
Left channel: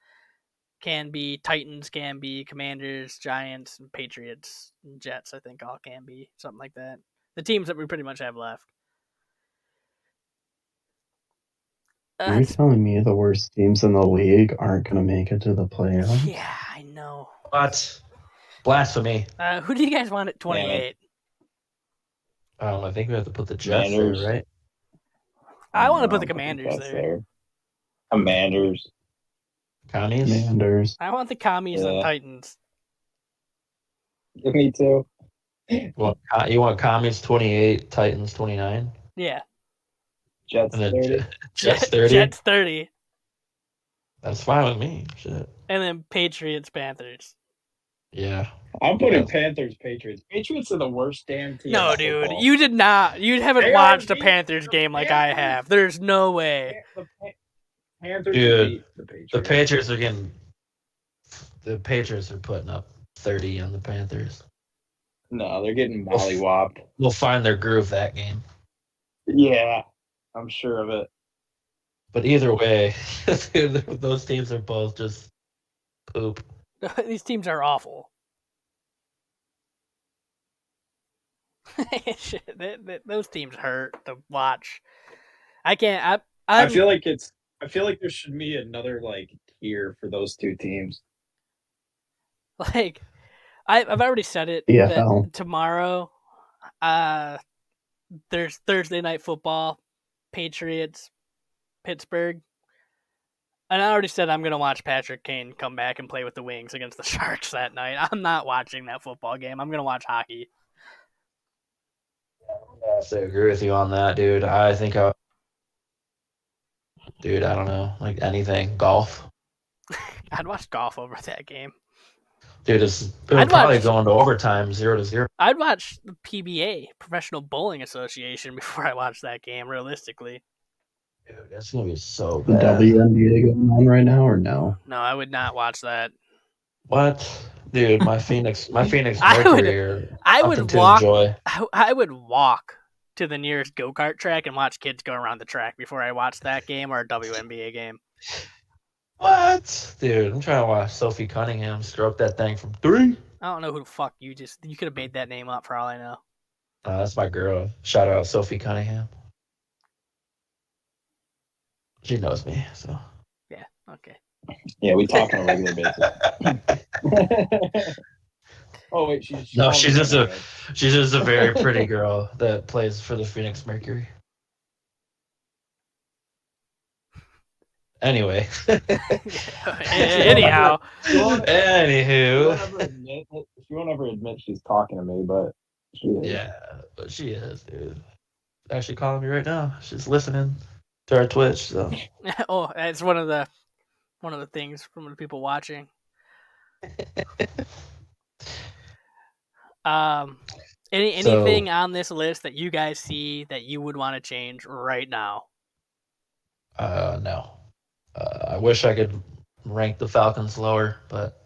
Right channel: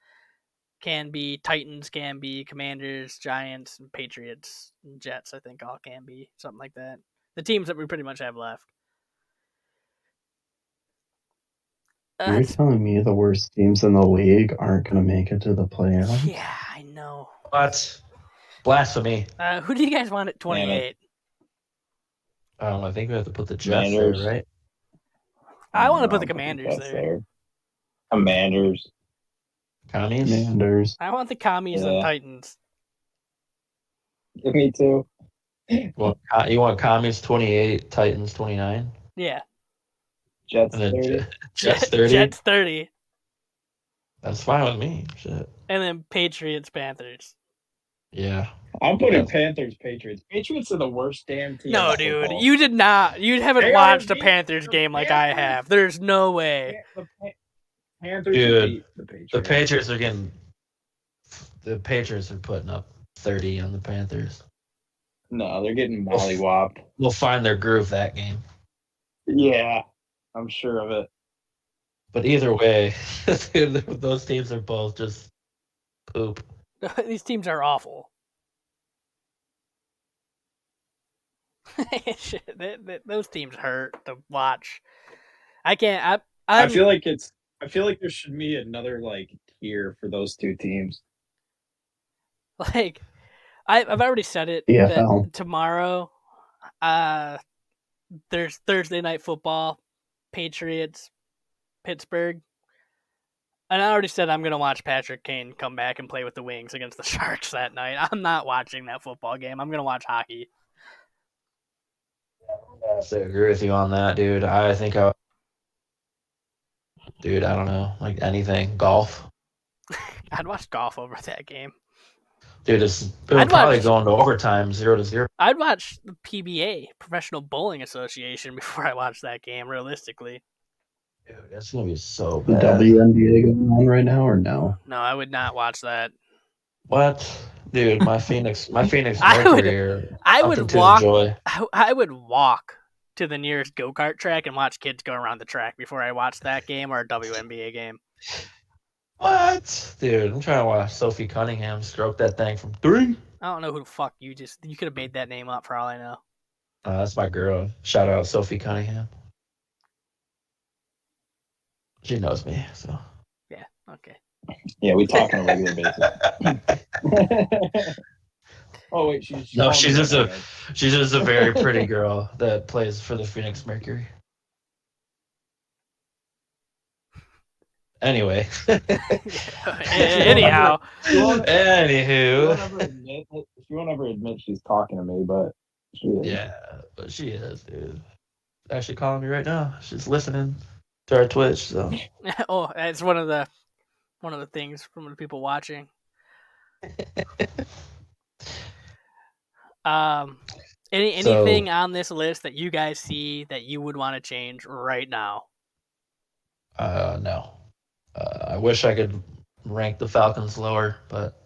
can be, Titans can be, Commanders, Giants, and Patriots, and Jets. I think all can be something like that. The teams that we pretty much have left. Are you telling me the worst teams in the league aren't going to make it to the playoffs? Yeah, I know. What? Blasphemy. Who do you guys want at 28? I think we have to put the Jets there, right? I want to put the Commanders there. Commanders. Commies? Commanders. I want the Commies and Titans. Me too. Well, you want Commies 28, Titans 29? Yeah. Jets 30. Jets 30? Jets 30. That's fine with me. Shit. And then Patriots, Panthers. Yeah. I'm putting Panthers, Patriots. Patriots are the worst damn team. No, dude. You did not. You haven't watched a Panthers game like I have. There's no way. Panthers dude, the Patriots are getting... The Patriots are putting up 30 on the Panthers. No, they're getting mollywopped. We'll find their groove that game. Yeah, I'm sure of it. But either way, those teams are both just poop. These teams are awful. Those teams hurt to watch. I can't. I feel like there should be another tier for those 2 teams. I've already said it. That tomorrow, there's Thursday Night Football, Patriots, Pittsburgh. And I already said I'm going to watch Patrick Kane come back and play with the Wings against the Sharks that night. I'm not watching that football game. I'm going to watch hockey. I agree with you on that, dude. I think Dude, I don't know. Like anything. Golf. I'd watch golf over that game. Dude, it I'd would probably watch- go into overtime, 0-0. I'd watch the PBA, Professional Bowling Association, before I watch that game. Realistically, Dude, that's gonna be so The bad. WNBA going on right now or no? no, I would not watch that. What? Dude, my Phoenix I would- Mercury are I something would to walk. enjoy. I would walk to the nearest go-kart track and watch kids go around the track before I watch that game or a WNBA game. What? Dude, I'm trying to watch Sophie Cunningham stroke that thing from 3. I don't know who the fuck you could have made that name up for all I know. That's my girl. Shout out Sophie Cunningham. She knows me, so. Yeah, okay. Yeah, we talk on a regular basis. Oh wait, she's No, she's just a very pretty girl that plays for the Phoenix Mercury. Anyway. Anyhow, Anywho. She won't ever admit she's talking to me, but she is. Yeah, but she is, dude. Actually calling me right now. She's listening to our Twitch, so. oh, it's one of the things from the people watching. Anything on this list that you guys see that you would want to change right now? No. I wish I could rank the Falcons lower, but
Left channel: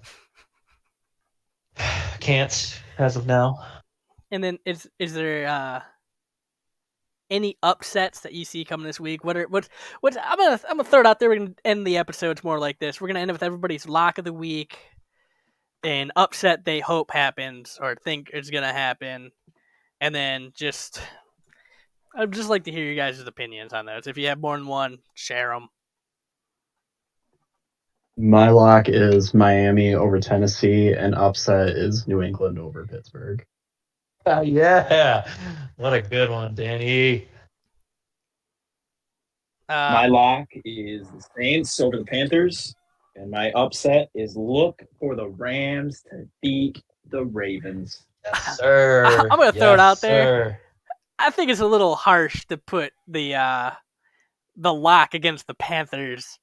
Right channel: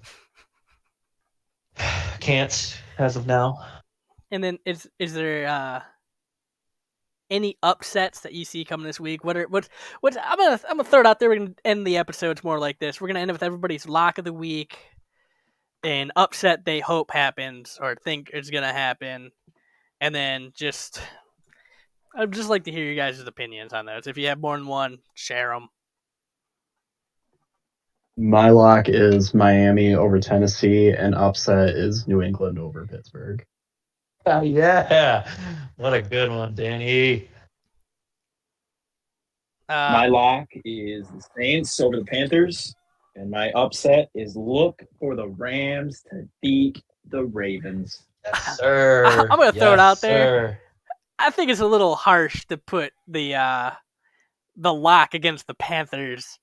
can't as of now. And then is there any upsets that you see coming this week? What's I'm gonna throw it out there. We're gonna end the episodes more like this. We're gonna end it with everybody's lock of the week, an upset they hope happens or think is gonna happen, and then I'd just like to hear you guys' opinions on those. If you have more than one, share them. My lock is Miami over Tennessee, and upset is New England over Pittsburgh. Yeah. What a good one, Danny. My lock is the Saints over the Panthers, and my upset is look for the Rams to beat the Ravens. Yes, sir. I'm gonna throw it out there. Sir. I think it's a little harsh to put the lock against the Panthers.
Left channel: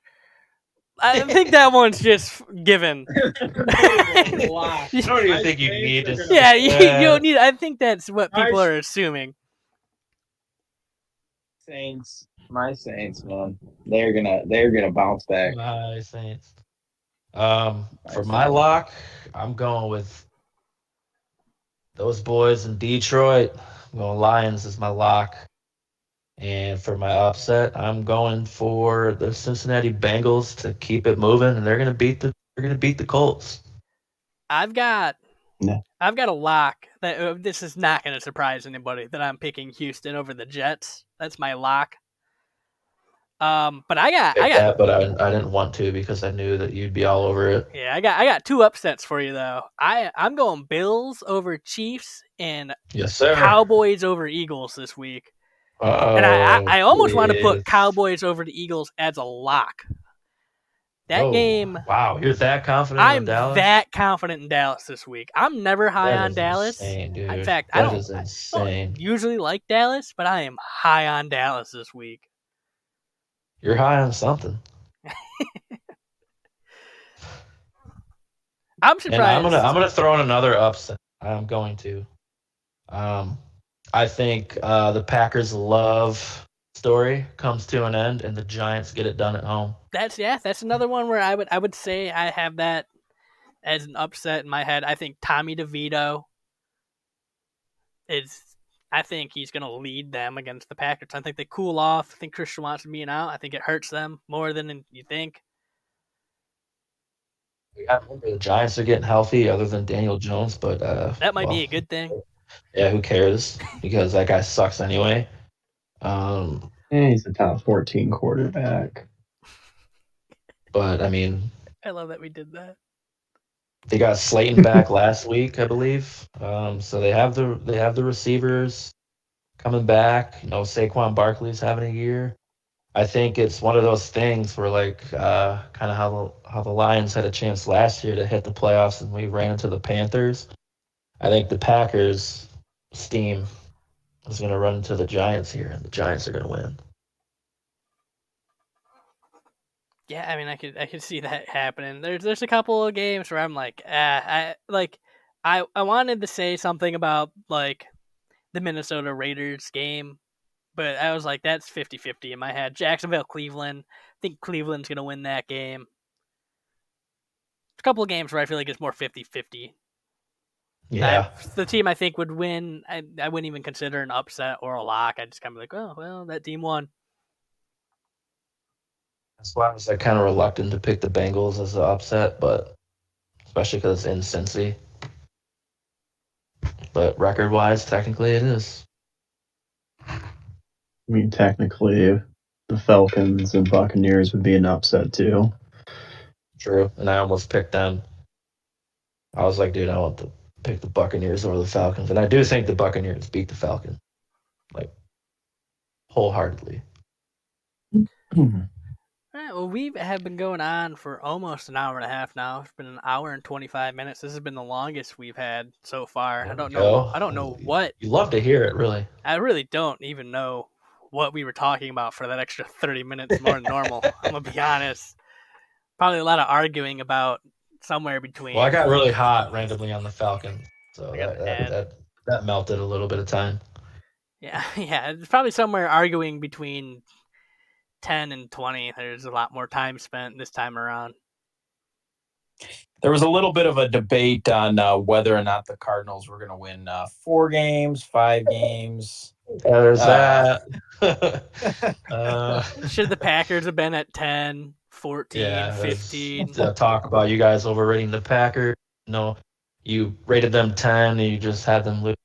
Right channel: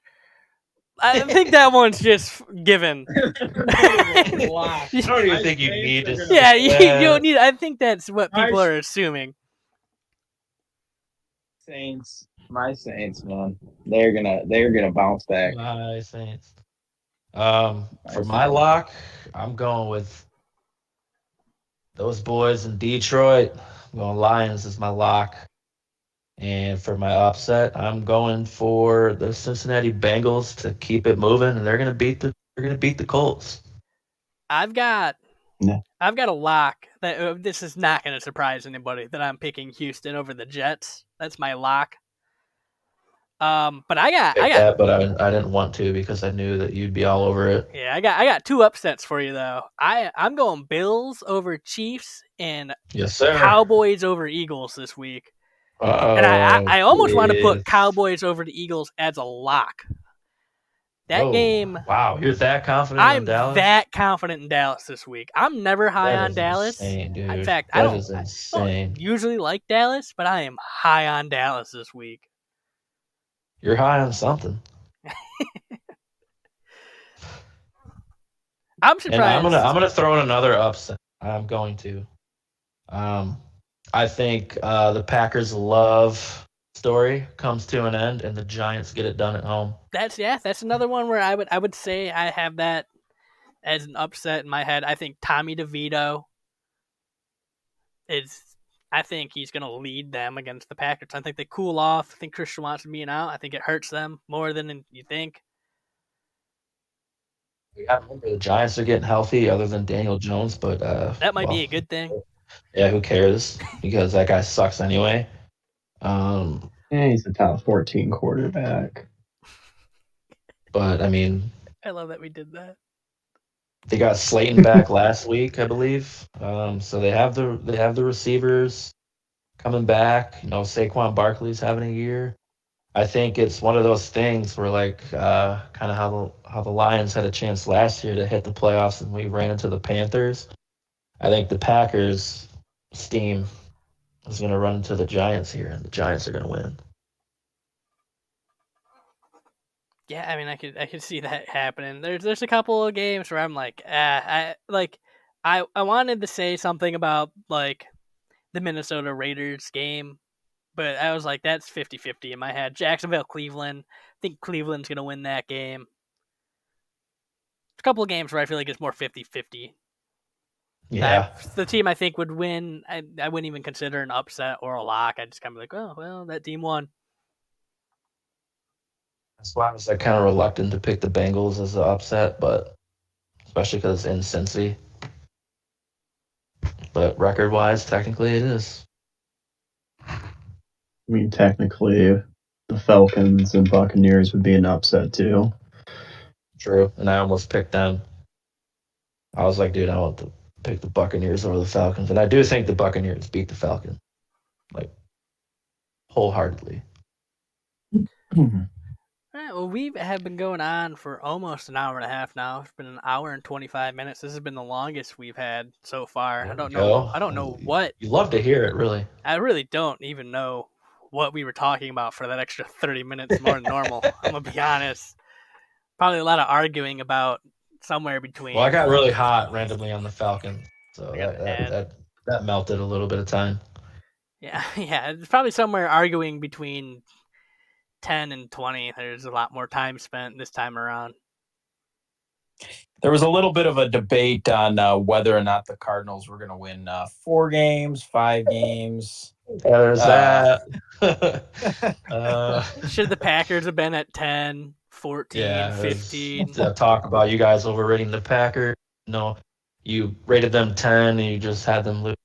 I think that one's just given. I don't even think you need to. Yeah, you don't need. I think that's what people are assuming. Saints, my Saints, man, they're gonna bounce back. My Saints. For my lock, I'm going with those boys in Detroit. I'm going Lions as my lock. And for my upset, I'm going for the Cincinnati Bengals to keep it moving, and they're gonna beat the Colts. I've got No. a lock that this is not going to surprise anybody that I'm picking Houston over the Jets. That's my lock. But I got that, but I didn't want to because I knew that you'd be all over it. Yeah, I got two upsets for you though. I'm going Bills over Chiefs and Yes, sir. Cowboys over Eagles this week. Uh-oh, And I almost want to please. put Cowboys over the Eagles as a lock. That game. Wow, you're that confident I'm in Dallas? that confident in Dallas this week. I'm never high That on is Dallas. insane, dude. In fact, That I is don't insane. usually like Dallas, but I am high on Dallas this week. You're high on something. I'm And surprised. I'm gonna throw in another upset. I'm going to. I think the Packers' love story comes to an end, and the Giants get it done at home. That's another one where I would say I have that as an upset in my head. I think Tommy DeVito I think he's going to lead them against the Packers. I think they cool off. I think Christian Watson being out, I think it hurts them more than you think. Yeah, remember the Giants are getting healthy, other than Daniel Jones, but That might be a good thing. Yeah, who cares? Because that guy sucks anyway. And he's a top 14 quarterback. But I mean, I love that we did that. they got Slayton back last week, I believe. So they have the receivers coming back. You know, Saquon Barkley's having a year. I think it's one of those things where, like, kind of how the Lions had a chance last year to hit the playoffs, and we ran into the Panthers. I think the Packers' steam is going to run into the Giants here, and the Giants are going to win. Yeah, I mean, I could see that happening. There's a couple of games where I'm like, I wanted to say something about like the Minnesota Raiders game, but I was like, that's 50-50 in my head. Jacksonville, Cleveland. I think Cleveland's gonna win that game. A couple of games where I feel like it's more 50-50. Yeah. The team I think would win, I wouldn't even consider an upset or a lock. I just kind of like, oh well, that team won. That's why I was like kind of reluctant to pick the Bengals as an upset, but especially because it's in Cincy. But record wise, technically it is. I mean, technically, the Falcons and Buccaneers would be an upset too. True. And I almost picked them. I was like, dude, I want to pick the Buccaneers over the Falcons. And I do think the Buccaneers beat the Falcons. Like, wholeheartedly. All right, well, we have been going on for almost an hour and a half now. It's been an hour and 25 minutes. This has been the longest we've had so far. I don't know what. You love to hear it, really. I really don't even know what we were talking about for that extra 30 minutes more than normal. I'm gonna be honest. Probably a lot of arguing about somewhere between. Well, I got really hot randomly on the Falcon, so I got an ad. that melted a little bit of time. Yeah, it's probably somewhere arguing between 10 and 20. There's a lot more time spent this time around. There was a little bit of a debate on whether or not the Cardinals were going to win 4 games, 5 games. There's that. Should the Packers have been at 10, 14, 15? Talk about you guys overrating the Packers. No, you rated them 10 and you just had them lose.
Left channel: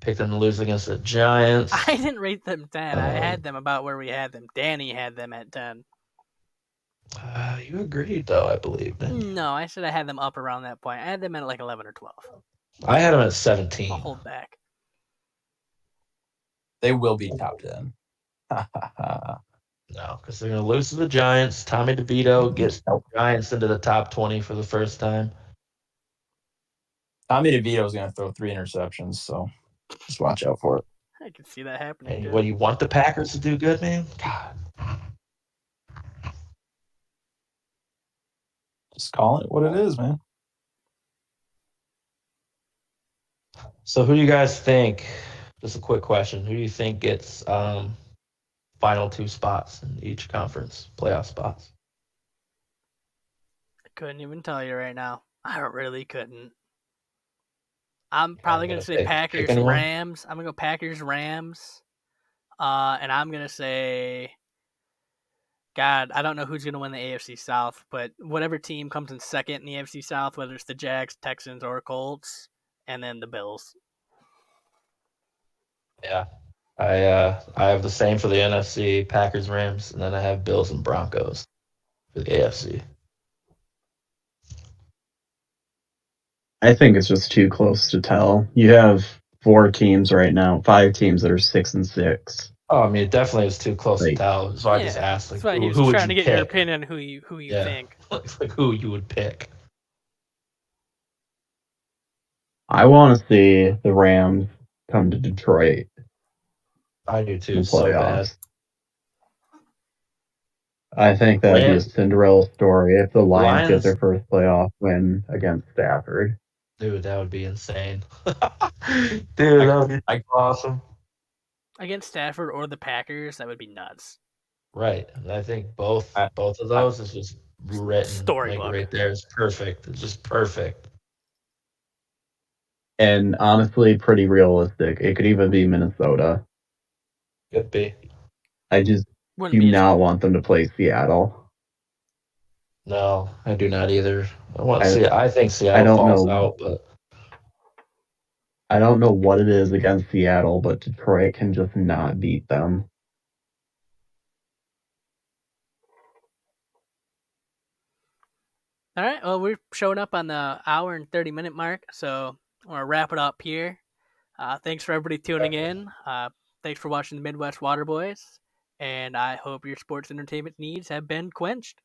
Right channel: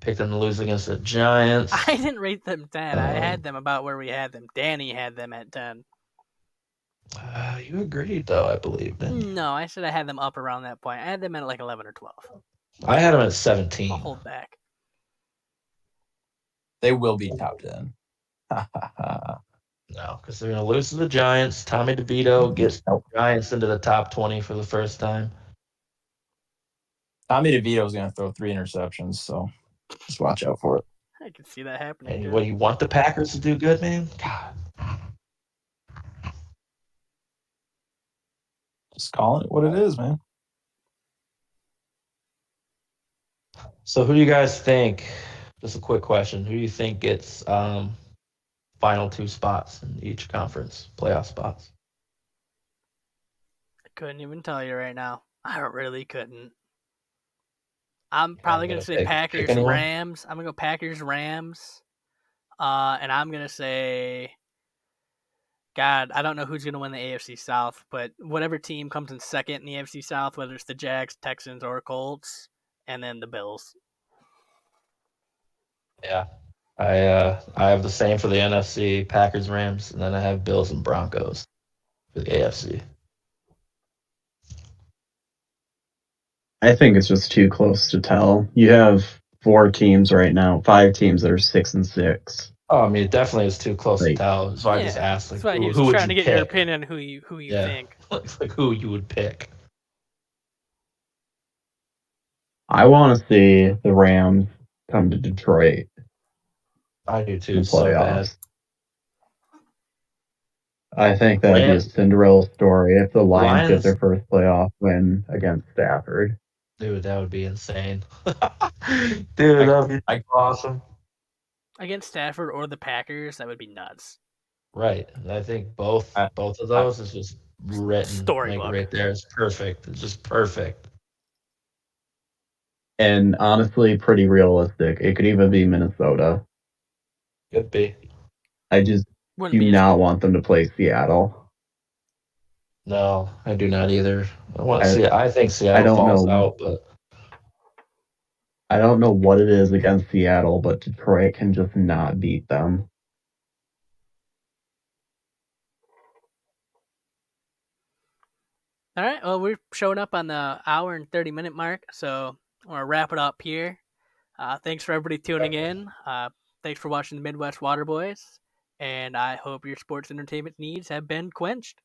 Picked them to lose against the Giants. I didn't rate them 10. I had them about where we had them. Danny had them at 10. You agreed, though, I believe. No, I said I had them up around that point. I had them at like 11 or 12. I had them at 17. I'll hold back. They will be top 10. No, because they're going to lose to the Giants. Tommy DeVito gets the Giants into the top 20 for the first time. Tommy DeVito is going to throw 3 interceptions, so just watch out for it. I can see that happening. Hey, what do you want the Packers to do good, man? God. Just calling it what it is, man. So who do you guys think, just a quick question, who do you think gets final 2 spots in each conference, playoff spots? I couldn't even tell you right now. I really couldn't. I'm probably going to say Packers, Rams. I'm going to go Packers, Rams. And I'm going to say, God, I don't know who's going to win the AFC South, but whatever team comes in second in the AFC South, whether it's the Jags, Texans, or Colts, and then the Bills. Yeah. I have the same for the NFC, Packers, Rams, and then I have Bills and Broncos for the AFC. I think it's just too close to tell. You have 4 teams right now, 5 teams that are 6 and 6. Oh, I mean, it definitely is too close to tell. So I just asked, like, that's why he was trying to get your opinion on who you think. Like who you would pick. I want to see the Rams come to Detroit. I do too. In the so playoffs. I think that would be a Cinderella story if the Lions get their first playoff win against Stafford. Dude, that would be insane. Dude, that would be awesome. Against Stafford or the Packers, that would be nuts. Right. And I think both of those is just written storybook right there. It's perfect. It's just perfect. And honestly, pretty realistic. It could even be Minnesota. Could be. I just do not want them to play Seattle. No, I do not either. I think Seattle falls out, but I don't know what it is against Seattle, but Detroit can just not beat them. All right. Well, we're showing up on the hour and 30-minute mark, so I'm going to wrap it up here. Thanks for everybody tuning in. Thanks for watching the Midwest Waterboys, and I hope your sports entertainment needs have been quenched.